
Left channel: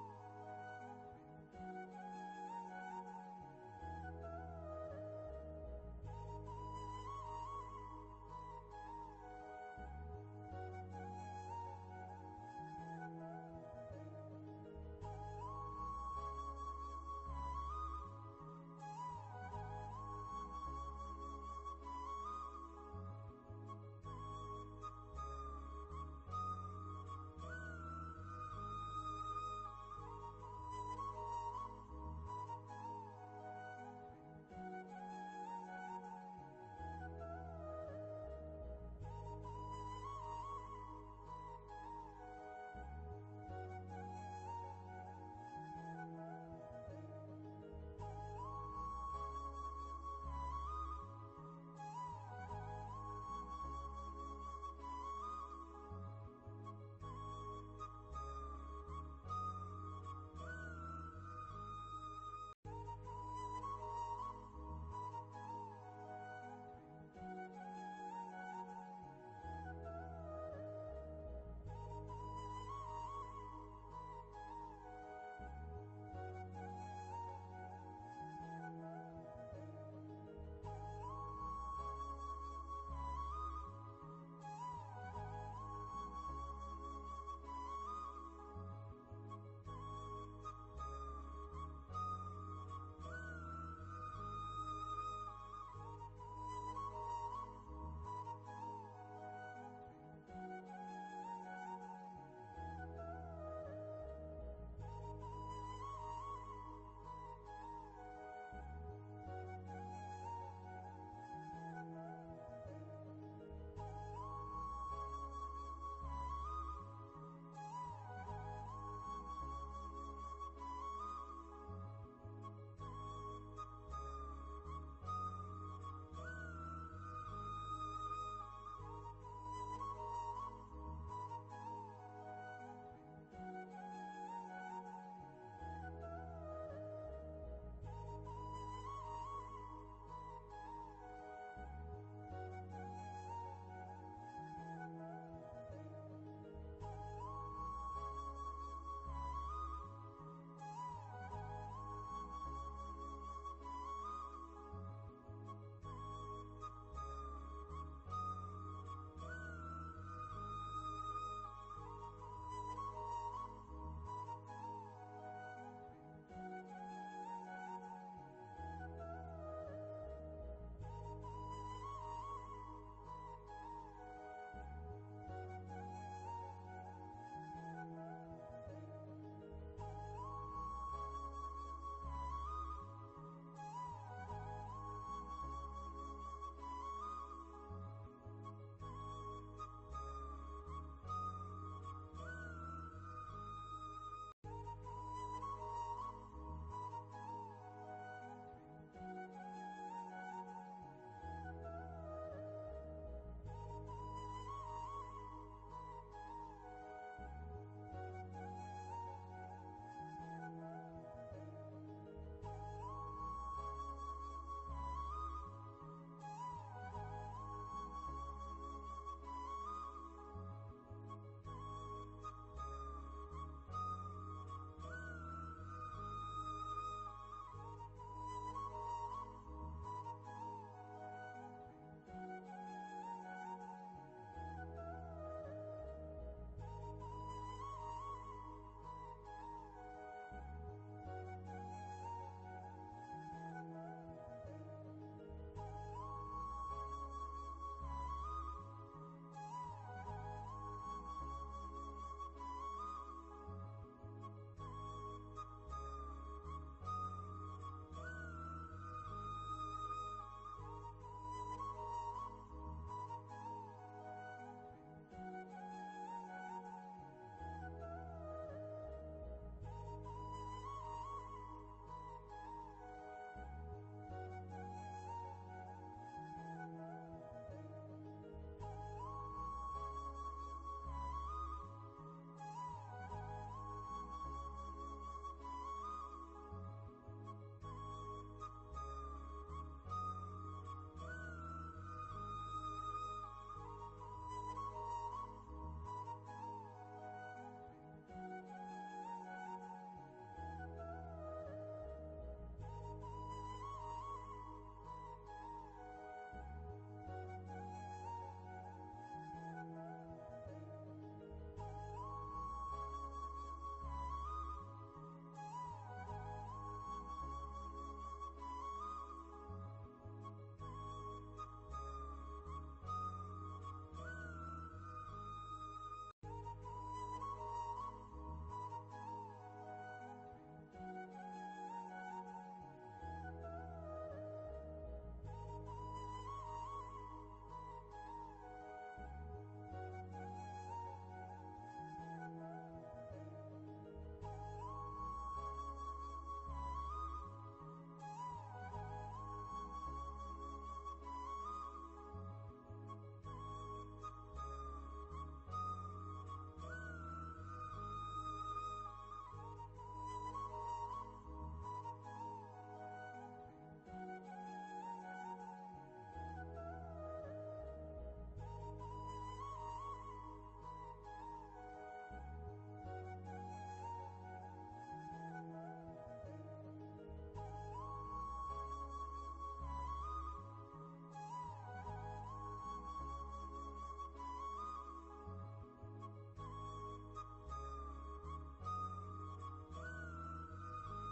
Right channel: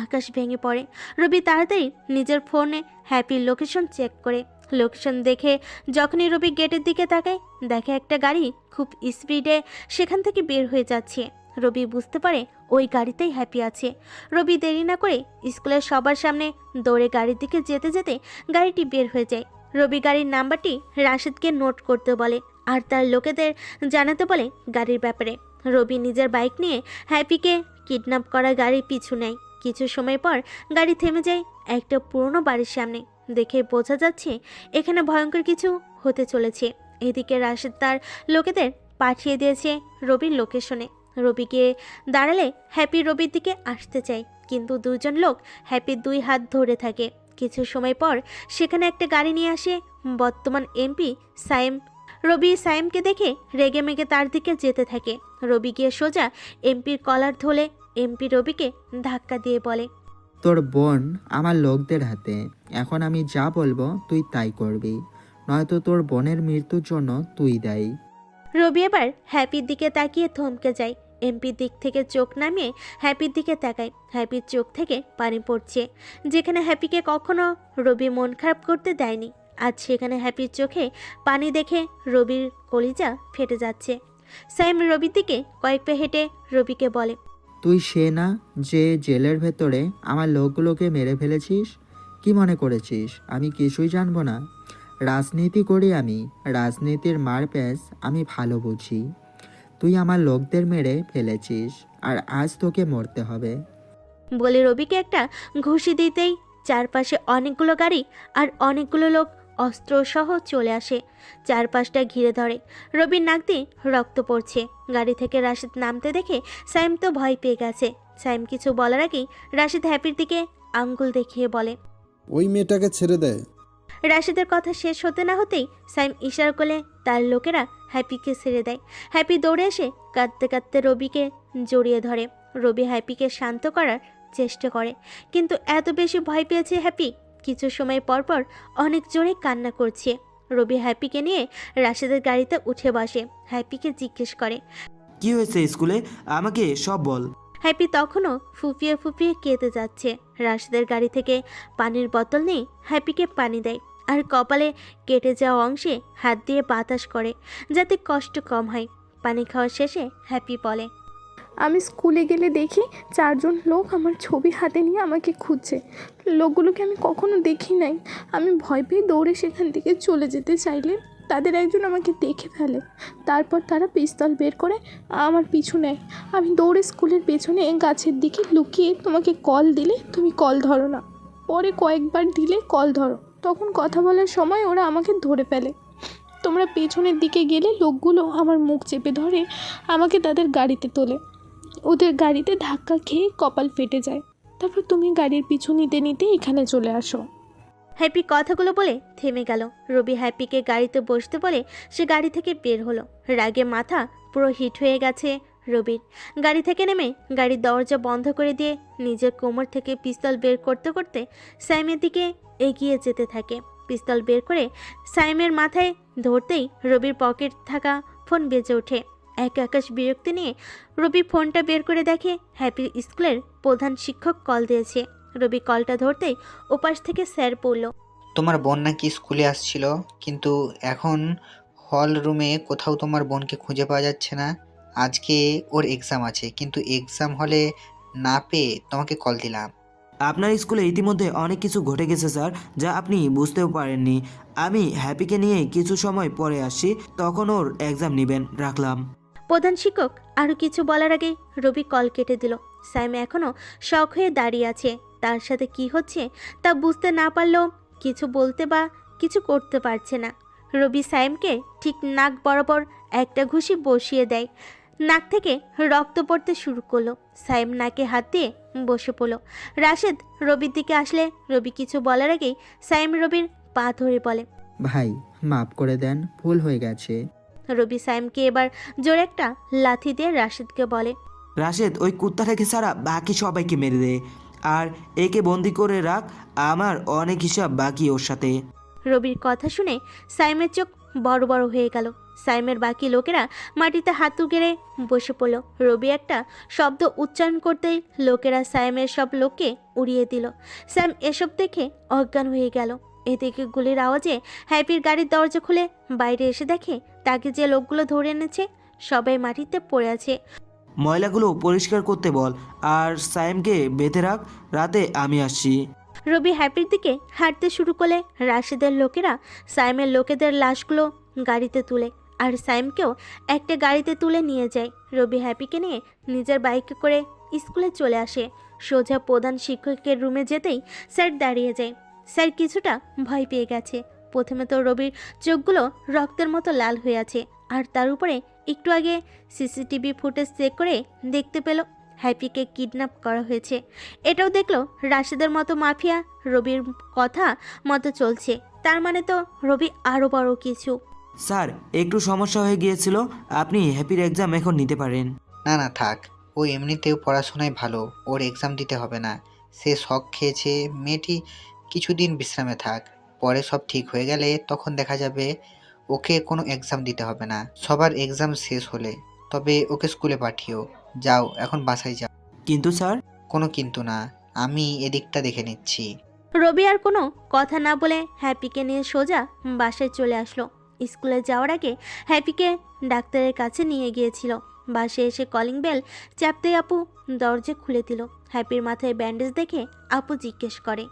আকাশ ভেঙে পড়ে। রবি তাড়াতাড়ি নিজের ফোনে হ্যাপির লোকেশন চেক করে। লোকেশন দেখে যখনই রবি গেটের দিকে তাকায়, দেখে একটা গাড়ি খুব স্পিডে সেখান থেকে বের হয়ে যাচ্ছে। রবি বুঝতে পারে ওই গাড়িতেই হ্যাপি আছে। রবি দেরি না করে স্কুলের সবার সামনে দৌড়ে গাড়ির দিকে যেতে যেতে গাড়িটি বের হয়ে যায়। রবি গাড়ির নাম্বারটি রাশেদকে নোট করতে বলে আর তার লোকেদের জানাতে বলে গাড়ির ব্যাপারে। রবি নিজের বাইক নিয়ে হ্যাপিকে কিডন্যাপ করা গাড়ির পিছু নেয়। কিছু সময় পর গাড়ি থেমে যায় একটা পুরনো বাড়ির সামনে। দেখে বোঝা যাচ্ছে এখানে ভয়ঙ্কর কিছু হতে চলেছে। এদিকে রাশেদ তার লোকেদের পাঠিয়ে দিয়েছে রবির লোকেশনে। রবি গিয়ে দাঁড়ালে হ্যাপি রবির দিকে আসতে চায়, কিন্তু দুজন লোক হ্যাপির 2 হাত ধরে থাকে। কিছু সময় পর সেখানে একটা গাড়ি নিয়ে আসে বর্তমান এমপি সাইম। রবি সাইমকে দেখে রেগে মেগে তার দিকে যেতে থাকে। রবি গিয়ে সোজা এমপির কলার ধরে এমপি রবিকে ধাক্কা দিয়ে বলে, তোর বোন আমার লোকদের হাতে। এখন আমি যা বলবো তুই তাই করবি, নয়তো তোর বোনের মৃত্যুর জন্য তুই দায়ী। রবি এবার হ্যাপির দিকে তাকিয়ে থমকে যায়। এমপির দিক থেকে চোখ নামিয়ে হ্যাপির দিকে তাকায়। হ্যাপির চোখ থেকে পানি পড়ছে। যেখানে হ্যাপিকে কখনো রবি মন খারাপ করতে দেয়নি, আজ সেখানে হ্যাপির চোখে পানি দেখে রবির কলিজা ফেটে যাচ্ছে। সাইম রবির দিকে কয়েক পা হেঁটে রবিকে বলে, তুই সে না যে জেলের ভেতরে আমার লোকগুলোকে মেরে ফেলেছিস? কি মনে করেছিস আমি কিছুই জানবো না? রাজনীতি করি আমি, রাজনীতির মারপ্যাচ আমি ভালো বুঝি। তুই আমার লোকদের মেরে ফেলেছিস আর আজ তোকে মরতে হবে। বলে রবিকে একটা ঘুষি দিতেই চারপাশে অনেকগুলো গাড়ি আর অনেকগুলো লোক অস্ত্রসহ চলে আসে। চারপাশটা ঘিরে ধরে। রবির নাক দিয়ে রক্ত পড়ছে। গাড়ি থেকে রাশিদ নামতে দেখে সাইম তো ভয় পেয়ে গেছে। সাইম কিছু বলার আগেই রাশিদ হ্যাপির দিকে আঙ্গুল দেখিয়ে বলে, ওই মেয়েটাকে ছেড়ে দেয়। রাশিদের কথা শেষ হতে না হতেই সাইম ইশারা করলে তার লোকেরা হ্যাপিকে ছেড়ে দেয়। হ্যাপি দৌড়ে এসে কাঁদতে কাঁদতে রবিকে জড়িয়ে ধরে। রবি হ্যাপিকে শান্ত করার চেষ্টা করে, কিন্তু এত বেশি ভয় পেয়েছে হ্যাপি, কিছু সময় পর পর অনেক জোরে কান্না করছে। রবি হ্যাপিকে নিয়ে রাশিদের গাড়িতে উঠে বসে। হ্যাপিকে জিজ্ঞেস করে, কি হয়েছে স্কুলে, আমাকে সব বল। হ্যাপি তখনও ফুপিয়ে ফুপিয়ে কেঁদে যাচ্ছে। রাশিদের গাড়ি থেকে পানির বোতল নিয়ে হ্যাপিকে পানি দেয় আর কপালে কেটে যাওয়া অংশে হাত দিয়ে বাতাস করে যাতে কষ্ট কম হয়। পানি খাওয়া শেষে হ্যাপি বলে, আমি স্কুলে গেলে দেখি 4 জন লোক আমার ছবি হাতে নিয়ে আমাকে খুঁজছে। লোকগুলোকে আমি কখনো দেখি নাই। আমি ভয় পেয়ে দৌড়ে সেখান থেকে চলে যেতে চাইলে তাদের একজন আমাকে দেখে ফেলে। তারপর তারা পিস্তল বের করে আমার পিছু নেয়। আমি দৌড়ে স্কুলের পেছনে গাছের দিকে লুকিয়ে তোমাকে কল দিলে তুমি কল ধরো না। পরে কয়েকবার দিলে কল ধরো, তখন কথা বলার সময় ওরা আমাকে ধরে ফেলে। তোমরা পেছনের দিকে গেলে লোকগুলো আমার মুখ চেপে ধরে আমাকে তাদের গাড়িতে তোলে। ওদের গাড়িতে ধাক্কা খেয়ে কপাল ফেটে যায়। তারপর তুমি গাড়ির পিছু নিতে নিতে এখানে চলে আসো। হ্যাপি কথাগুলো বলে থেমে গেল। রবি হ্যাপিকে গাড়িতে বসতে বলে সে গাড়ি থেকে বের হলো। রাগে মাথা পুরো হিট হয়ে গেছে রবির। গাড়ি থেকে নেমে গাড়ির দরজা বন্ধ করে দিয়ে নিজের কোমর থেকে পিস্তল বের করতে করতে সাইমের দিকে এগিয়ে যেতে থাকে। পিস্তল বের করে সাইমের মাথায় ধরতেই রবির পকেট থাকা ফোন বেজে ওঠে। এক আকাশ বিরক্তি নিয়ে রবি ফোনটা বের করে দেখে হ্যাপির স্কুলের প্রধান শিক্ষক কল দিয়েছে। রবি কলটা ধরতেই ওপাশ থেকে স্যার বলল, তোমার বোন নাকি স্কুলে আসছিল, কিন্তু এখন হল রুমে কোথাও তোমার বোনকে খুঁজে পাওয়া যাচ্ছে না। আজকে ওর এক্সাম আছে, কিন্তু এক্সাম হলে না পেয়ে তোমাকে কল দিলাম। আপনার স্কুলে ইতিমধ্যে অনেক কিছু ঘটে গেছে স্যার, যা আপনি বুঝতেও পারেননি। আমি হ্যাপিকে নিয়ে কিছু সময় পরে আসছি, তখন ওর এক্সাম নেবেন। রাখলাম। প্রধান শিক্ষক আরও কিছু বলার আগে রবি কল কেটে দিল। সাইম এখনও শখ হয়ে দাঁড়িয়ে আছে। তার সাথে কি হচ্ছে তা বুঝতে না পারলেও কিছু বলতে বা কিছু করতে পারছে না। রবি সাইমকে ঠিক নাক বরাবর একটা ঘুষি বসিয়ে দেয়। নাক থেকে রক্ত পড়তে শুরু করলো। সাইম নাকে হাত দিয়ে বসে পড়ল। রাশেদ রবির দিকে আসলে রবি কিছু বলার আগেই সাইম রবির পা ধরে বলে, ভাই মাফ করে দেন, ভুল হয়ে গেছে। রবি সাইমকে এবার জোরে একটা লাথি দিয়ে রাশেদকে বলে, রাশেদ, ওই কুত্তাটাকে ছাড়া বাকি সবাইকে মেরে দে, আর একে বন্দি করে রাখ। আমার অনেক হিসাব বাকি ওর সাথে। রবির কথা শুনে সাইমের চোখ বড় বড় হয়ে গেল। সাইমের বাকি লোকেরা মাটিতে হাতু গেড়ে বসে পড়ল। রবি একটা শব্দ উচ্চারণ করতেই লোকেরা সাইমের সব লোককে উড়িয়ে দিল। স্যাম এসব দেখে অজ্ঞান হয়ে গেল। এদিকে গুলির আওয়াজে হ্যাপির গাড়ির দরজা খুলে বাইরে এসে দেখে তাকে যে লোকগুলো ধরে এনেছে সবাই মাটিতে পড়ে আছে। ময়লাগুলো পরিষ্কার করতে বল, আর সাইমকে বেঁধে রাখ, রাতে আমি আসছি। রবি হ্যাপির দিকে হাঁটতে শুরু করলে রাশেদের লোকেরা সাইমের লোকেদের লাশগুলো গাড়িতে তুলে আর সাইমকেও একটা গাড়িতে তুলে নিয়ে যায়। রবি হ্যাপিকে নিয়ে নিজের বাইকে করে স্কুলে চলে আসে। সোজা প্রধান শিক্ষকের রুমে যেতেই স্যার দাঁড়িয়ে যায়। স্যার কিছুটা ভয় পেয়ে গেছে। প্রথমে তো রবির চোখগুলো রক্তের মতো লাল হয়ে আছে, আর তার উপরে একটু আগে সিসিটিভি ফুটেজ চেক করে দেখতে পেল হ্যাপিকে কিডন্যাপ করা হয়েছে। এটাও দেখলো রাশেদের মতো মাফিয়া রবির কথা মতো চলছে। তার মানে তো রবি আরও বড় কিছু। স্যার, একটু সমস্যা হয়ে গিয়েছিল, আপনি হ্যাপির এক্সাম এখন নিতে পারেন। না না থাক, ও এমনিতেও পড়াশোনায় ভালো, ওর এক্সাম দিতে হবে না। সে শখ খেয়েছে, মেয়েটি কিছুদিন বিশ্রামে থাক, পরে সব ঠিক হয়ে গেলে তখন দেখা যাবে। ওকে কোনো এক্সাম দিতে হবে না, সবার এক্সাম শেষ হলে তবে ওকে স্কুলে পাঠিও। যাও এখন বাসায় যাও। কিন্তু স্যার। কোনো কিন্তু না, আমি এদিকটা দেখে নিচ্ছি। রবি আর কোনো কথা না বলে হ্যাপিকে নিয়ে সোজা বাসায় চলে আসলো। স্কুলে যাওয়ার আগে হ্যাপিকে ডাক্তারের কাছে নিয়ে গিয়েছিল। বাসায় এসে কলিং বেল চাপতেই আপু দরজা খুলে দিল। হ্যাপির মাথায় ব্যান্ডেজ দেখে আপু জিজ্ঞেস করে,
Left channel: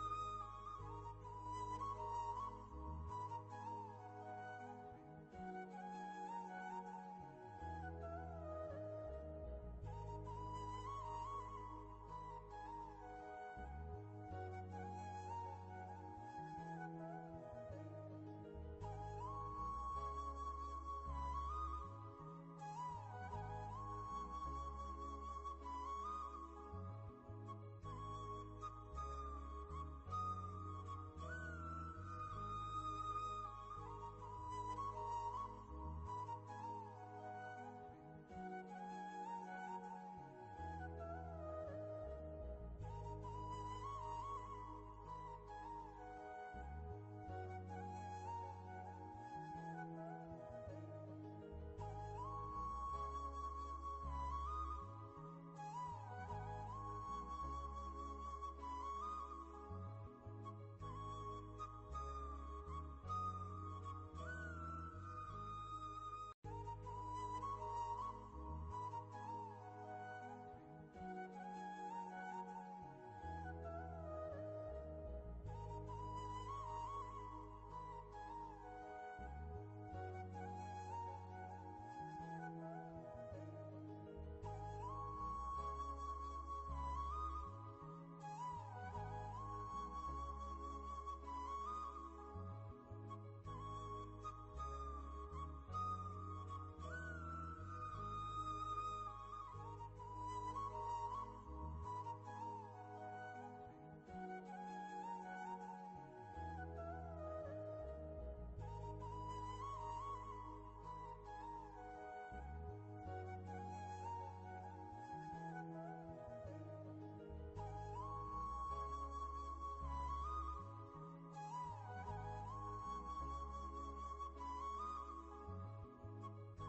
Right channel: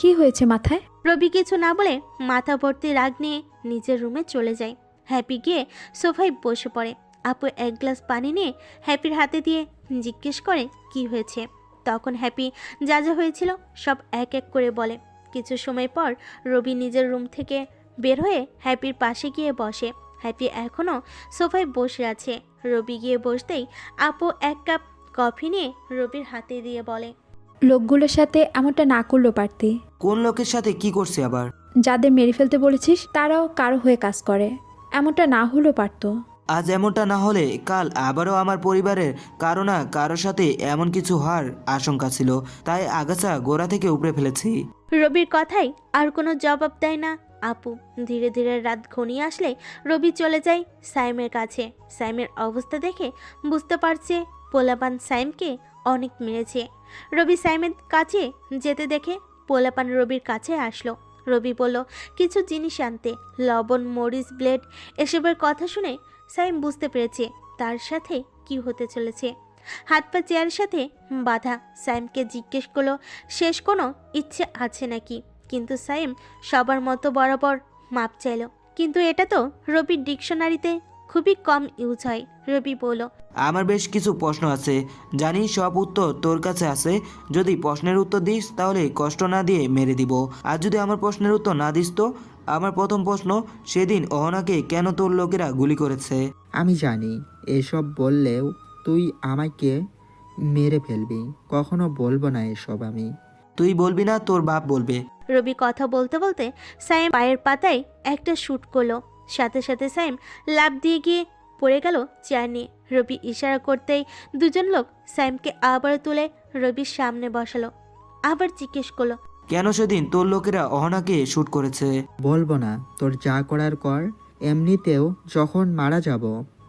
কি হয়েছে মাথায়? রবি কিছু না বলে মাথা ভর্তি রাগ নিয়ে নিজের রুমে চলে যায়। হ্যাপি গিয়ে সোফায় বসে পড়ে। আপু এক গ্লাস পানি নিয়ে হ্যাপির হাতে দিয়ে জিজ্ঞেস করে কি হয়েছে। তখন হ্যাপি যা যা হয়েছিল সব এক এক করে বলে। কিছু সময় পর রবি নিজের রুম থেকে বের হয়ে হ্যাপির পাশে গিয়ে বসে। হ্যাপি এখনও সোফায় বসে আছে। রবি গিয়ে বসতেই আপু এক কাপ কফি নিয়ে রবির হাতে দিয়ে বলে, লোকগুলোর সাথে এমনটা না করলেও পারতি। কোন লোকের সাথে কি করছে আবার? যাদের মেরে ফেলতে বলেছিস তারাও কারো হয়ে কাজ করে, এমনটা না হলেও পারতো। আজ এমনটা না হলে কাল আবারও আমার পরিবারের কারো না কারোর সাথে এমন কিছু হওয়ার আশঙ্কা ছিল, তাই আগাছা গোড়া থেকে উপড়ে ফেলেছি। রবির কথাই আর কোনো জবাব দেয় না আপু। ধীরে ধীরে রাত ঘনিয়ে আসলে রবি চলে যায় সাইমের কাছে। সাইমের অবস্থা দেখে বুঝতে পারছে পোলাপান সাইমকে অনেক মেরেছে। রবি সাইমের কাছে যেতে দেখে পোলাপান রবির কাছে আসলো। রবি বলল কিছু জিনিস আনতে, লবণ, মরিচ, ব্লেড এসবের কথা শুনে সাইম বুঝতে পেরেছে তার সাথে কি হতে চলেছে। হাত পা চেয়ারের সাথে বাঁধা। সাইমকে জিজ্ঞেস করলো শেষ কোনো ইচ্ছে আছে নাকি, কিন্তু সাইম সবার মতো বরাবর মাপ চাইল। কিন্তু এটা তো রবির ডিকশনারিতে খুবই কম ইউজ হয়। রবি বলল, আমার বেশ কিছু প্রশ্ন আছে, জানি সব উত্তর তোর কাছে আছে। যদি প্রশ্নের উত্তর দিস তাহলে কষ্ট না দিয়ে মেরে দিব, আর যদি আমার প্রশ্নের উত্তর না দিস তো। আমার প্রথম প্রশ্ন, সেদিন অহনাকে কেন তোর লোকেরা গুলি করেছে? আমি জানি এসব বললেও তুই আমাকে মেরে ফেলবি, কখনো বলবো না এসব আমি। তুই বলবি না, তোর বাপ বলবে। রবি কথা বলতে বলতে সাইম পায়ের পাতায় একটা শুট করলো। সাথে সাথে সাইম লাফ দিয়ে গিয়ে পড়ে গেল চেয়ার নিয়ে। রবি ইশারা করতেই দুজন লোক সাইমকে আবার তুলে রবির সামনে বসালো। আবার জিজ্ঞেস করলো, কেন সেদিন তোর লোকেরা অহনাকে শ্যুট করেছে? বলবো না, তোর যা করার কর। এমনিতেও যখন মারা যাব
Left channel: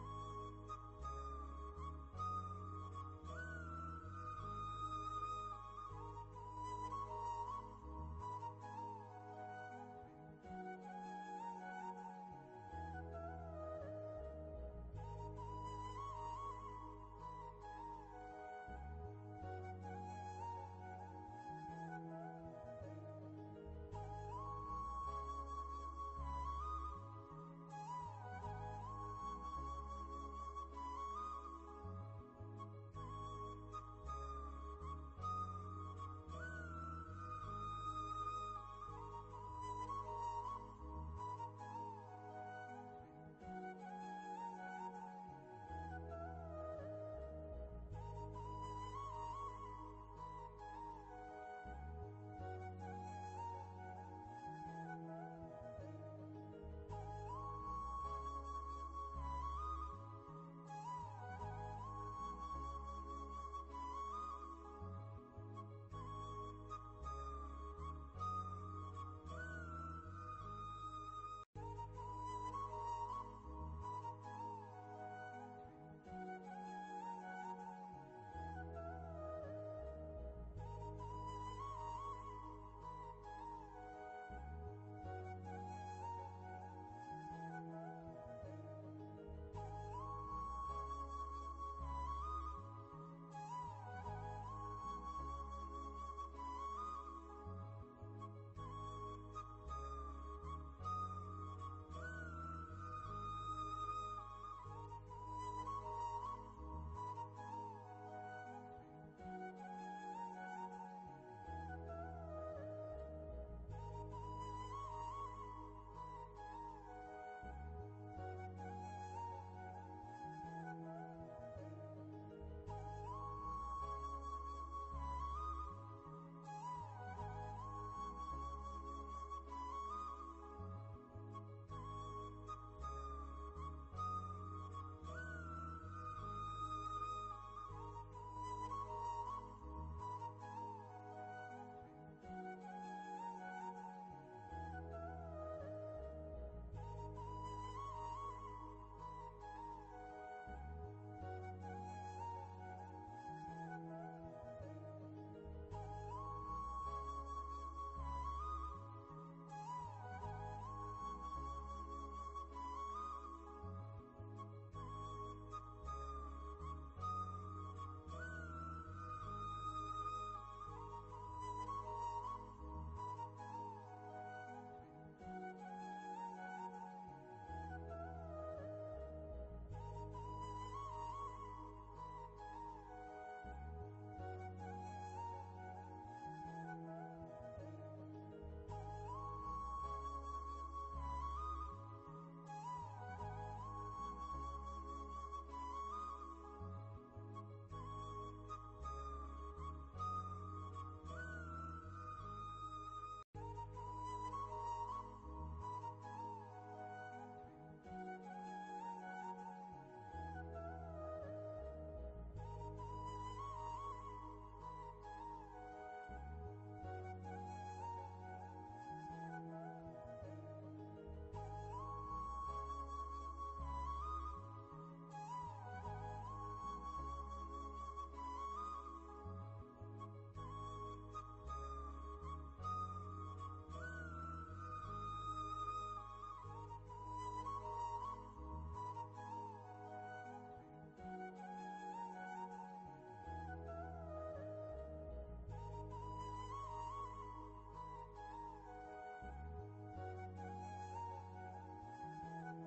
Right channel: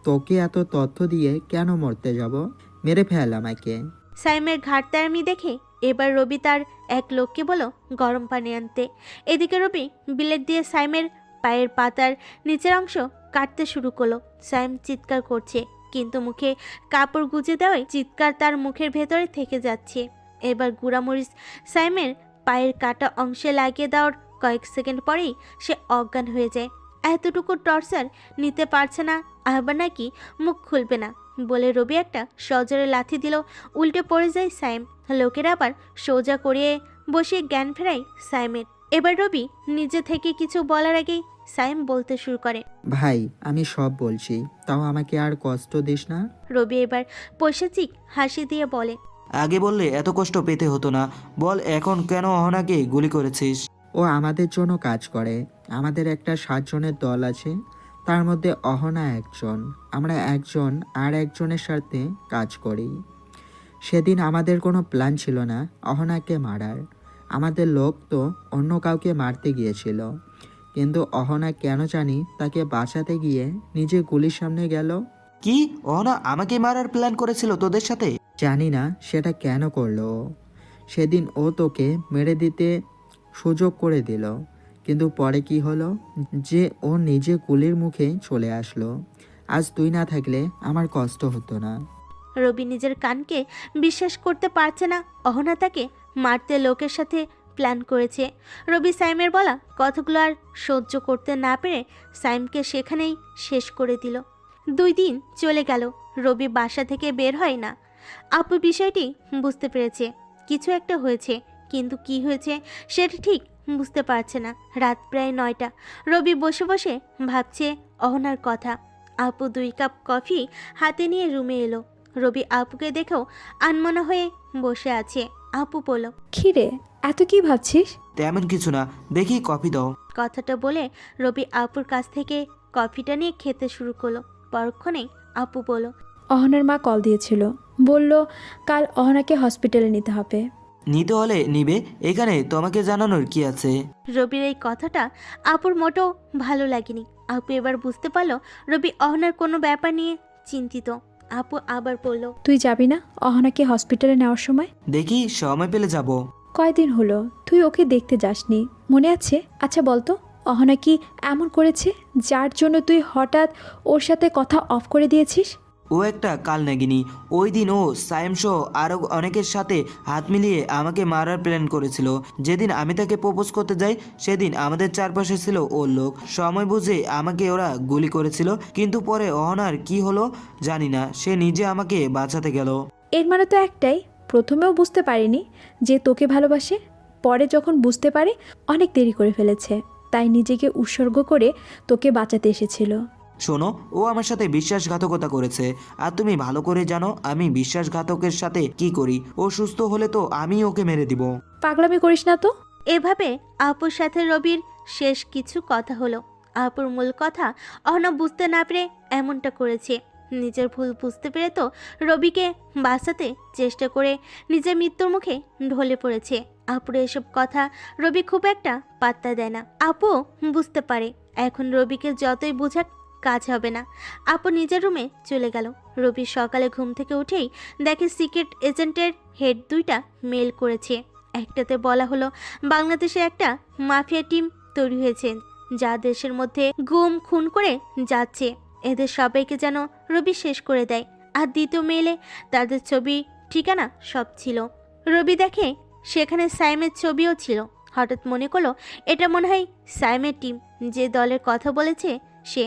তোকে এত তথ্য দিয়ে কেন মরতে যাব? মেরে ফেল আমাকে। সাইমের ঘাটতারামি দেখে এবার রবি তার এক লোককে বলো গরম পানি আনতে। এদিকে রবি বিলেট দিয়ে সাইমের পায়ের পাতার নিচের অংশ কাটতে শুরু করলো। সাইম চিৎকার করছে, কিন্তু মুখে কাপড় গুজে দেওয়ায় চিৎকার তার মুখের ভেতরে থেকে যাচ্ছে। এবার গুঁড়ামরিচ সাইমের পায়ের কাটা অংশে লাগিয়ে দেওয়ার কয়েক সেকেন্ড পরেই সে অজ্ঞান হয়ে যায়। এতটুকু টর্চার নিতে পারছে না, আবার নাকি মুখ খুলবে না বলে রবি একটা সজোরে লাথি দিল। উল্টে পড়ে যায় সাইম। লোকেরা আবার সোজা করিয়ে বসে জ্ঞান ফেরায় সাইমের। এবার রবি নিজে থেকে কিছু বলার আগেই সাইম বলতে শুরু করে, ভাই আমি সব বলছি, তাও আমাকে আর কষ্ট দিস না। রবি এবার পৈশাচিক হাসি দিয়ে বলে, আগে বললে এত কষ্ট পেতে হতো না। বল এখন কেন অহনাকে গুলি করেছিস? ও আমাদের জন্য কাজ করে। আমাদের একটা 7 জনের দল আছে, তার মধ্যে অহনা একজন। আমরা একজন আর একজনের সাথে কাজ করি। সেদিন আমাদের কোনো প্ল্যান ছিল না অহনাকে মারার। আমাদের লোক তো অন্য কাউকে মারতে গিয়েছিল, কিন্তু অহনা কেন জানি তাকে বাঁচাতে গিয়ে নিজে গুলির সামনে গেল। কি অহনা আমাকে মারার প্ল্যান করেছিল তোদের সাথে? জানি না সেটা কেন করলো ও। সেদিন ও তোকে মেরে দিতে সুযোগ করে দিল, কিন্তু পরে কি হলো যে ও নিজে গুলির মুখে চলে আসলো। আজ তুই না থাকলে আমার কষ্ট হতো না। রবি নিজের কানকে বিশ্বাস করতে পারছে না। অহনা তাকে মারতে লোকের সাথে প্ল্যান করেছে। রবি সাইমের বলা কথাগুলো আর সহ্য করতে না পেরে সাইমকে সেখানেই শেষ করে দিল। 2 দিন চলে গেল, রবি বাসা থেকে বের হয় না। আপু বিষয়টি বুঝতে পেরেছে, কিছু একটা হয়েছে, কিন্তু কি হয়েছে সেটা ঠিক বুঝতে পারছে না। রাত প্রায় 9টা। রবি বসে বসে ভাবছে অহনার কথা। আপু 2 কাপ কফি হাতে নিয়ে রুমে এলো। রবি আপুকে দেখেও আনমনা হয়ে বসে আছে। আপু বলল, খিরে এত কি ভাবছিস? তেমন কিছু না, দেখি কফি দাও। কথাটা বলে রবি আপুর কাছ থেকে কফিটা নিয়ে খেতে শুরু করলো। পরক্ষণে আপু বলল, অহনার মা কল দিয়েছিল, বলল কাল অহনাকে হসপিটালে নিতে হবে। নিতে হলে নিবে, এখানে তোমাকে জানানোর কি আছে? রবির এই কথাটা আপুর মোটেও ভালো লাগেনি। আপু এবার বুঝতে পারলো রবি অহনার কোনো ব্যাপার নিয়ে চিন্তিত। আপু আবার বলল, তুই যাবি না অহনাকে হসপিটালে নেওয়ার সময়? দেখি সময় পেলে যাব। কয়দিন হলো তুই ওকে দেখতে যাসনি, মনে আছে? আচ্ছা বলতো, অহনা কি এমন করেছে যার জন্য তুই হঠাৎ ওর সাথে কথা অফ করে দিয়েছিস? ও একটা কাল নাগিনী। ওই দিন ও সাইম সহ আরও অনেকের সাথে হাত মিলিয়ে আমাকে মারার প্ল্যান করেছিল। যেদিন আমি তাকে প্রপোজ করতে যাই সেদিন আমাদের চারপাশে ছিল ওর লোক। সময় বুঝে আমাকে ওরা গুলি করেছিল, কিন্তু পরে অহনার কি হলো জানি না, সে নিজে আমাকে বাঁচাতে গেল। এর মানে তো একটাই, প্রথমেও বুঝতে পারিনি যে তোকে ভালোবাসে, পরে যখন বুঝতে পারে অনেক দেরি করে ফেলেছে, তাই নিজেকে উৎসর্গ করে তোকে বাঁচাতে এসেছিল। শোনো, ও আমার সাথে বিশ্বাসঘাতকতা করেছে, আর তুমি ভালো করে জানো আমি বিশ্বাসঘাতকের সাথে কি করি। ও সুস্থ হলে তো আমি ওকে মেরে দিব। পাগলামি করিস না তো। এভাবে আপুর সাথে রবির শেষ কিছু কথা হলো। আপুর মূল কথা অহনা বুঝতে না পেরে এমনটা করেছে। নিজের ভুল বুঝতে পেরে তো রবিকে বাঁচাতে চেষ্টা করে নিজের মৃত্যুর মুখে ঢলে পড়েছে। আপুর এসব কথা রবি খুব একটা পাত্তা দেয় না। আপু বুঝতে পারে এখন রবিকে যতই বোঝাক কাজ হবে না। আপু নিজের রুমে চলে গেল। রবি সকালে ঘুম থেকে উঠেই দেখে সিক্রেট এজেন্টের হেড 2টা মেল করেছে। একটাতে বলা হলো বাংলাদেশে একটা মাফিয়া টিম তৈরি হয়েছে যা দেশের মধ্যে গুম খুন করে যাচ্ছে, এদের সবাইকে যেন রবি শেষ করে দেয়। আর দ্বিতীয় মেলে তাদের ছবি ঠিকানা সব ছিল। রবি দেখে সেখানে সাইমের ছবিও ছিল। হঠাৎ মনে করলো এটা মনে হয় সাইমের টিম, যে দলের কথা বলেছে সে।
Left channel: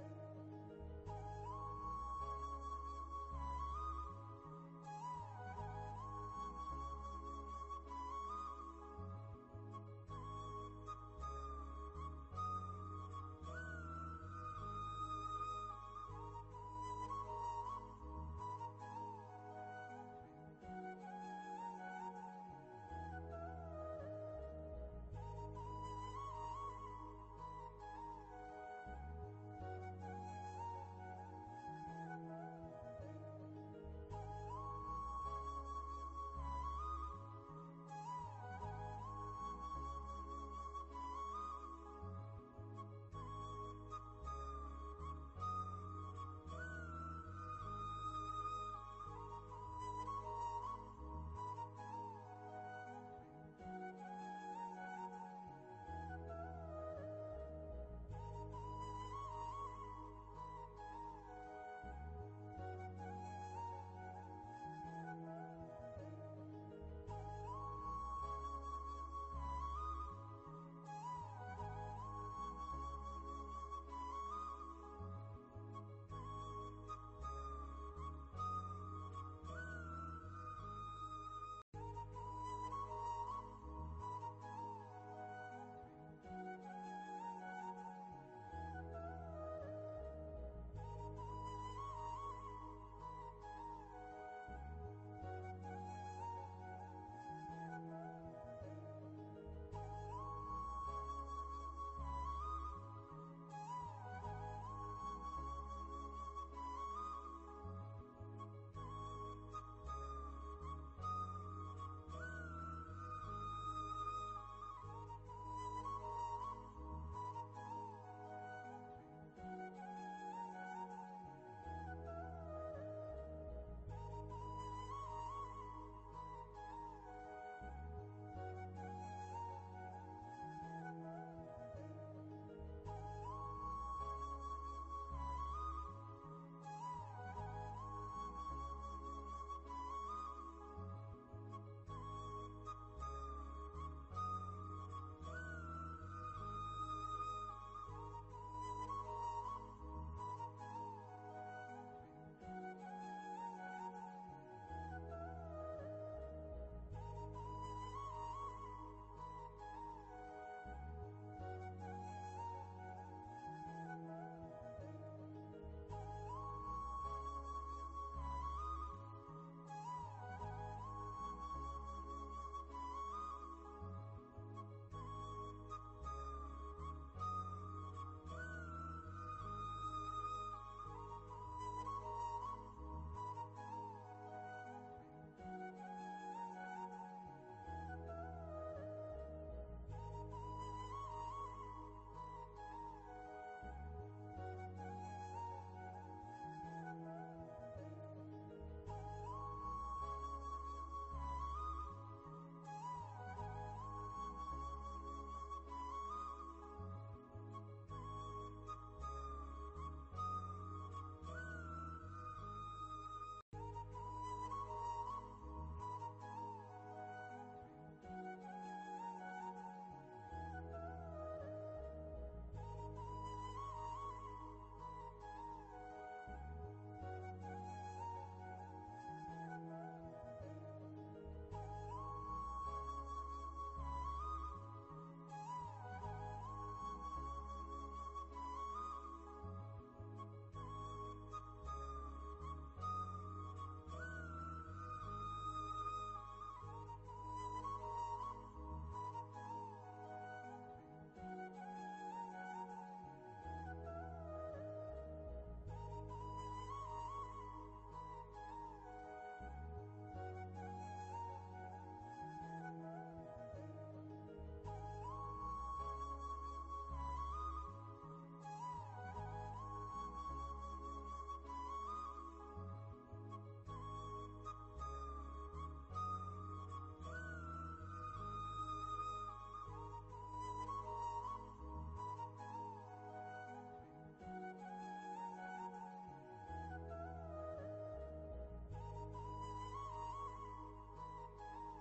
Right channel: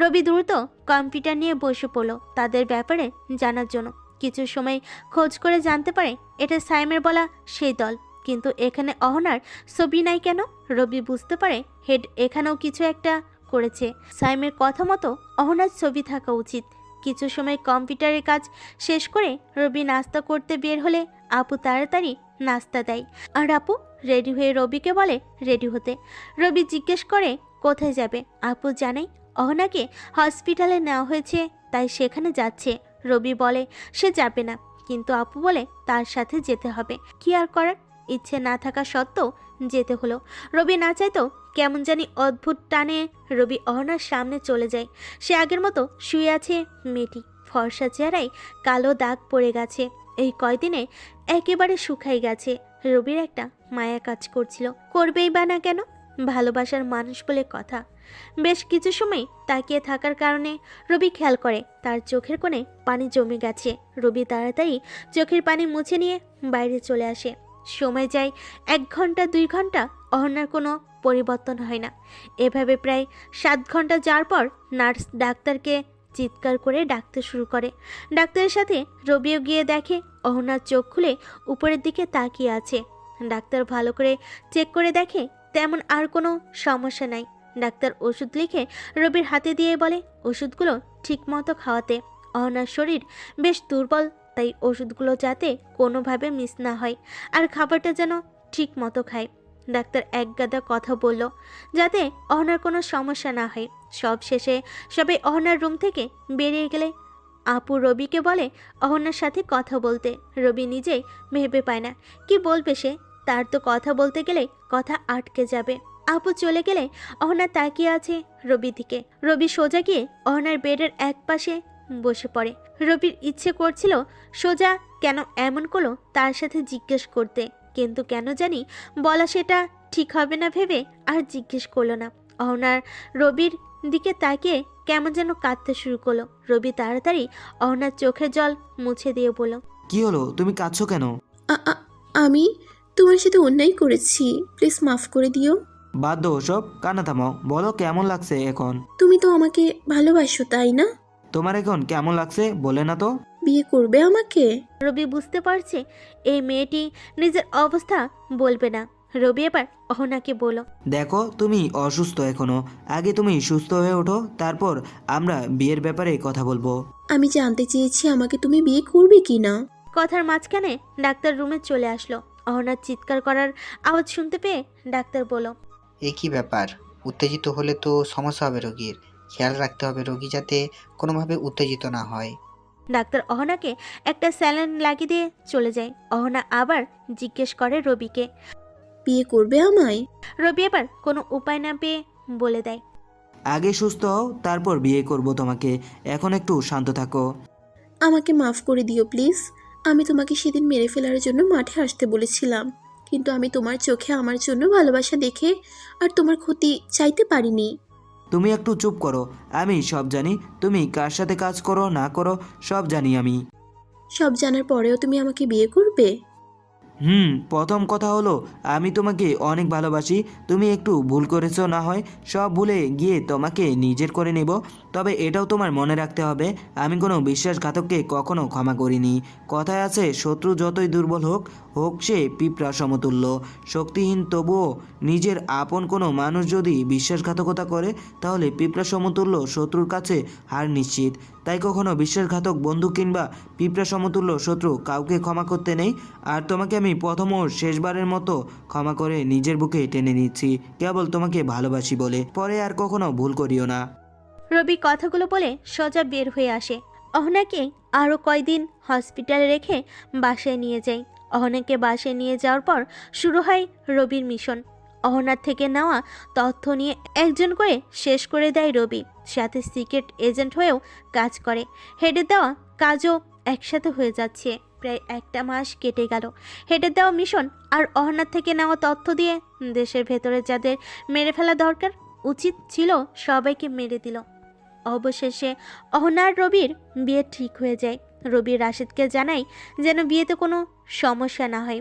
রবি দ্রুত কম্পিউটার নিয়ে বসে পড়ল তাদের ব্যাপারে জানার জন্য। কিছু সময় খোঁজ করে জানতে পারে এটা সাইমের বলা সেই দল, কিন্তু এখানে অহনার ছবি নাই কেন? রবি বুঝতে পারে হেড এখানেও কিছু একটা করেছে। সাইমের কথা মতো অহনার ছবি থাকা উচিত। কিছু সময় কম্পিউটারের কাজ শেষ করে রবি নাস্তা করতে বের হলে আপু তাড়াতাড়ি নাস্তা দেয়, আর আপু রেডি হয়ে রবিকে বলে রেডি হতে। রবি জিজ্ঞেস করে কোথায় যাবে। আপু জানাই অহনাকে হসপিটালে নেওয়া হয়েছে, তাই সেখানে যাচ্ছে। রবি বলে সে যাবে না, কিন্তু আপু বলে তার সাথে যেতে হবে। কি আর করার, ইচ্ছে না থাকা সত্ত্বেও যেতে হলো। রবি না চাইতো কেমন জানি অদ্ভুত টানে রবি অহনার সামনে চলে যায়। সে আগের মতো শুয়ে আছে মেয়েটি, ফর্সা চেহারায় কালো দাগ পড়ে গেছে। এই কয়দিনে একেবারে শুকাই গেছে। রবির একটা মায়া কাজ করছিল, করবেই বা না কেন, ভালোবাসার মানুষ বলে কথা। বেশ কিছু সময় তাকিয়ে থাকার কারণে রবি খেয়াল করে তার চোখের কোণে পানি জমে গেছে। রবি তাড়াতাড়ি চোখের পানি মুছে নিয়ে বাইরে চলে আসে। সময় যায় 1 ঘন্টা 2 ঘন্টা, অহনার কোনো পরিবর্তন হয় না। এভাবে প্রায় 7 ঘন্টা যাওয়ার পর নার্স ডাক্তারকে চিৎকার করে ডাকতে শুরু করে। ডাক্তারের সাথে রবিও গিয়ে দেখে অহনার চোখ খুলে উপরের দিকে তাকিয়ে আছে। ডাক্তার ভালো করে চেক করে দেখে তেমন আর কোনো সমস্যা নাই। ডাক্তার ওষুধ লিখে রবির হাতে দিয়ে বলে ওষুধগুলো ঠিক মতো খাওয়াতে। অহনার শরীর বেশ দুর্বল, তাই ওষুধগুলো যাতে কোনোভাবে মিস না হয়, আর খাবারটা যেন ঠিক মতো খায়। ডাক্তার এক গাদা কথা বলল যাতে অহনার কোনো সমস্যা না হয়। সব শেষে সবাই অহনার রুম থেকে বেরিয়ে গেলে আপু রবিকে বলে অহনার সাথে কথা বলতে। রবি নিজেই ভেবে পায় না কি বলবে সে, তার তো কথা বলতে গেলে কথা আটকে যাবে। আপু চলে গেলে অহনা তাকিয়ে আছে রবির দিকে। রবি সোজা গিয়ে অহনার বেডের এক পাশে বসে পড়ে। রবির ইচ্ছে করছিল সোজা কেন এমন করলো তার সাথে জিজ্ঞেস করতে, কিন্তু কেন জানি বলা সেটা ঠিক হবে না ভেবে আর জিজ্ঞেস করলো না। অহনার রবির দিকে তাকিয়ে কেমন যেন কাঁদতে শুরু করলো। রবি তাড়াতাড়ি অহনার চোখের জল মুছে দিয়ে বলল, কি হলো, তুমি কাঁদছো কেন? আমি তোমার সাথে অন্যায় করেছি, প্লিজ মাফ করে দিও। বাদ দাও ওসব, কান্না থামাও। বলো কেমন লাগছে এখন? তুমি তো আমাকে ভালোবাসো তাই না? তোমার এখন কেমন লাগছে বলে না তো? বিয়ে করবে আমাকে? রবি বুঝতে পারছে এই মেয়েটি নিজের অবস্থা বলবে না। রবি এবার অহনাকে বলল, দেখো তুমি অসুস্থ এখনো, আগে তুমি সুস্থ হয়ে ওঠো, তারপর আমরা বিয়ের ব্যাপারে কথা বলবো। আমি জানতে চেয়েছি আমাকে তুমি বিয়ে করবে কি না। কথার মাঝখানে ডাক্তার রুমে চলে আসলো। অহনার চিৎকার করার আওয়াজ শুনতে পেয়ে ডাক্তার বলল, এ কি ব্যাপার? উত্তেজিত হলে তো সমস্যা হবে রোগীর। খেয়াল রাখতে হবে রোগী যাতে কোনোভাবে উত্তেজিত না হয়। ডাক্তার অহনাকে একটা স্যালাইন লাগিয়ে দিয়ে চলে যায়। অহনা আবার জিজ্ঞেস করে রবিকে। বিয়ে করবে আমায়? রবি এবার কোনো উপায় না পেয়ে বলে দেয়, আগে সুস্থ হও, তারপর বিয়ে করব তোমাকে। এখন একটু শান্ত থাকো। আমাকে মাফ করে দিও প্লিজ। আমি তোমাকে সেদিন মেরে ফেলার জন্য মাঠে আসতে বলেছিলাম, কিন্তু আমি তোমার চোখে আমার জন্য ভালোবাসা দেখে আর তোমার ক্ষতি চাইতে পারিনি। তুমি একটু চুপ করো, আমি সব জানি। তুমি কার সাথে কাজ করো না করো সব জানি আমি। সব জানার পরেও তুমি আমাকে বিয়ে করবে? প্রথম কথা হলো আমি তোমাকে অনেক ভালোবাসি। তুমি একটু ভুল করেছো, না হয় সব ভুলে গিয়ে তোমাকে নিজের করে নেব। তবে এটাও তোমার মনে রাখতে হবে, আমি কোনো বিশ্বাসঘাতককে কখনো ক্ষমা করিনি। কথায় আছে, শত্রু যতই দুর্বল হোক হোক সে পিঁপড়া সমতুল্য। শক্তিহীন তবুও নিজের আপন কোনো মানুষ যদি বিশ্বাসঘাতকতা করে, তাহলে পিঁপড়া সমতুল্য শত্রুর কাছে হার নিশ্চিত। তাই কখনো বিশ্বাসঘাতক বন্ধু কিংবা পিঁপড়া সমতুল্য শত্রু কাউকে ক্ষমা করতে নেই। আর তোমাকে আমি প্রথম ও শেষবারের মতো ক্ষমা করে নিজের বুকে টেনে নিচ্ছি, কেবল তোমাকে ভালোবাসি বলে। পরে আর কখনো ভুল করিও না। রবি কথাগুলো বলে সোজা বের হয়ে আসে। অহনাকে আরও কয়দিন হসপিটালে রেখে বাসায় নিয়ে যায়। অহনাকে বাসায় নিয়ে যাওয়ার পর শুরু হয় রবির মিশন। অহনার থেকে নেওয়া তথ্য নিয়ে একজন করে শেষ করে দেয় রবি, সাথে সিক্রেট এজেন্ট হয়েও কাজ করে। হেডে দেওয়া কাজও একসাথে হয়ে যাচ্ছে। প্রায় একটা মাস কেটে গেল। হেডে দেওয়া মিশন আর অহনার থেকে নেওয়া তথ্য দিয়ে দেশের ভেতরে যাদের মেরে ফেলা দরকার উচিত ছিল সবাইকে মেরে দিল। অবশেষে অহনার রবির বিয়ে ঠিক হয়ে যায়। রবি রাশিদকে জানায় যেন বিয়েতে কোনো সমস্যা না হয়।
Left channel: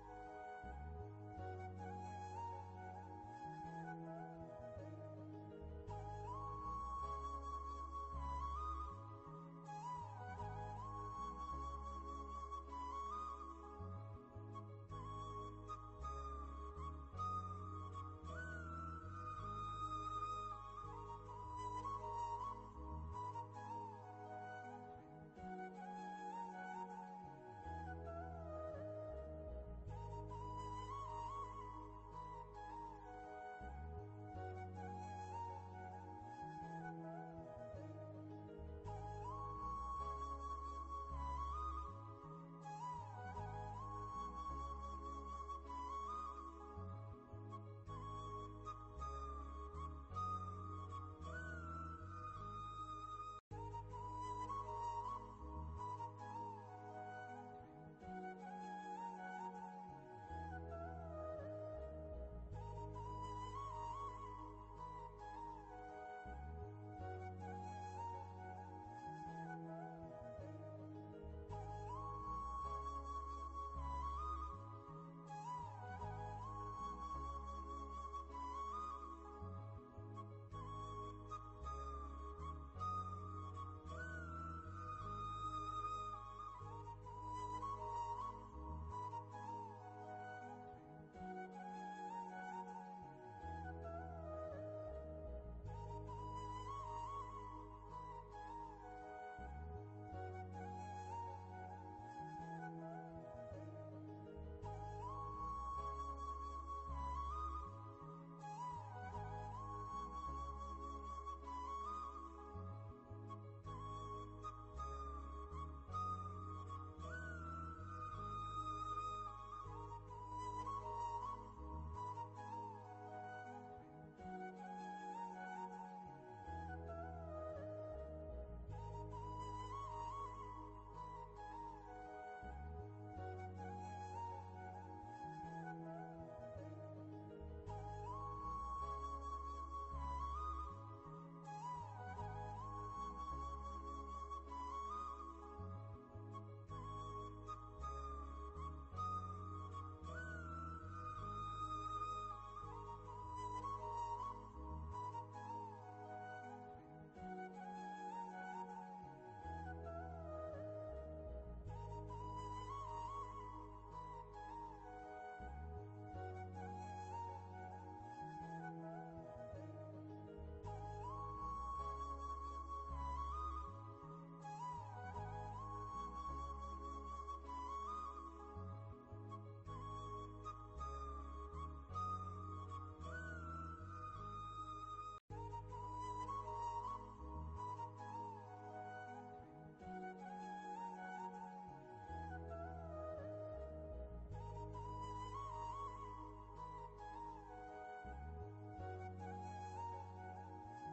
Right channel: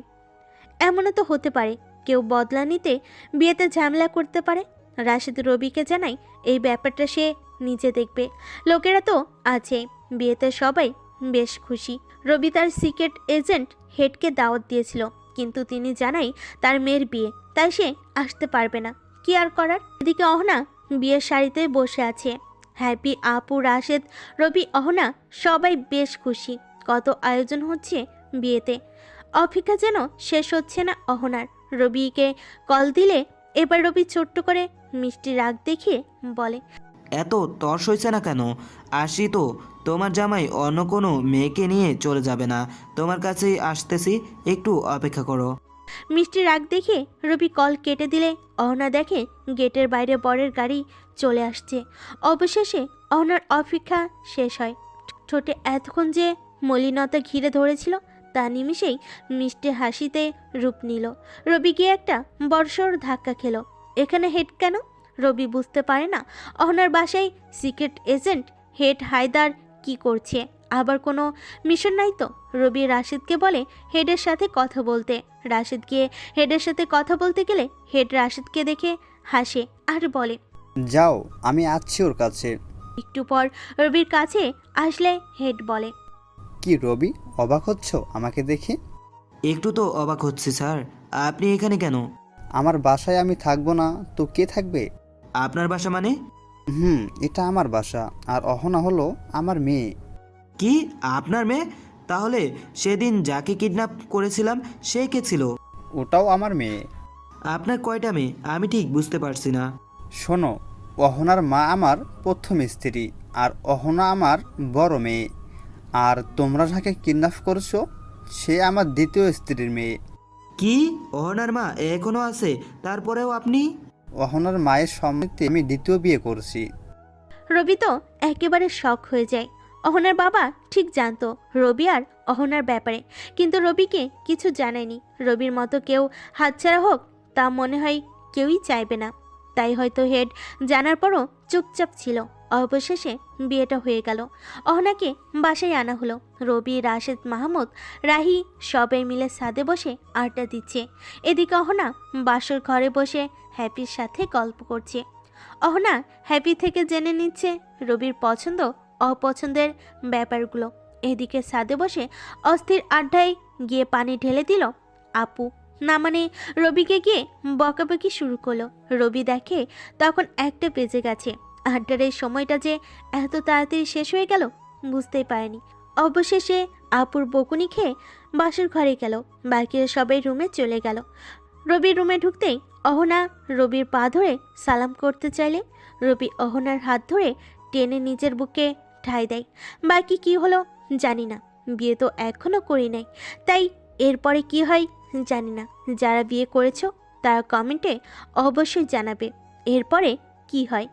এমনও তো হতে পারে কেউ বদলা নিতে বিয়েতে ঝামেলা করতে পারে। রাশিদ রবিকে জানায় এই ব্যাপারটা সে নিজে দেখবে। লোকেরা তো আছে, বিয়েতে সবাই বেশ খুশি। রবি তার সিক্রেট এজেন্ট হেডকে দাওয়াত দিয়েছিল, কিন্তু তিনি জানায় তার মেয়ের বিয়ে, তাই সে আসতে পারবে না। কি আর করার। এদিকে অহনা বিয়ের শাড়িতে বসে আছে। হ্যাপি, আপু, রাশেদ, রবি, অহনা সবাই বেশ খুশি। কত আয়োজন হচ্ছে বিয়েতে, অপেক্ষা যেন শেষ হচ্ছে না অহনার। রবিকে কল দিলে এবার রবি ছোট্ট করে মিষ্টি রাগ দেখিয়ে বলে, এত তর্স হয়েছে না কেন? আসি তো, তোমার জামাই অন্য কোনো মেয়েকে নিয়ে চলে যাবে না, তোমার কাছেই আসতেছি, একটু অপেক্ষা করো। মিষ্টি রাগ দেখে রবি কল কেটে দিলে অহনা দেখে গেটের বাইরে বরের গাড়ি চলে আসছে। অবশেষে অহনার অপেক্ষা শেষ হয়। ঠোঁটে এতক্ষণ যে মলিনতা ঘিরে ধরেছিল তা নিমিষেই মিষ্টি হাসিতে রূপ নিল। রবি গিয়ে একটা বড়সড় ধাক্কা খেলো। এখানে হেড কেন? রবি বুঝতে পারে না। অহনার বাসায় সিক্রেট এজেন্ট হেড হায়দার কি করছে? আবার কোনো মিশন নাই তো? রবি রাশিদকে বলে হেডের সাথে কথা বলতে। রাশিদ গিয়ে হেডের সাথে কথা বলতে গেলে হেড রাশিদকে দেখে হাসে আর বলে, যাও, আমি আছি ওর কাছে। একটু পর রবির কাছে আসলে হেড বলে, কি রবি, অবাক হচ্ছ আমাকে দেখে? একটু তো অবাক হচ্ছে স্যার, আপনি এখানে কেন? আমার বাসায় আমি থাকবো না তো কে থাকবে? আপনার বাসা মানে? এটা আমার বাসা, আর অহনা হলো আমার মেয়ে। কি, আপনার মেয়ে? তাহলে সেদিন যাকে কিডন্যাপ করেছিলাম সে কে ছিল? ওটাও আমার মেয়ে। আপনার কয়টা মেয়ে আমি ঠিক বুঝতে পারছি না। শোনো, অহনার মা আমার প্রথম স্ত্রী, আর অহনা আমার বড় মেয়ে। আর তোমরা যাকে কিডন্যাপ করছো সে আমার দ্বিতীয় স্ত্রীর মেয়ে। কি, অহনার মা এখনো আছে? তারপরেও আপনি? অহনার মায়ের সম্মতিতে আমি দ্বিতীয় বিয়ে করছি। রবি তো একেবারে শক হয়ে যায়। অহনার বাবা ঠিক জানতো রবি আর অহনার ব্যাপারে, কিন্তু রবিকে কিছু জানায়নি। রবির মতো কেউ হাতছাড়া হোক তা মনে হয় কেউই চাইবে না। তাই হয়তো হেড জানার পরও চুপচাপ ছিল। অবশেষে বিয়েটা হয়ে গেল। অহনাকে বাসায় আনা হলো। রবি, রাশেদ, মাহমুদ, রাহি সবাই মিলে ছাদে বসে আড্ডা দিচ্ছে। এদিকে অহনা বাসর ঘরে বসে হ্যাপির সাথে গল্প করছে। অহনা হ্যাপি থেকে জেনে নিচ্ছে রবির পছন্দ অপছন্দের ব্যাপারগুলো। এদিকে ছাদে বসে অস্থির আড্ডায় গিয়ে পানি ঢেলে দিল আপু, না মানে রবিকে গিয়ে বকাবকি শুরু করলো। রবি দেখে তখন 1টা বেজে গেছে। আড্ডার এই সময়টা যে এত তাড়াতাড়ি শেষ হয়ে গেল বুঝতেই পারেনি। অবশেষে আপুর বকুনি খেয়ে বাসর ঘরে গেল। বাকিরা সবাই রুমে চলে গেল। রবির রুমে ঢুকতেই অহনা রবির পা ধরে সালাম করতে চাইলে রবি অহনার হাত ধরে টেনে নিজের বুকে ঠাঁই দেয়। বাকি কি হলো জানি না, বিয়ে তো এখনো করি নাই, তাই এরপরে কি হয় জানি না। যারা বিয়ে করেছো তারা কমেন্টে অবশ্যই জানাবে এরপরে কি হয়।